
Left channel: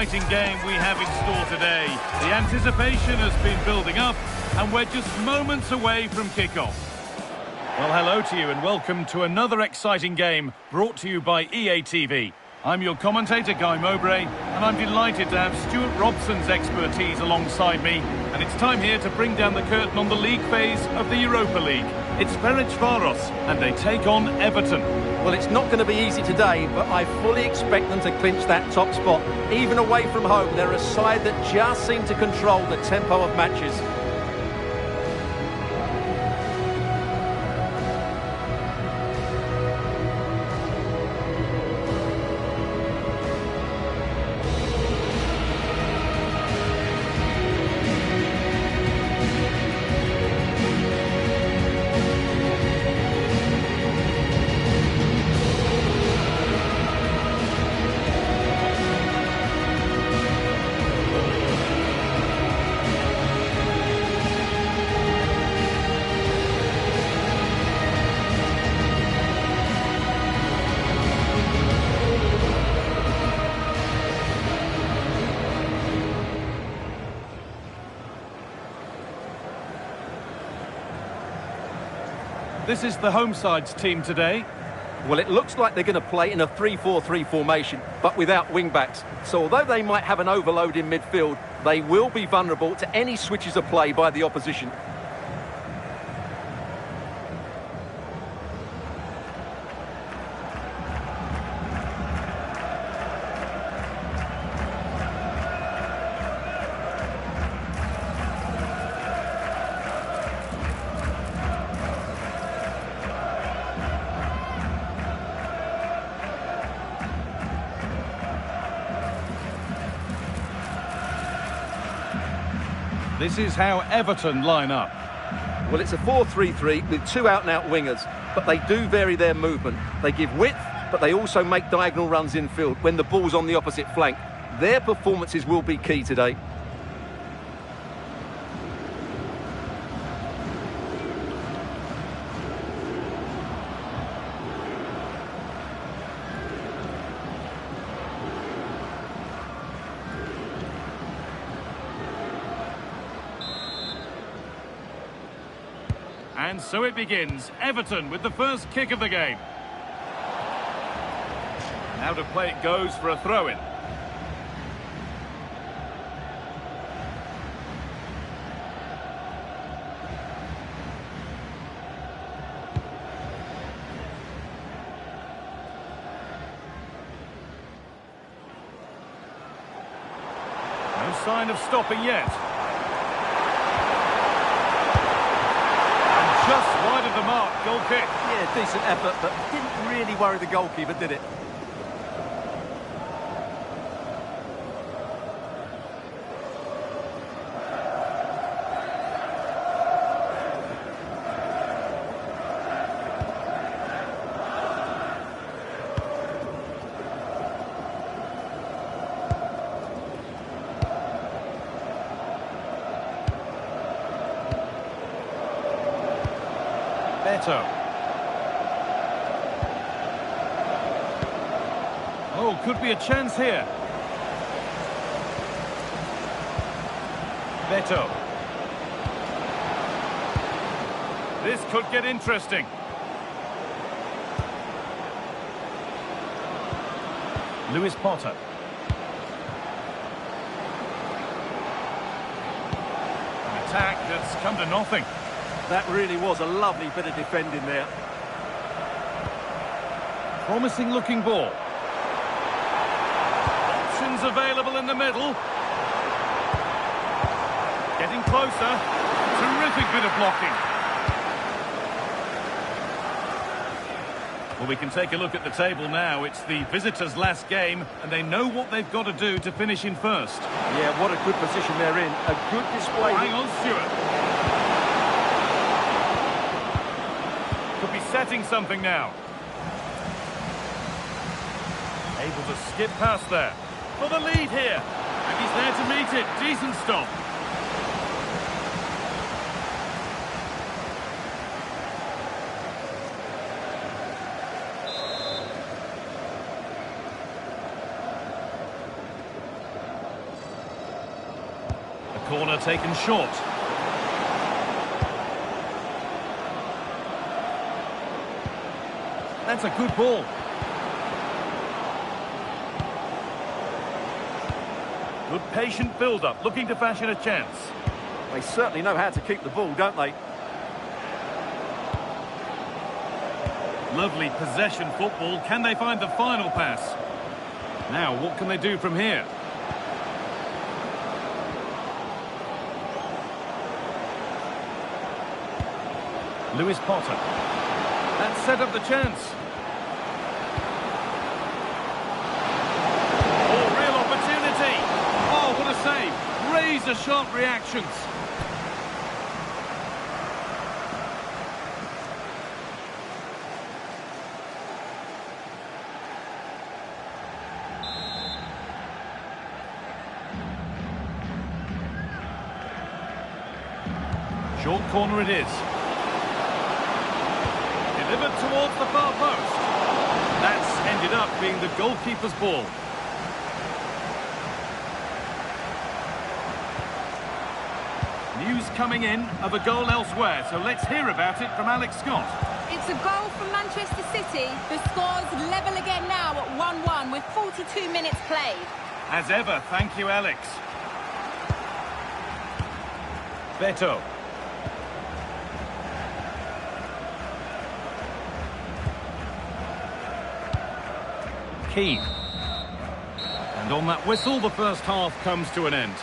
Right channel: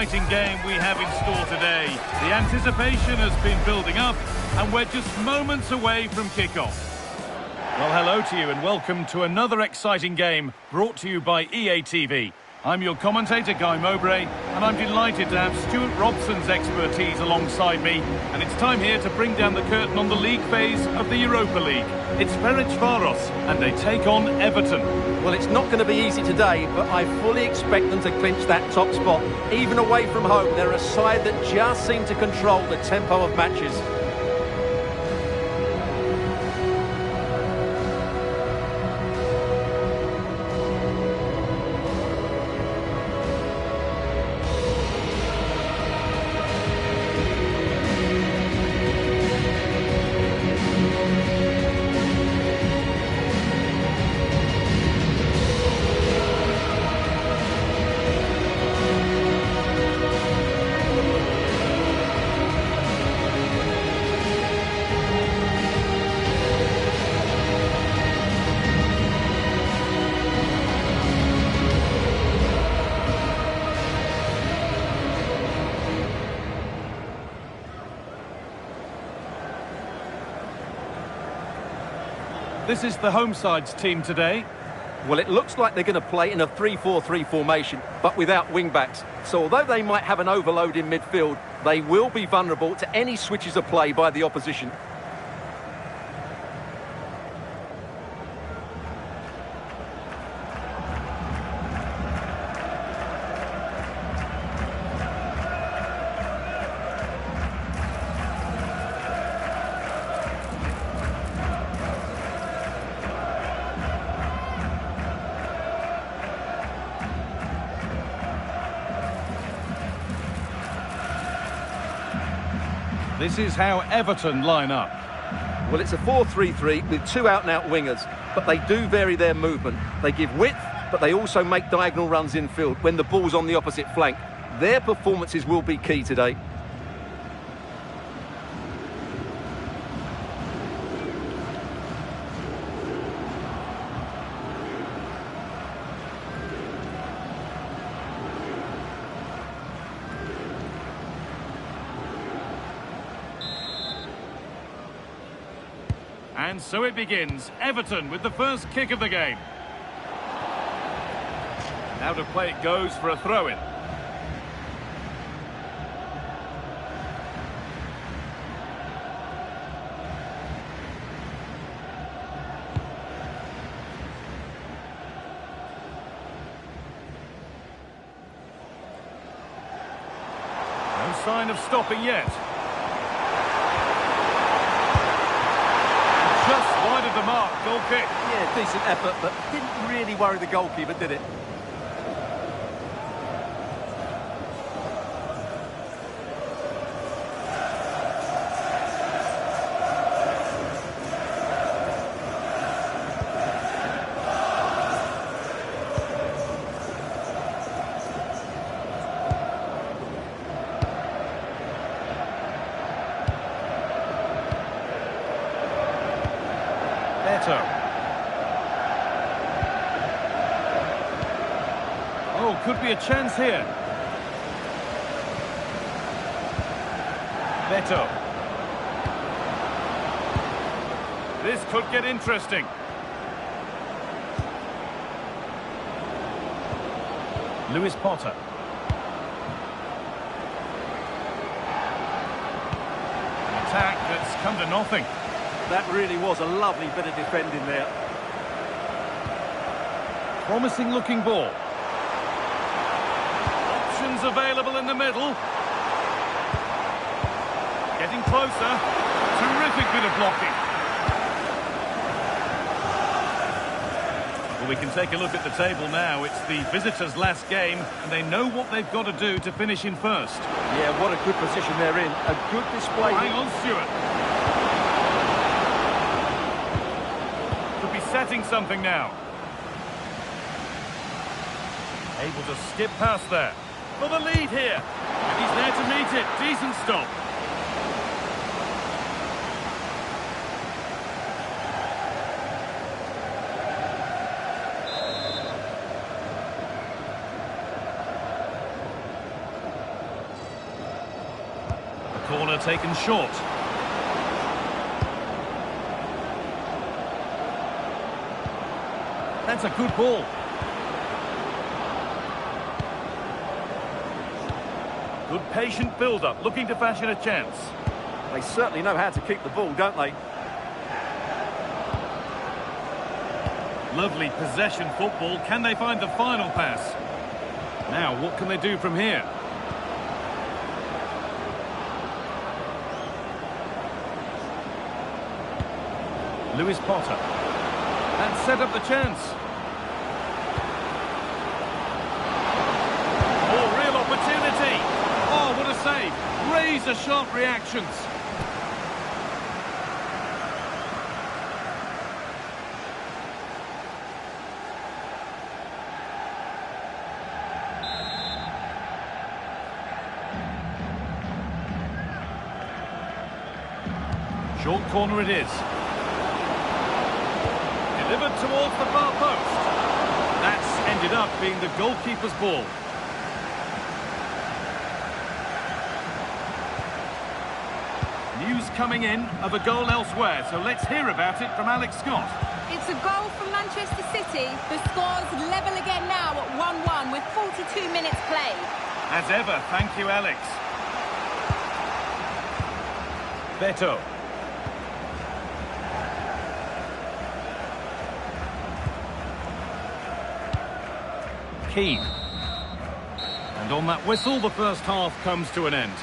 exciting game we have in store today. The anticipation has been building up, and we're just moments away from kickoff. Well, hello to you and welcome to another exciting game brought to you by EA TV. I'm your commentator, Guy Mowbray, and I'm delighted to have Stuart Robson's expertise alongside me. And it's time here to bring down the curtain on the league phase of the Europa League. It's Ferencváros, and they take on Everton. Well, it's not going to be easy today, but I fully expect them to clinch that top spot. Even away from home, they're a side that just seem to control the tempo of matches. This is the home side's team today. Well, it looks like they're going to play in a 3-4-3 formation, but without wing-backs. So although they might have an overload in midfield, they will be vulnerable to any switches of play by the opposition. This is how Everton line up. Well, it's a 4-3-3 with two out-and-out wingers, but they do vary their movement. They give width, but they also make diagonal runs infield when the ball's on the opposite flank. Their performances will be key today. And so it begins. Everton with the first kick of the game. And out of play it goes for a throw-in. No sign of stopping yet. Just wide of the mark, goal kick. Yeah, decent effort, but didn't really worry the goalkeeper, did it? Oh, could be a chance here. Beto. This could get interesting. Lewis Potter. An attack that's come to nothing. That really was a lovely bit of defending there. Promising looking ball. Options available in the middle. Getting closer. Terrific bit of blocking. Well, we can take a look at the table now. It's the visitors' last game, and they know what they've got to do to finish in first. Yeah, what a good position they're in. A good display. Oh, hang on, Stuart. Could be setting something now. Able to skip past there. For the lead here. And he's there to meet it. Decent stop. corner taken short. That's a good ball. Good patient build-up, looking to fashion a chance. They certainly know how to keep the ball, don't they? Lovely possession football. Can they find the final pass? Now, what can they do from here? Lewis Potter. That set up the chance. Oh, real opportunity. Oh, what a save. Razor-sharp reactions. Short corner it is. Delivered towards the far post. That's ended up being the goalkeeper's ball. News coming in of a goal elsewhere, so let's hear about it from Alex Scott. It's a goal from Manchester City. The score's level again now at 1-1 with 42 minutes played. As ever, thank you, Alex. Beto. Keane. And on that whistle, the first half comes to an end.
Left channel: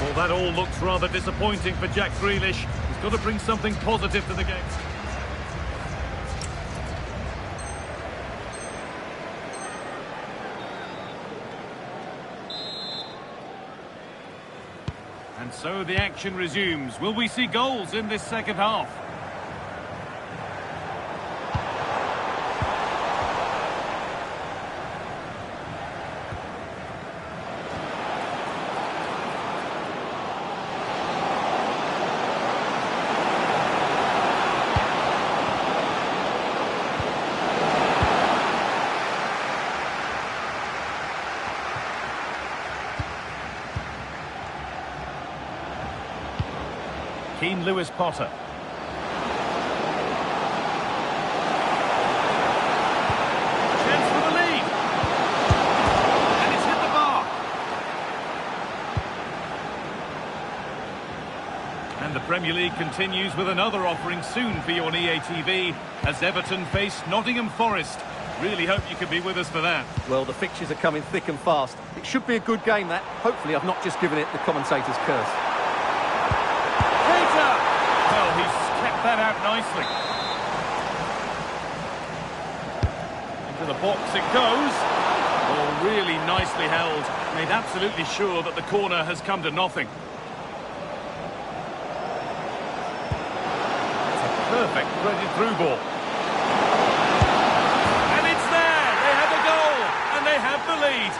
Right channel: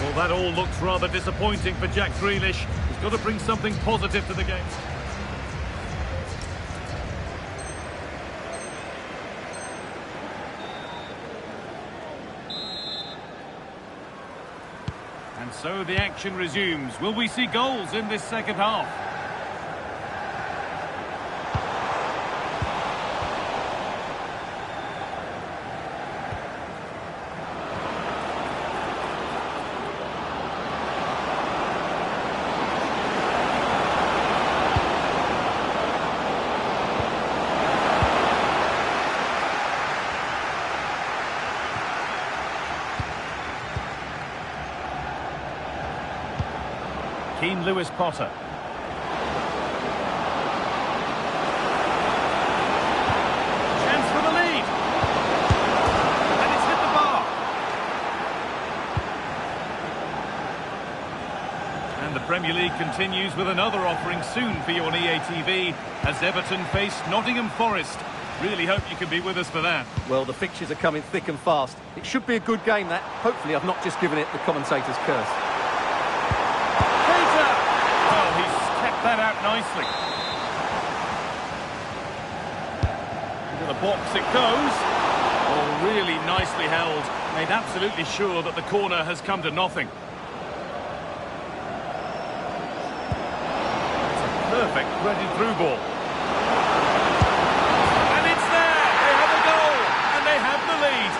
Well, that all looks rather disappointing for Jack Grealish. He's got to bring something positive to the game. And so the action resumes. Will we see goals in this second half? Keane, Lewis Potter. Chance for the lead. And it's hit the bar. And the Premier League continues with another offering soon for you on EA TV as Everton face Nottingham Forest. Really hope you can be with us for that. Well, the fixtures are coming thick and fast. It should be a good game, that. Hopefully I've not just given it the commentator's curse. Well, he's kept that out nicely. Into the box it goes. Oh, really nicely held. Made absolutely sure that the corner has come to nothing. That's a perfect threaded through ball. And it's there! They have a goal! And they have the lead.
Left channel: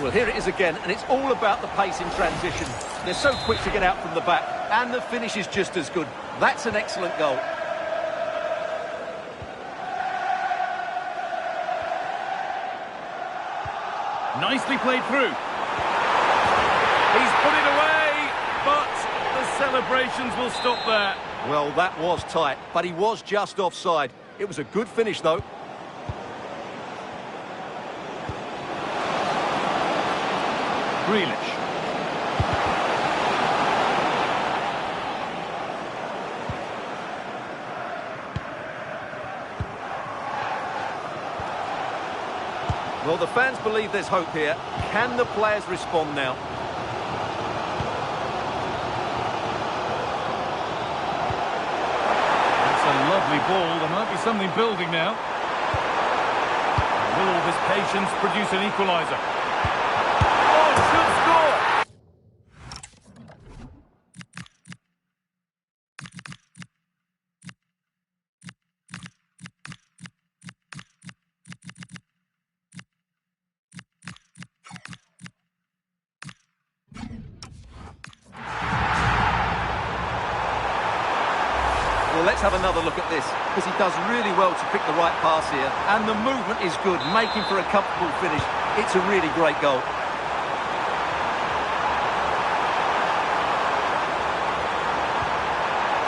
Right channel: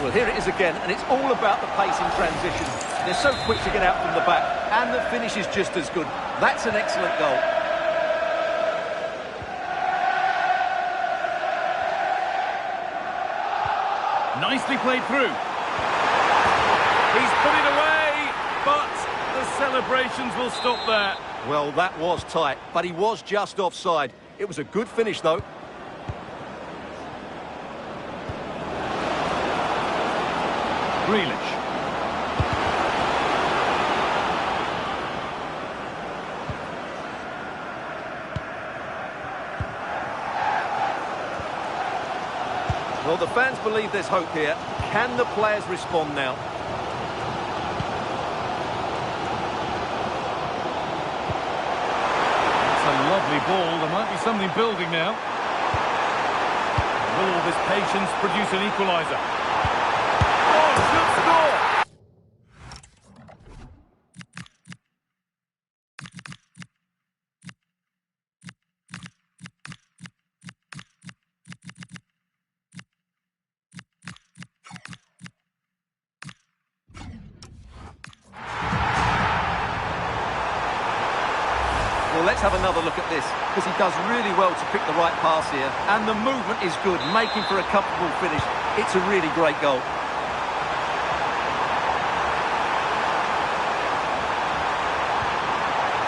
Well, here it is again, and it's all about the pace in transition. They're so quick to get out from the back, and the finish is just as good. That's an excellent goal. Nicely played through. He's put it away, but the celebrations will stop there. Well, that was tight, but he was just offside. It was a good finish, though. Grealish. Well, the fans believe there's hope here. Can the players respond now? It's a lovely ball. There might be something building now. Will all this patience produce an equaliser? Oh, should score! Well, let's have another look at this, because he does really well to pick the right pass here, and the movement is good, making for a comfortable finish. It's a really great goal.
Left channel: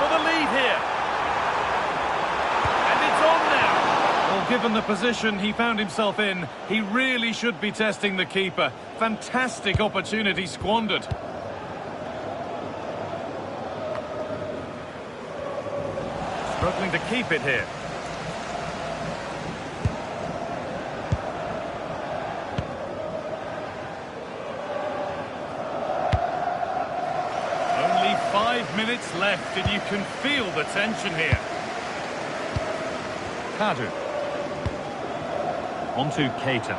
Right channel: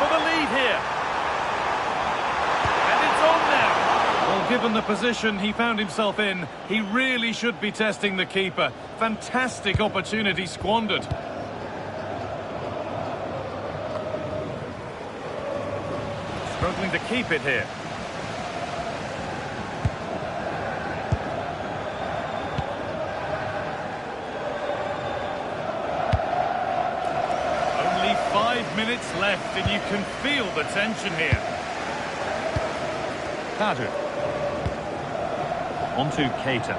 For the lead here. And it's on now. Well, given the position he found himself in, he really should be testing the keeper. Fantastic opportunity squandered. Struggling to keep it here. Only 5 minutes left and you can feel the tension here. Kadu. On to Keita.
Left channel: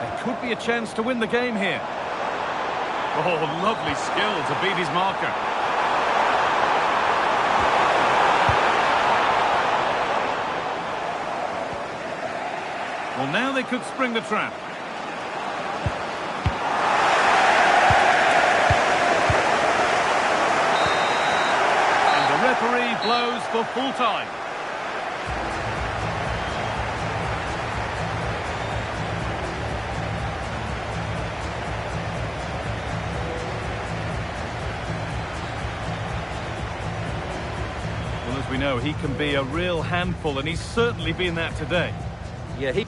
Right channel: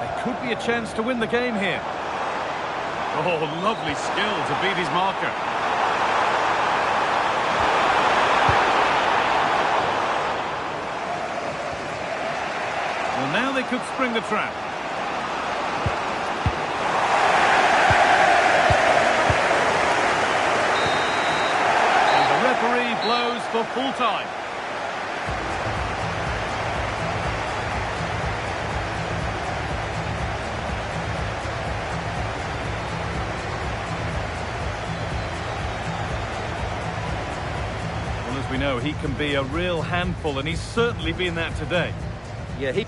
There could be a chance to win the game here. Oh, lovely skill to beat his marker. Well, now they could spring the trap. And the referee blows for full time. Well, as we know, he can be a real handful, and he's certainly been that today. Yeah, he...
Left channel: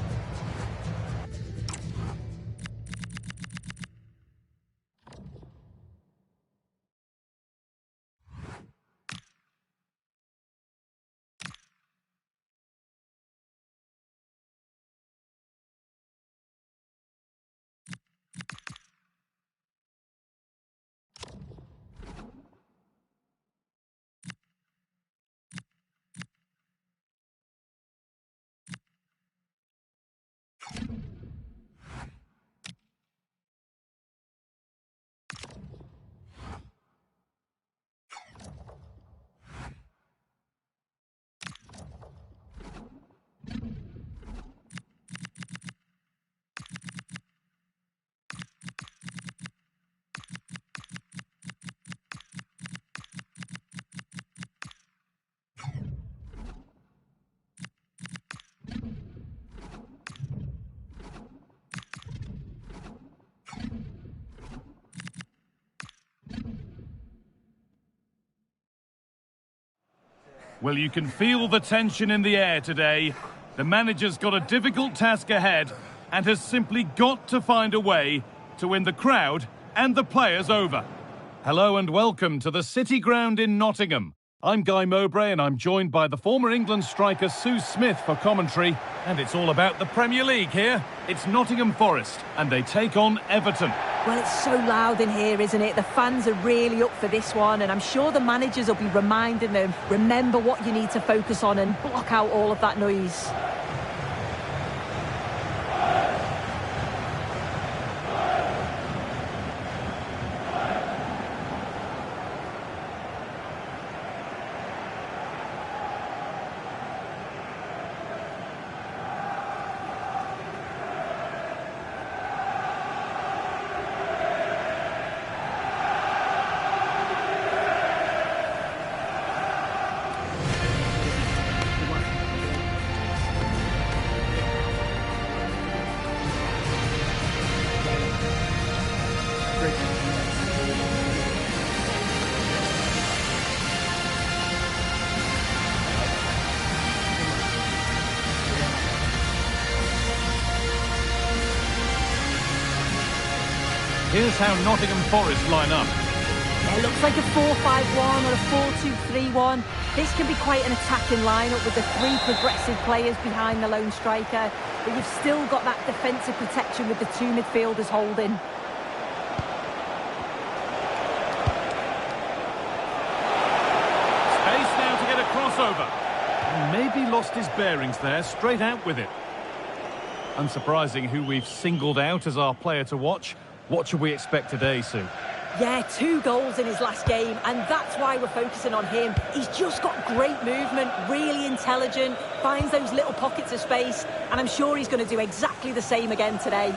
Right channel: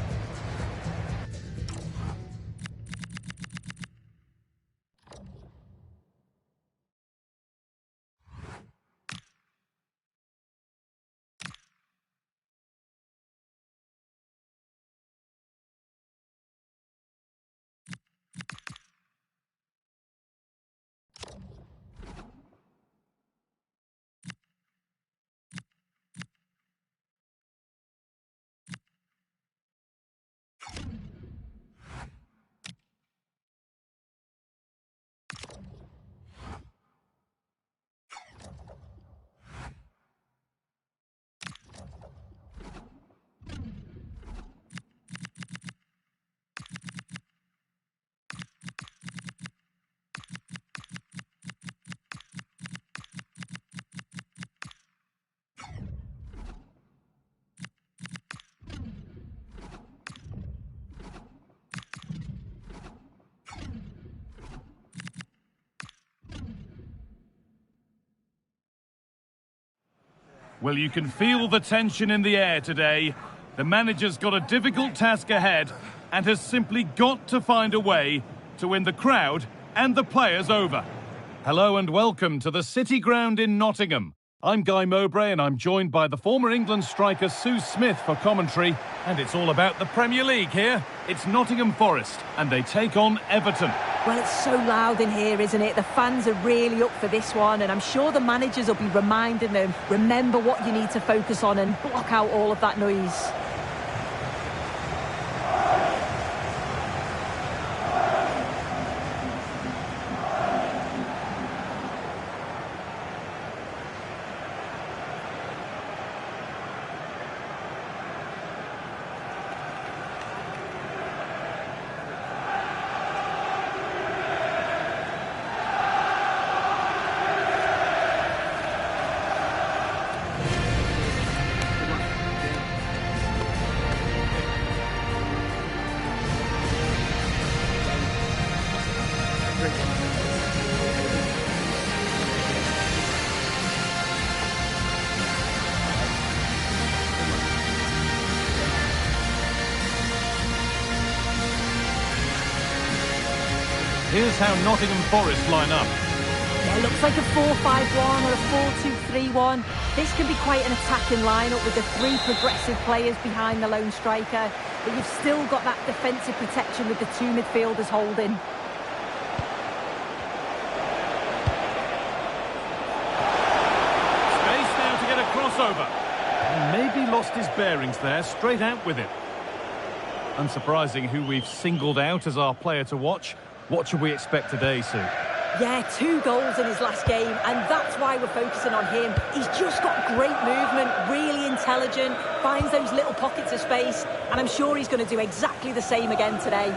Well, you can feel the tension in the air today. The manager's got a difficult task ahead and has simply got to find a way to win the crowd and the players over. Hello and welcome to the City Ground in Nottingham. I'm Guy Mowbray and I'm joined by the former England striker Sue Smith for commentary. And it's all about the Premier League here. It's Nottingham Forest and they take on Everton. Well, it's so loud in here, isn't it? The fans are really up for this one, and I'm sure the managers will be reminding them, remember what you need to focus on and block out all of that noise. Here's how Nottingham Forest line up. Yeah, it looks like a 4-5-1 or a 4-2-3-1. This can be quite an attacking lineup with the three progressive players behind the lone striker, but you've still got that defensive protection with the two midfielders holding. Space now to get a crossover. And maybe lost his bearings there, straight out with it. Unsurprising who we've singled out as our player to watch. What should we expect today, Sue? Yeah, 2 goals in his last game, and that's why we're focusing on him. He's just got great movement, really intelligent, finds those little pockets of space, and I'm sure he's going to do exactly the same again today.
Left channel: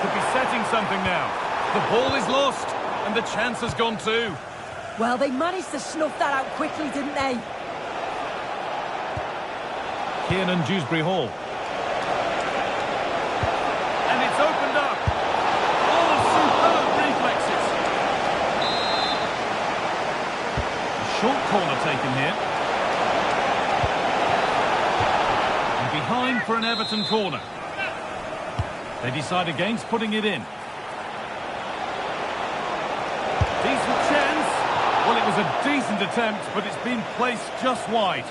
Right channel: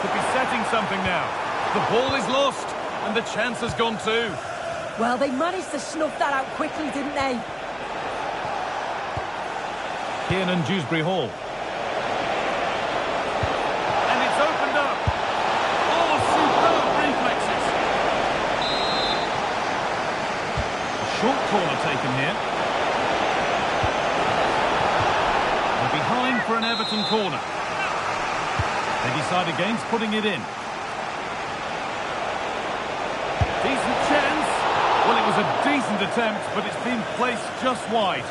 Could be setting something now. The ball is lost. And the chance has gone too. Well, they managed to snuff that out quickly, didn't they? Kiernan, Dewsbury-Hall. And it's opened up. Oh, superb reflexes. A short corner taken here. And behind for an Everton corner. They decide against putting it in. Decent chance. Well, it was a decent attempt, but it's been placed just wide.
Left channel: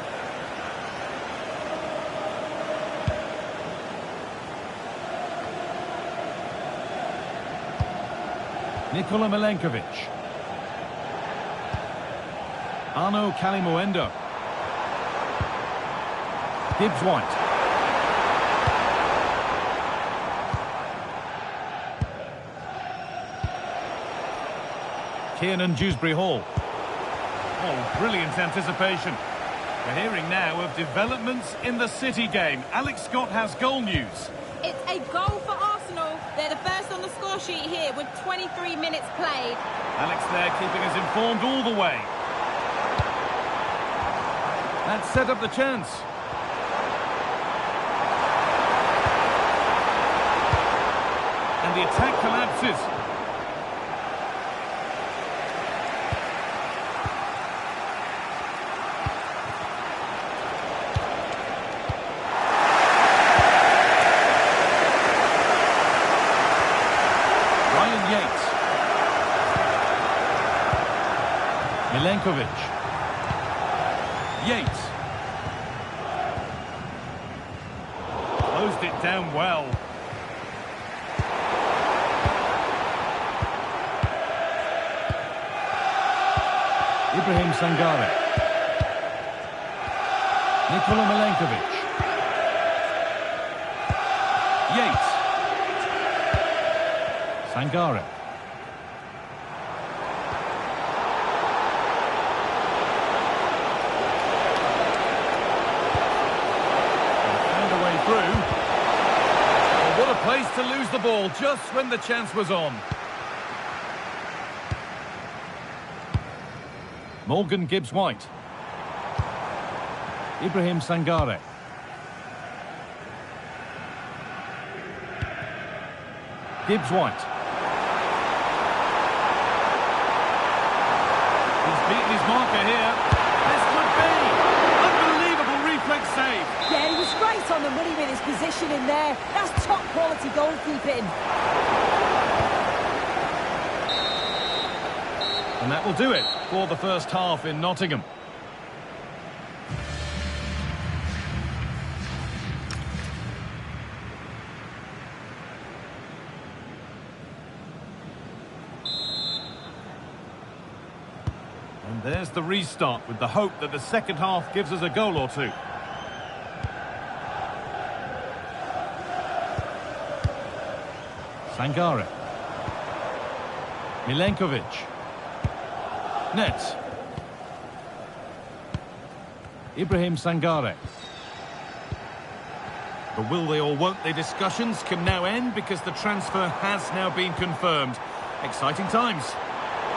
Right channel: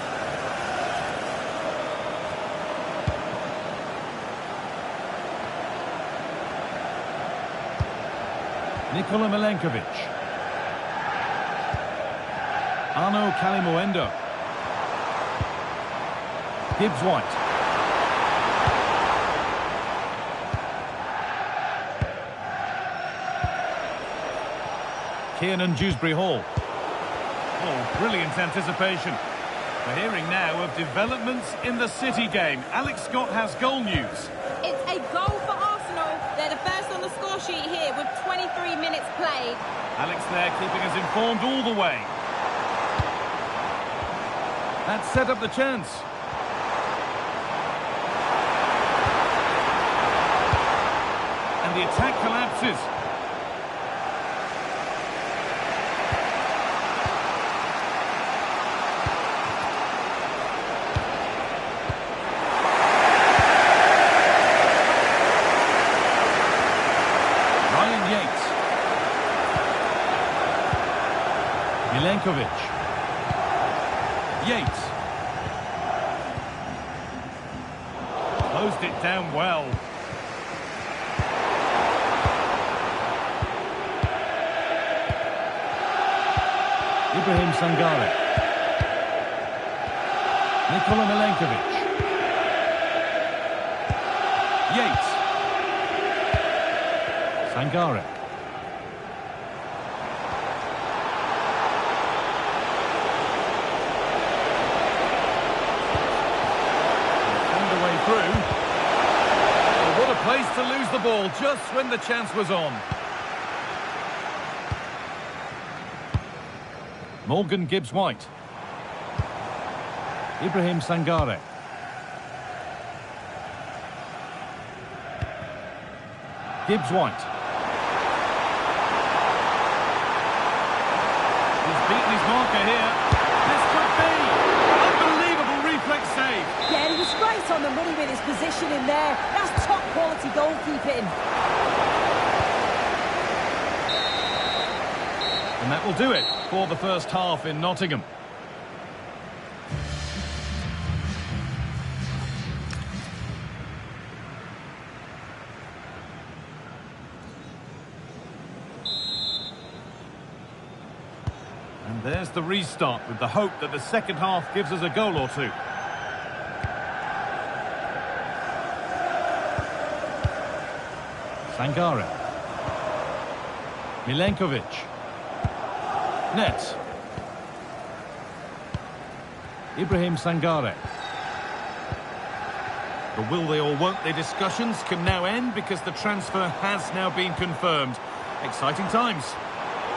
Nikola Milenkovic. Arnaud Kalimuendo. Gibbs-White. Kiernan, Dewsbury-Hall. Oh, brilliant anticipation. We're hearing now of developments in the City game. Alex Scott has goal news. It's a goal for Arsenal. They're the first on the score sheet here with 23 minutes played. Alex there keeping us informed all the way. That set up the chance. And the attack collapses. Yates. Milenkovic. Yates. Closed it down well. Ibrahim Sangare. Nikola Milenkovic. Yates. Sangare. Found a way through. Oh, what a place to lose the ball just when the chance was on. Morgan Gibbs-White. Ibrahim Sangare. Gibbs-White. He's beaten his marker here. This could be. Unbelievable reflex save. Yeah, he was right on the money with his position in there. That's top quality goalkeeping. And that will do it for the first half in Nottingham. And there's the restart with the hope that the second half gives us a goal or two. Sangare. Milenkovic. Nets. Ibrahim Sangare. The will they or won't they discussions can now end because the transfer has now been confirmed. Exciting times.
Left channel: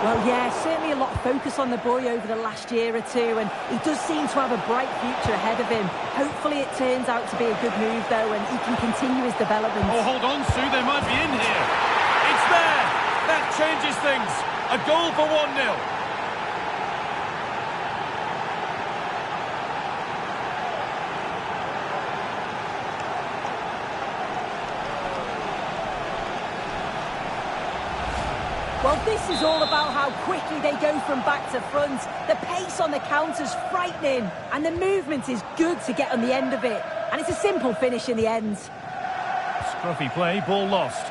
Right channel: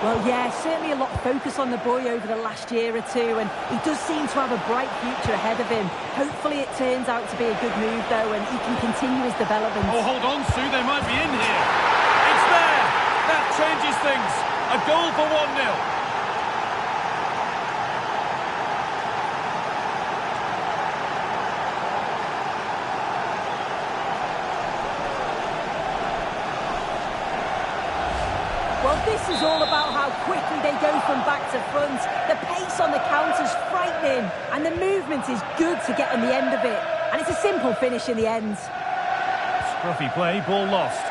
Well, yeah, certainly a lot of focus on the boy over the last year or two, and he does seem to have a bright future ahead of him. Hopefully it turns out to be a good move, though, and he can continue his development. Oh, hold on, Sue, they might be in here. It's there! That changes things. A goal for 1-0. Well, this is all about how quickly they go from back to front. The pace on the counter's frightening, and the movement is good to get on the end of it. And it's a simple finish in the end. Scruffy play, ball lost.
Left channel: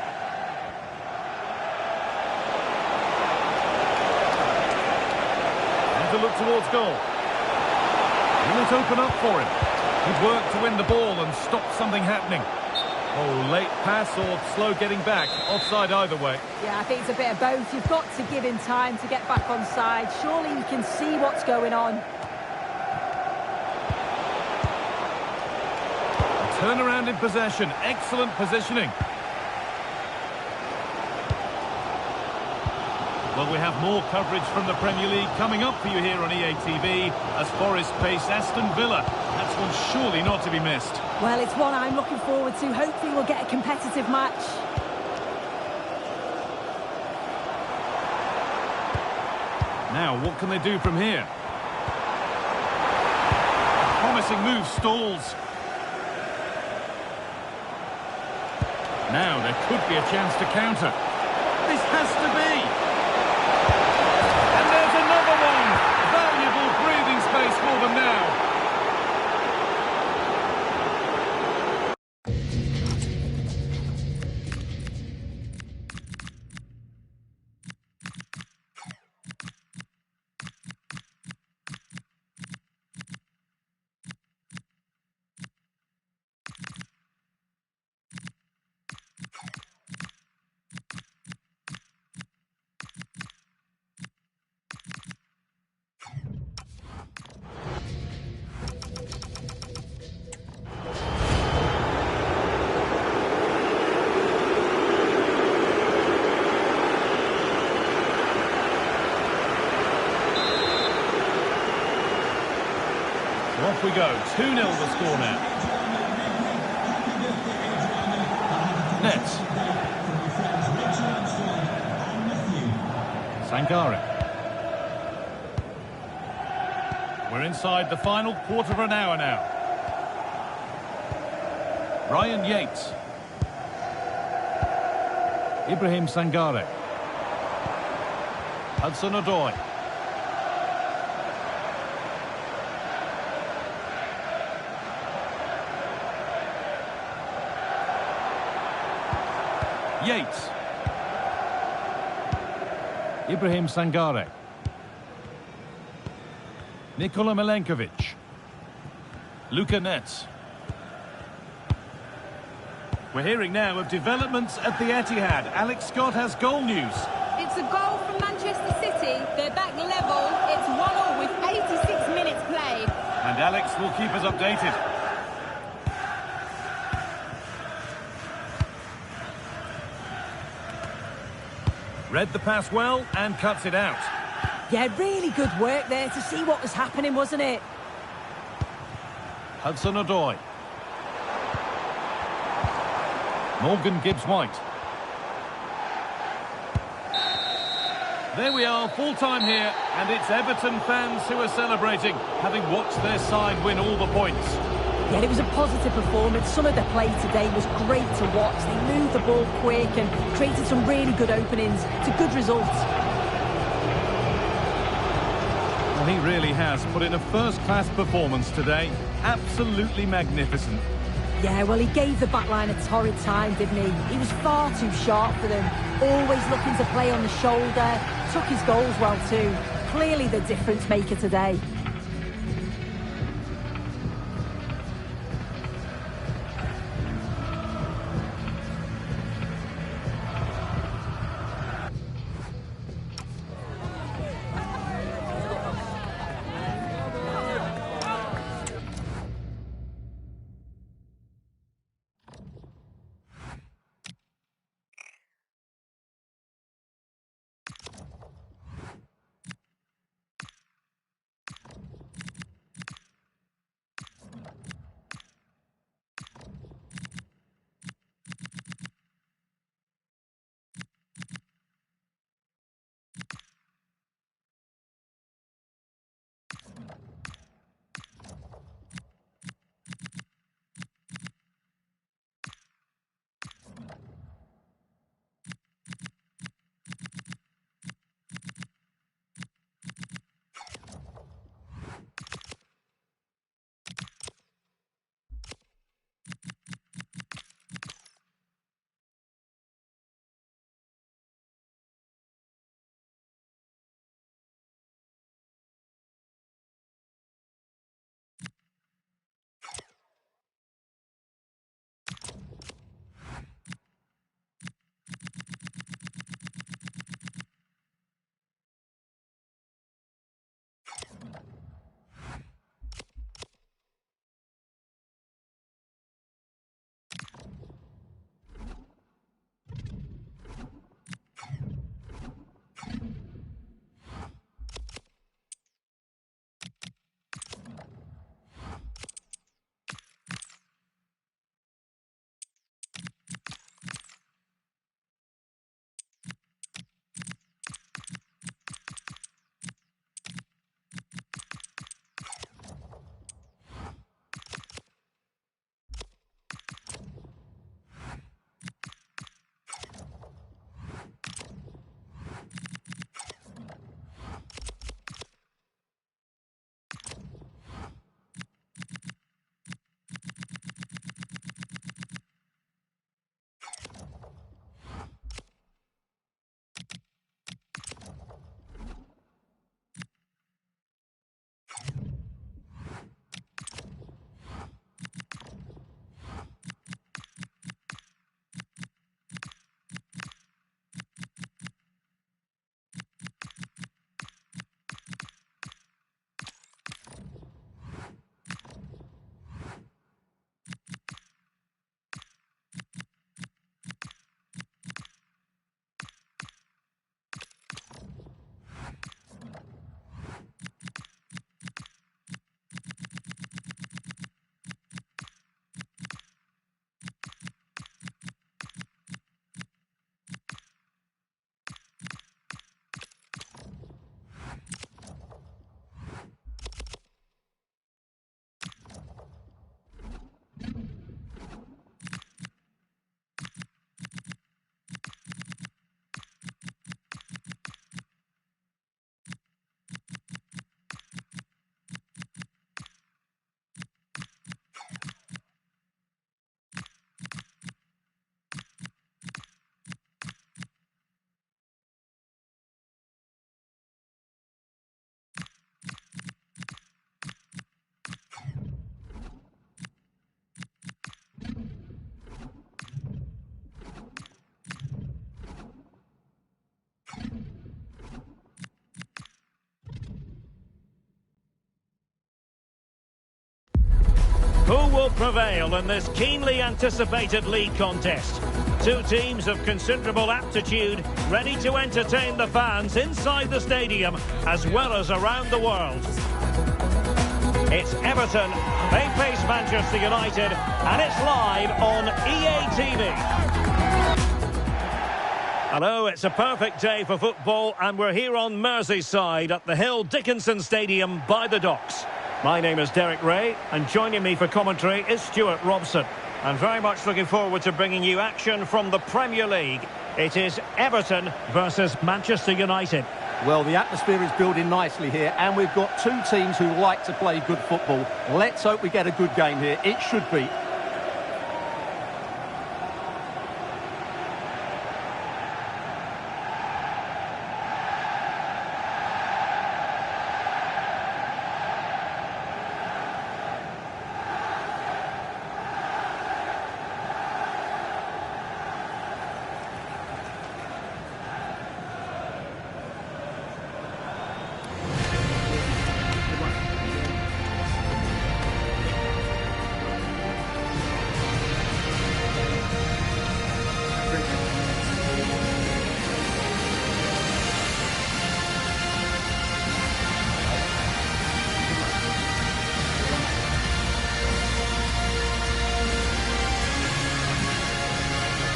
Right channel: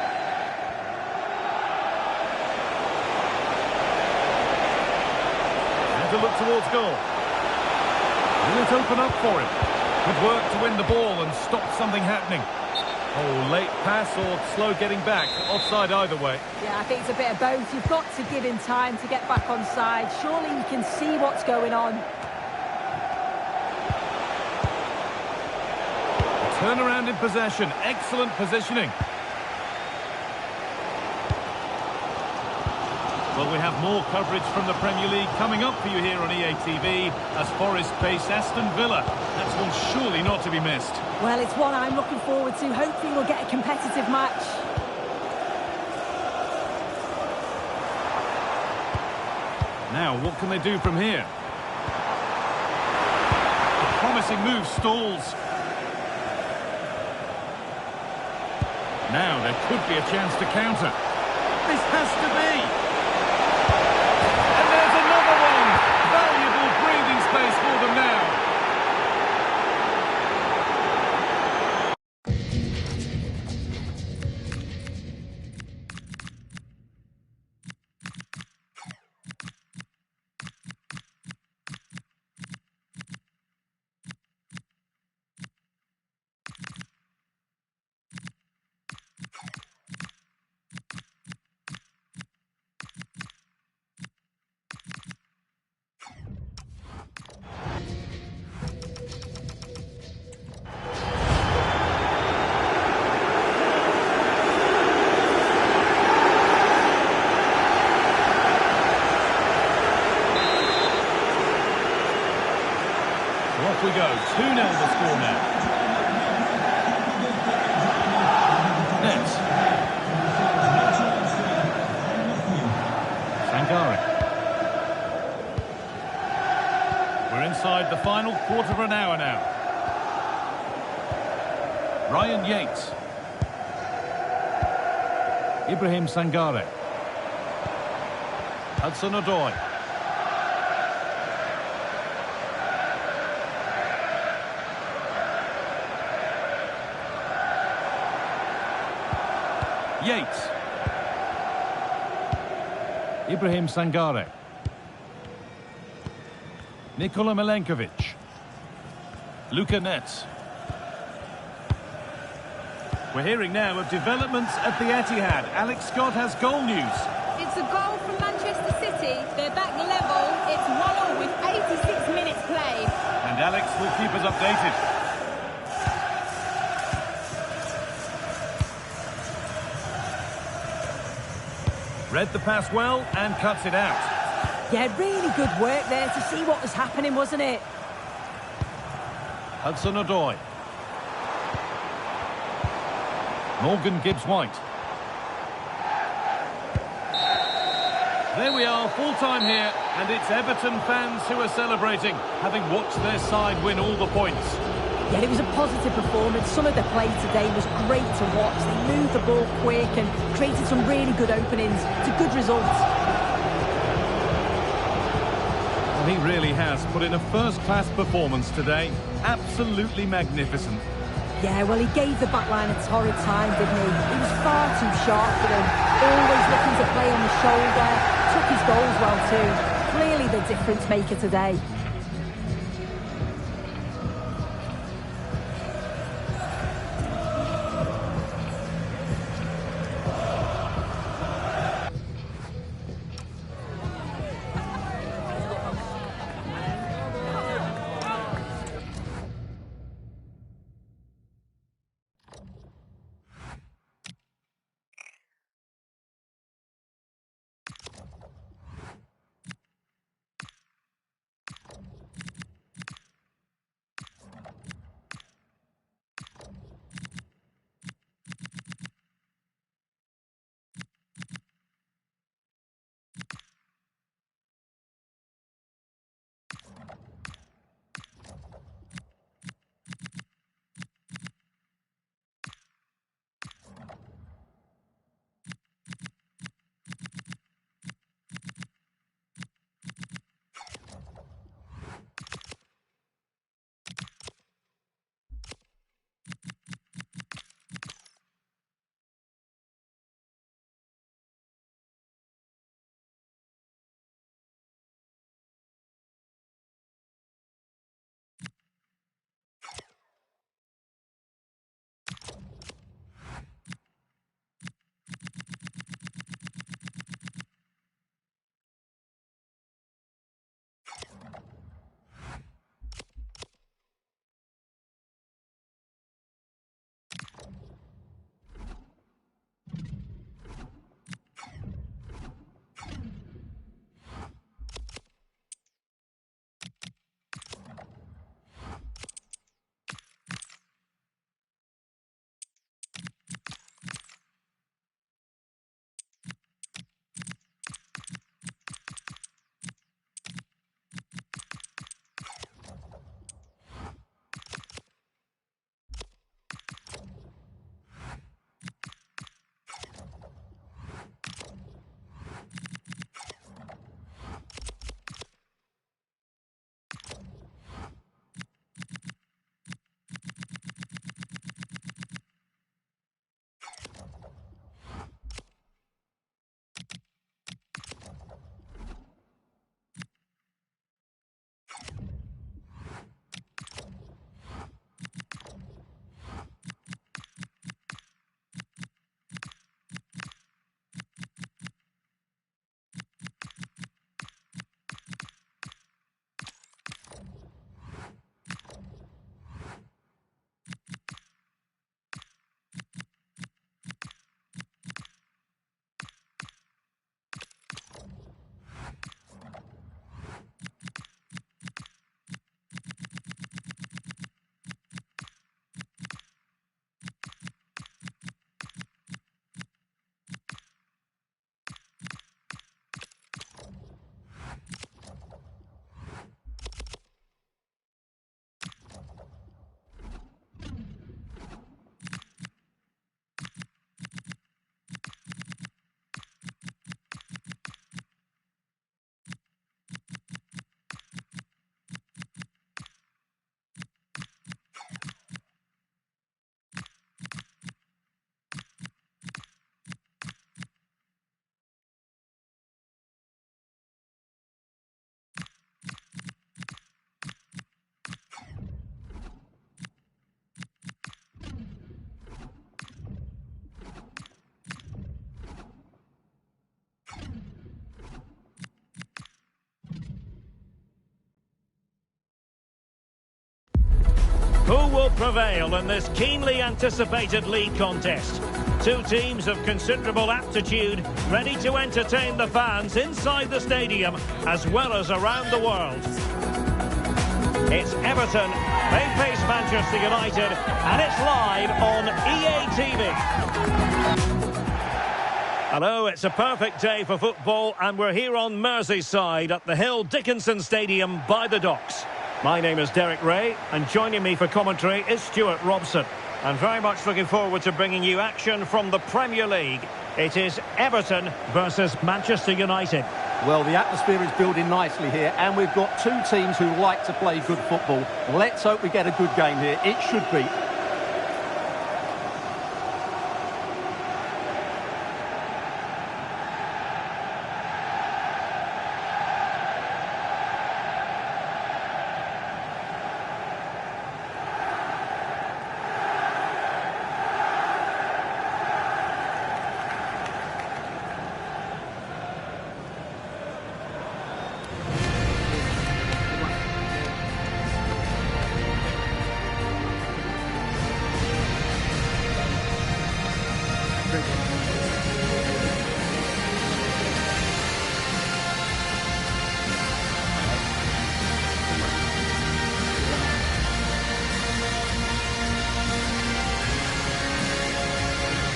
And to look towards goal. Will it open up for him? Good work to win the ball and stop something happening. Oh, late pass or slow getting back. Offside either way. Yeah, I think it's a bit of both. You've got to give him time to get back on side. Surely he can see what's going on. A turnaround in possession. Excellent positioning. Well, we have more coverage from the Premier League coming up for you here on EA TV as Forest face Aston Villa. That's one surely not to be missed. Well, it's one I'm looking forward to. Hopefully we'll get a competitive match. Now, what can they do from here? A promising move stalls. Now, there could be a chance to counter. This has to be. And there's another one. Valuable breathing space for them now. So off we go. 2-0 the score now. Nets. Sangare. We're inside the final quarter of an hour now. Ryan Yates. Ibrahim Sangare. Hudson-Odoi. Yates. Ibrahim Sangare. Nikola Milenkovic. Luka Nets. We're hearing now of developments at the Etihad. Alex Scott has goal news. It's a goal from Manchester City. They're back level. It's 1-1 with 86 minutes played. And Alex will keep us updated. Read the pass well and cuts it out. Yeah, really good work there to see what was happening, wasn't it? Hudson-Odoi. Morgan Gibbs-White. There we are, full-time here, and it's Everton fans who are celebrating, having watched their side win all the points. Yeah, it was a positive performance. Some of the play today was great to watch. They moved the ball quick and created some really good openings. It's a good result. Well, he really has put in a first-class performance today. Absolutely magnificent. Yeah, well, he gave the backline a torrid time, didn't he? He was far too sharp for them. Always looking to play on the shoulder. Took his goals well, too. Clearly the difference maker today. Who will prevail in this keenly anticipated league contest? Two teams of considerable aptitude, ready to entertain the fans inside the stadium as well as around the world. It's Everton, they face Manchester United, and it's live on EA TV. Hello, it's a perfect day for football, and we're here on Merseyside at the Hill Dickinson Stadium by the docks. My name is Derek Ray, and joining me for commentary is Stuart Robson. And very much looking forward to bringing you action from the Premier League. It is Everton versus Manchester United. Well, the atmosphere is building nicely here, and we've got two teams who like to play good football. Let's hope we get a good game here. It should be.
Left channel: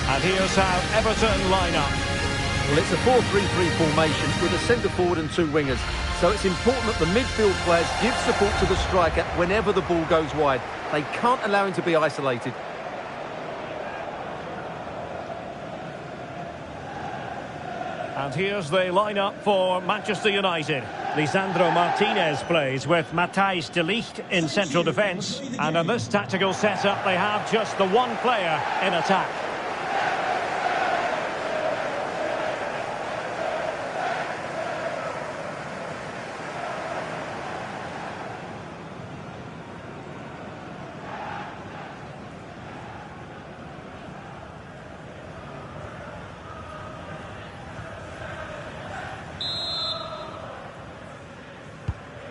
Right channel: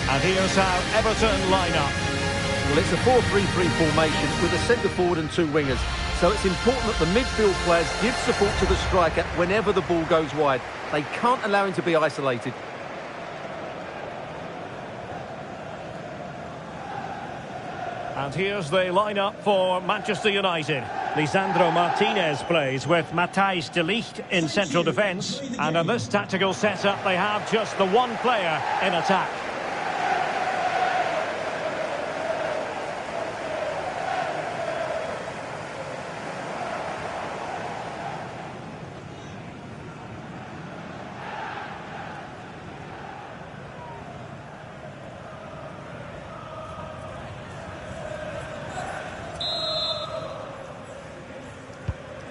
And here's how Everton line up. Well, it's a 4-3-3 formation with a centre-forward and two wingers. So it's important that the midfield players give support to the striker whenever the ball goes wide. They can't allow him to be isolated. And here's the line-up for Manchester United. Lisandro Martinez plays with Matthijs de Ligt in central defence. And in this tactical setup, they have just the one player in attack.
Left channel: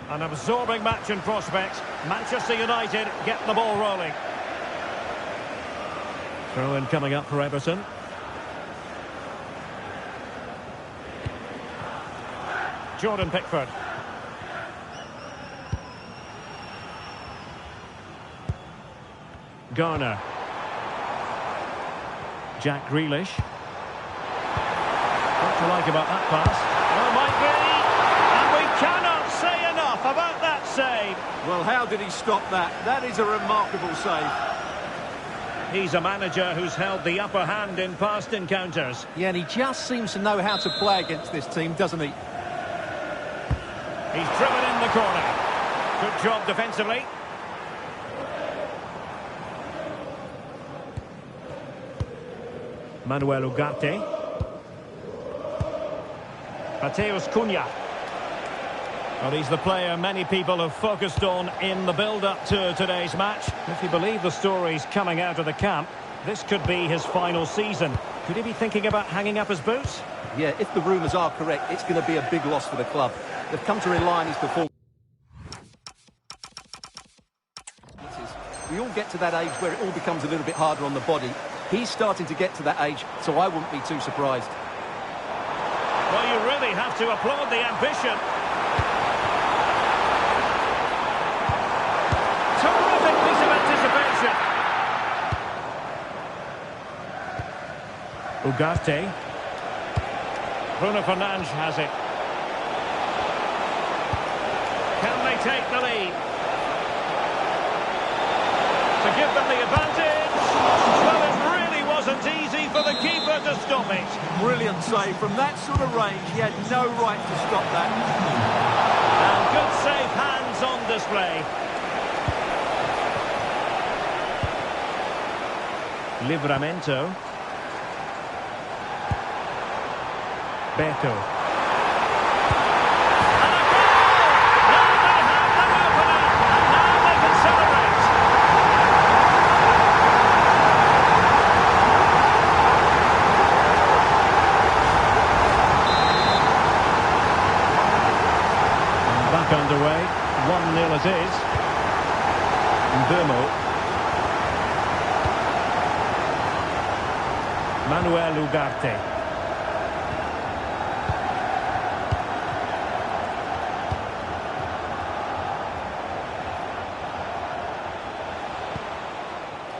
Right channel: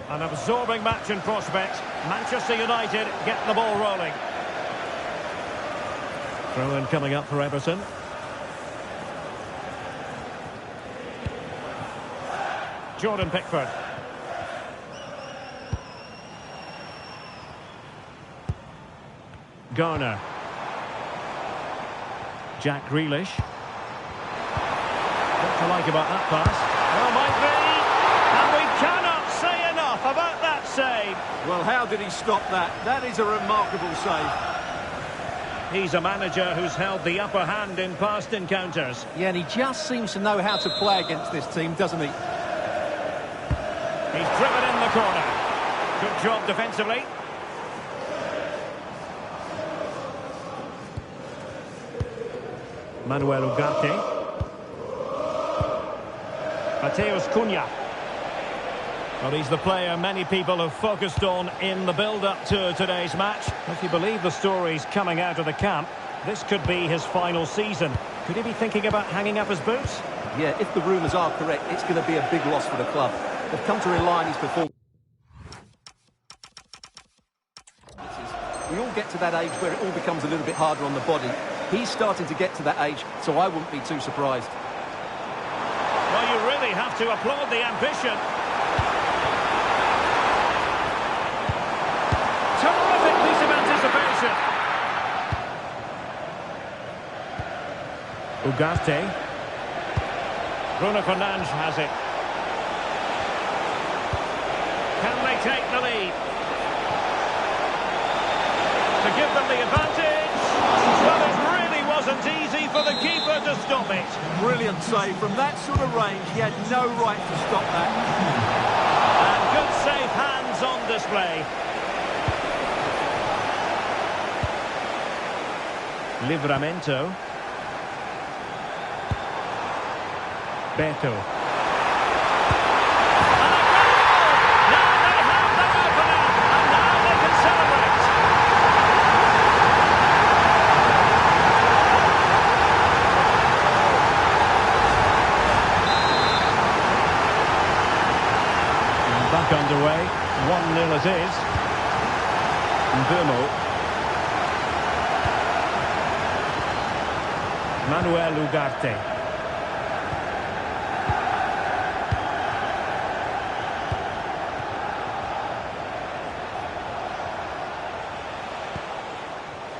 An absorbing match in prospect. Manchester United get the ball rolling. Throw-in coming up for Everton. Jordan Pickford. Garner. Jack Grealish. What to like about that pass? Oh, might be. And we cannot say enough about that save. Well, how did he stop that? That is a remarkable save. He's a manager who's held the upper hand in past encounters. Yeah, and he just seems to know how to play against this team, doesn't he? He's driven in the corner. Good job defensively. Manuel Ugarte. Matheus Cunha. Well, he's the player many people have focused on in the build-up to today's match. If you believe the stories coming out of the camp, this could be his final season. Could he be thinking about hanging up his boots? Yeah, if the rumours are correct, it's going to be a big loss for the club. They've come to rely on his performance. We all get to that age where it all becomes a little bit harder on the body. He's starting to get to that age, so I wouldn't be too surprised. Well, you really have to applaud the ambition. Terrific piece of anticipation. Ugarte. Bruno Fernandes has it. Can they take the lead? To give them the advantage. Well, it really wasn't easy for the keeper to stop it. Brilliant save. From that sort of range, he had no right to stop that. And good safe hands on display. Livramento. Beto. And a goal! Now they have their opener, and now they can celebrate. And back underway, 1-0 it is. Mbeumo. Ugarte.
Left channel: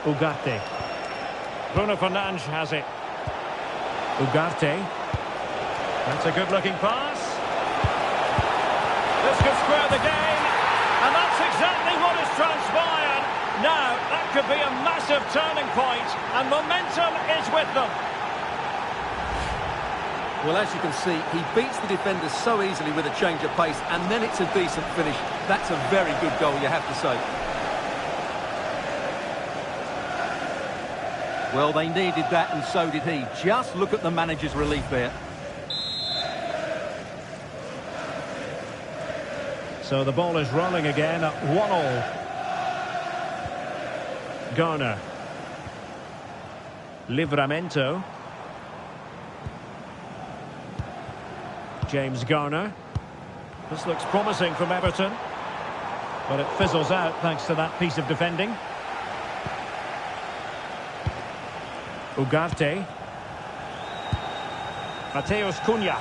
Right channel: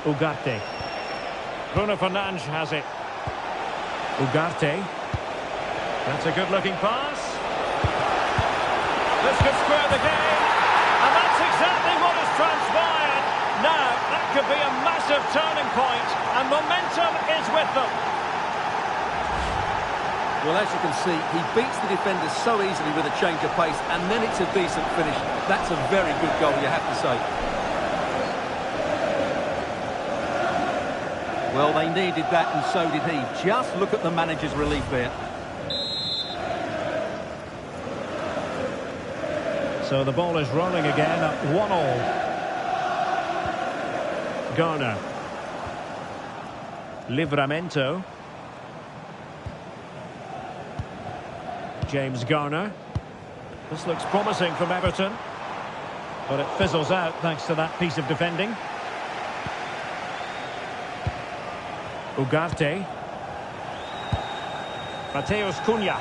Ugarte. Bruno Fernandes has it. Ugarte. That's a good-looking pass. This could square the game. And that's exactly what has transpired. Now, that could be a massive turning point, and momentum is with them. Well, as you can see, he beats the defenders so easily with a change of pace, and then it's a decent finish. That's a very good goal, you have to say. Well, they needed that, and so did he. Just look at the manager's relief there. So the ball is rolling again at 1-1. Garner. Livramento. James Garner. This looks promising from Everton, but it fizzles out thanks to that piece of defending. Ugarte. Mateus Cunha.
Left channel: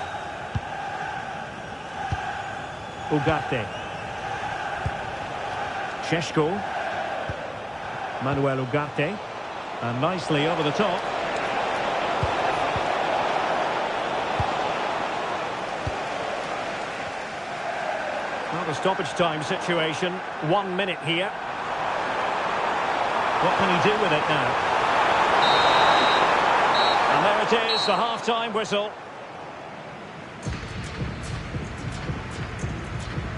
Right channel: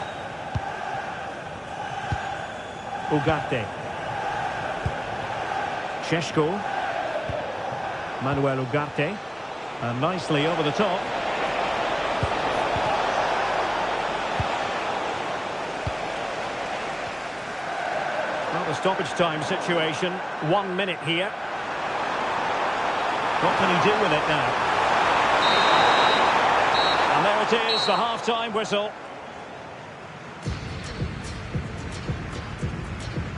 Ugarte. Šeško. Manuel Ugarte. And nicely over the top. Well, the stoppage time situation. 1 minute here. What can he do with it now? And there it is, the half-time whistle.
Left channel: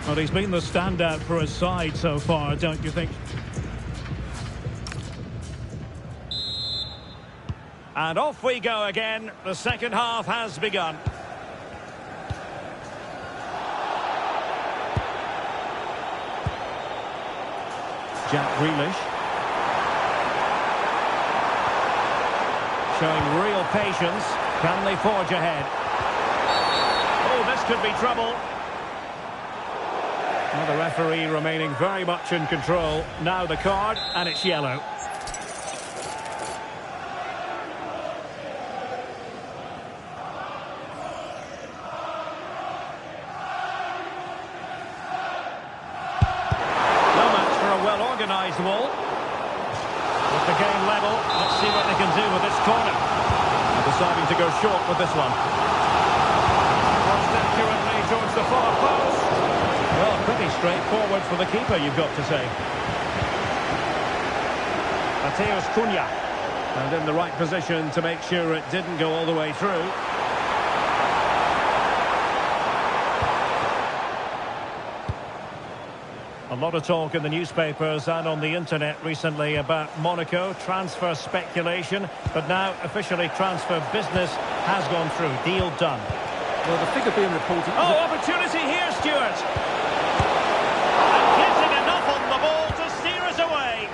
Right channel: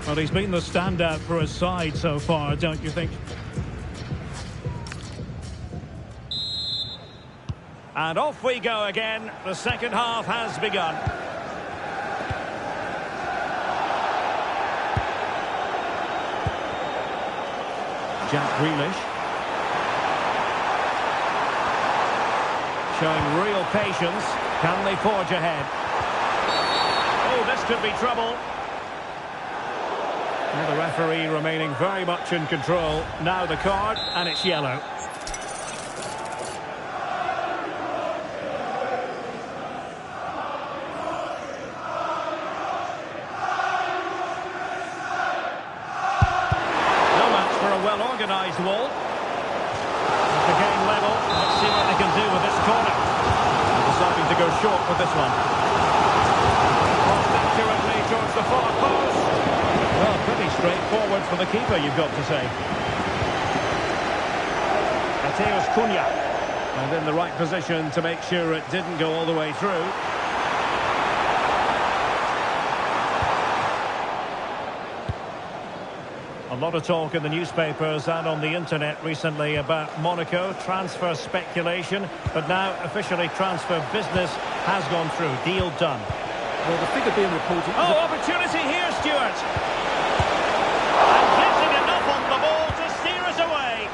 Well, he's been the standout for his side so far, don't you think? And off we go again. The second half has begun. Jack Grealish. Showing real patience. Can they forge ahead? Oh, this could be trouble. Well, the referee remaining very much in control. Now the card, and it's yellow. No match for a well-organised wall. With the game level, let's see what they can do with this corner. They're deciding to go short with this one. Crossed accurately towards the far post. Well, pretty straightforward for the keeper, you've got to say. Mateus Cunha. And in the right position to make sure it didn't go all the way through. A lot of talk in the newspapers and on the internet recently about Monaco transfer speculation, but now officially transfer business has gone through. Deal done. Well, the figure being reported... Oh, opportunity here, Stuart. And getting enough on the ball to steer us away.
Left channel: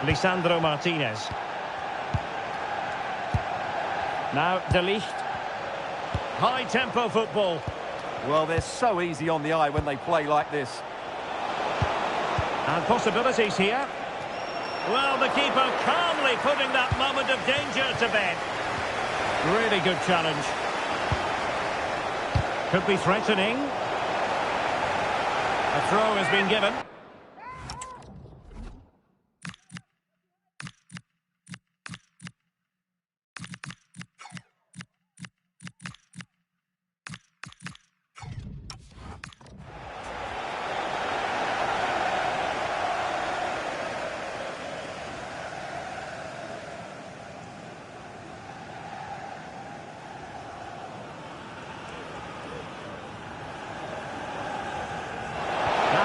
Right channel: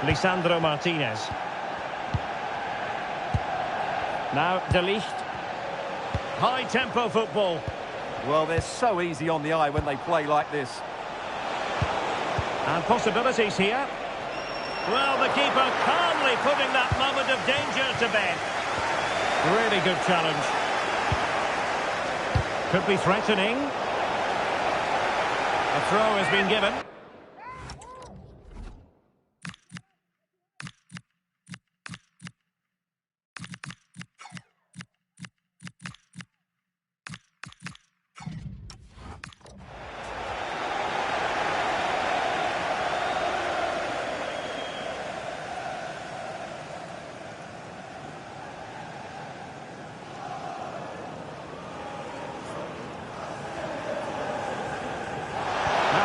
Lisandro Martinez. Now De Ligt. High-tempo football. Well, they're so easy on the eye when they play like this. And possibilities here. Well, the keeper calmly putting that moment of danger to bed. Really good challenge. Could be threatening. A throw has been given.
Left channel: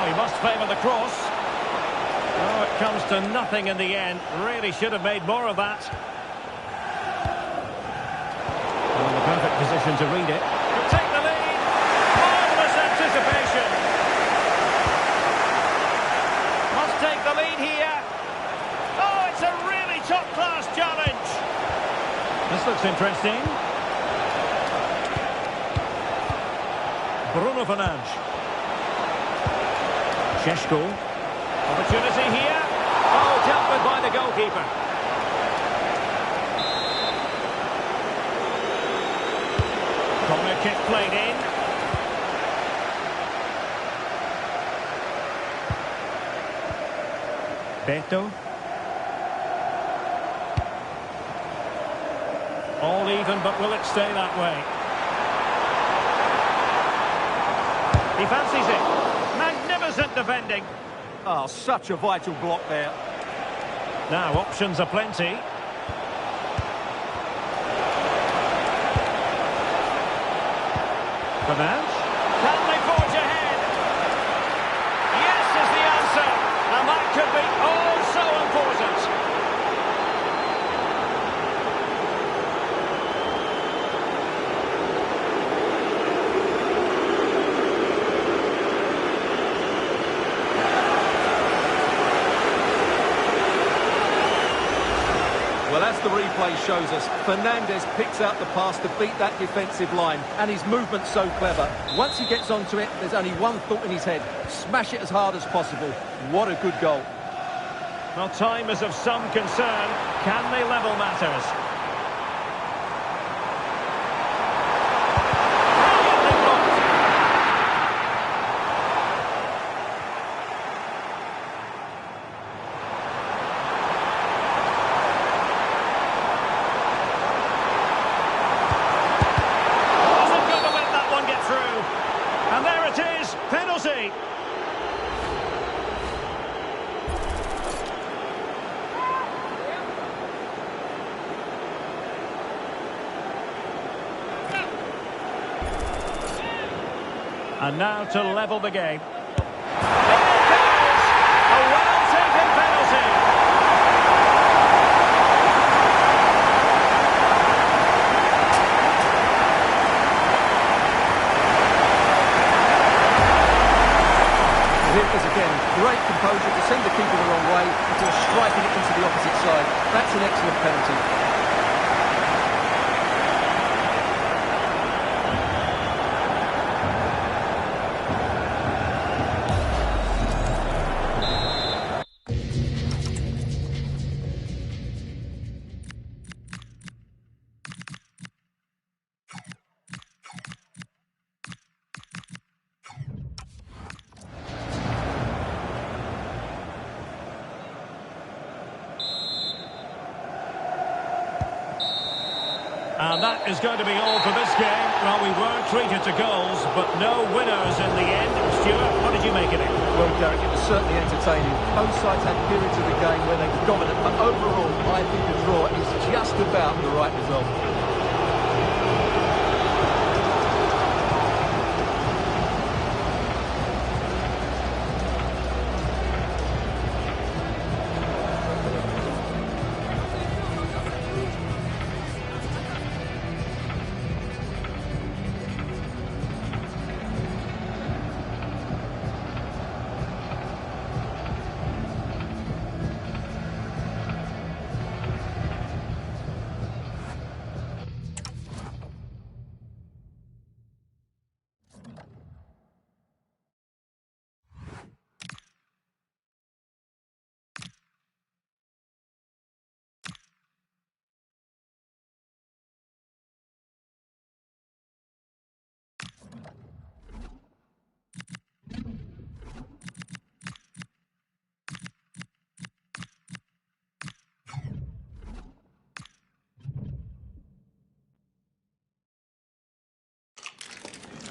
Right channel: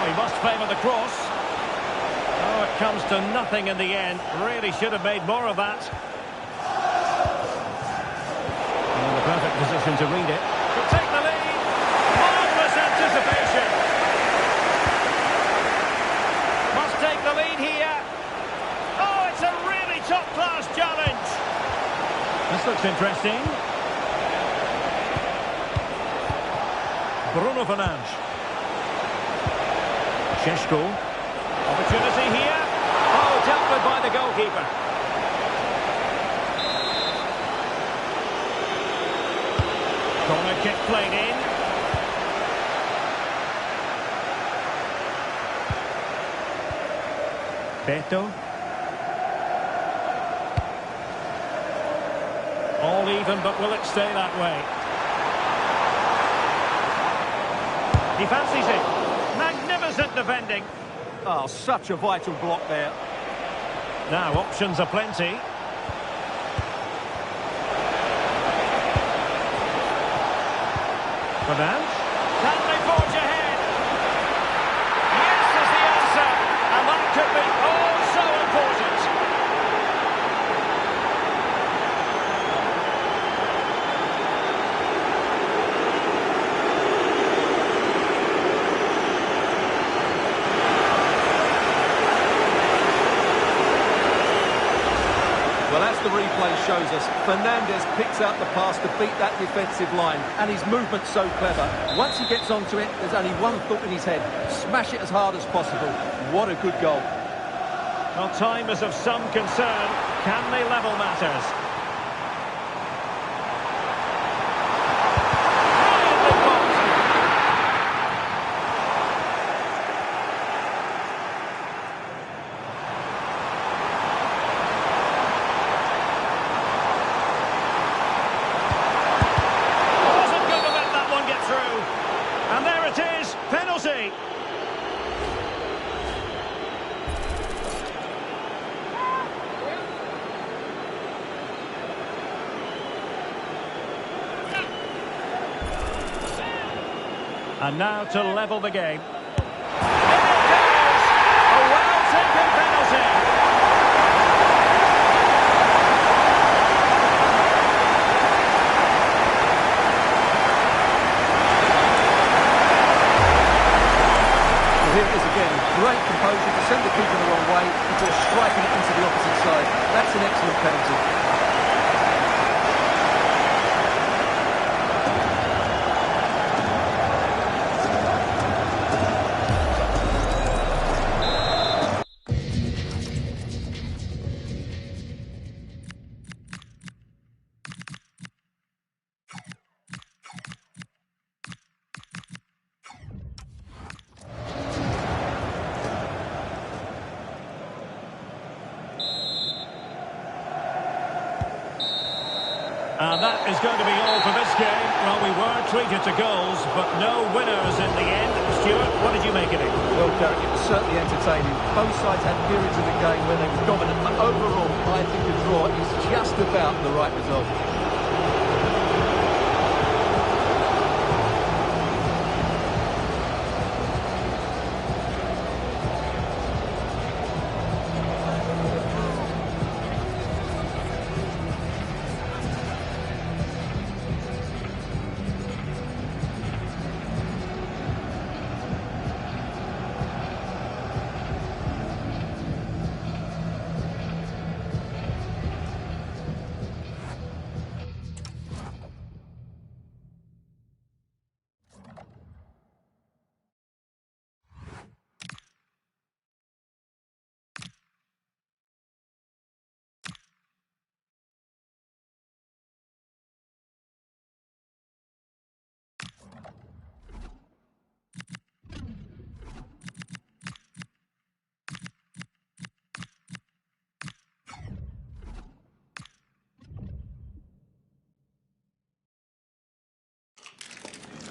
He must favour the cross. Oh, it comes to nothing in the end. Really should have made more of that. In the perfect position to read it. Could take the lead. Marvellous anticipation. Must take the lead here. Oh, it's a really top-class challenge. This looks interesting. Bruno Fernandes. Šeško. Opportunity here. Oh, dealt with by the goalkeeper. Corner kick played in. Beto. All even, but will it stay that way? He fancies it. Magnificent defending. Oh, such a vital block there. Now, options are plenty. Fernand. Can they forge ahead? Yes is the answer. And that could be oh so important. Well, as the replay shows us, Fernandes picks out the pass to beat that defensive line, and his movement's so clever. Once he gets onto it, there's only one thought in his head: smash it as hard as possible. What a good goal. Well, time is of some concern. Can they level matters? Brilliantly blocked. Wasn't going to let that one get through. And there it is, penalty. And now to level the game. In it goes! A well-taken penalty. Well, here it is again. Great composure to send the keeper the wrong way before striking it into the opposite side. That's an excellent penalty. And that is going to be all for this game. Well, we were treated to goals, but no winners in the end. Stuart, what did you make of it? Well, Derek, it was certainly entertaining. Both sides had periods of the game where they were dominant, but overall, I think a draw is just about the right result.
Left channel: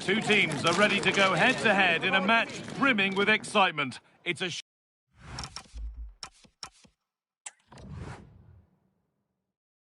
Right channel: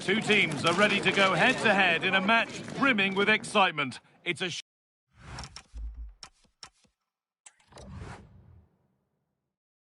Two teams are ready to go head-to-head in a match brimming with excitement. It's a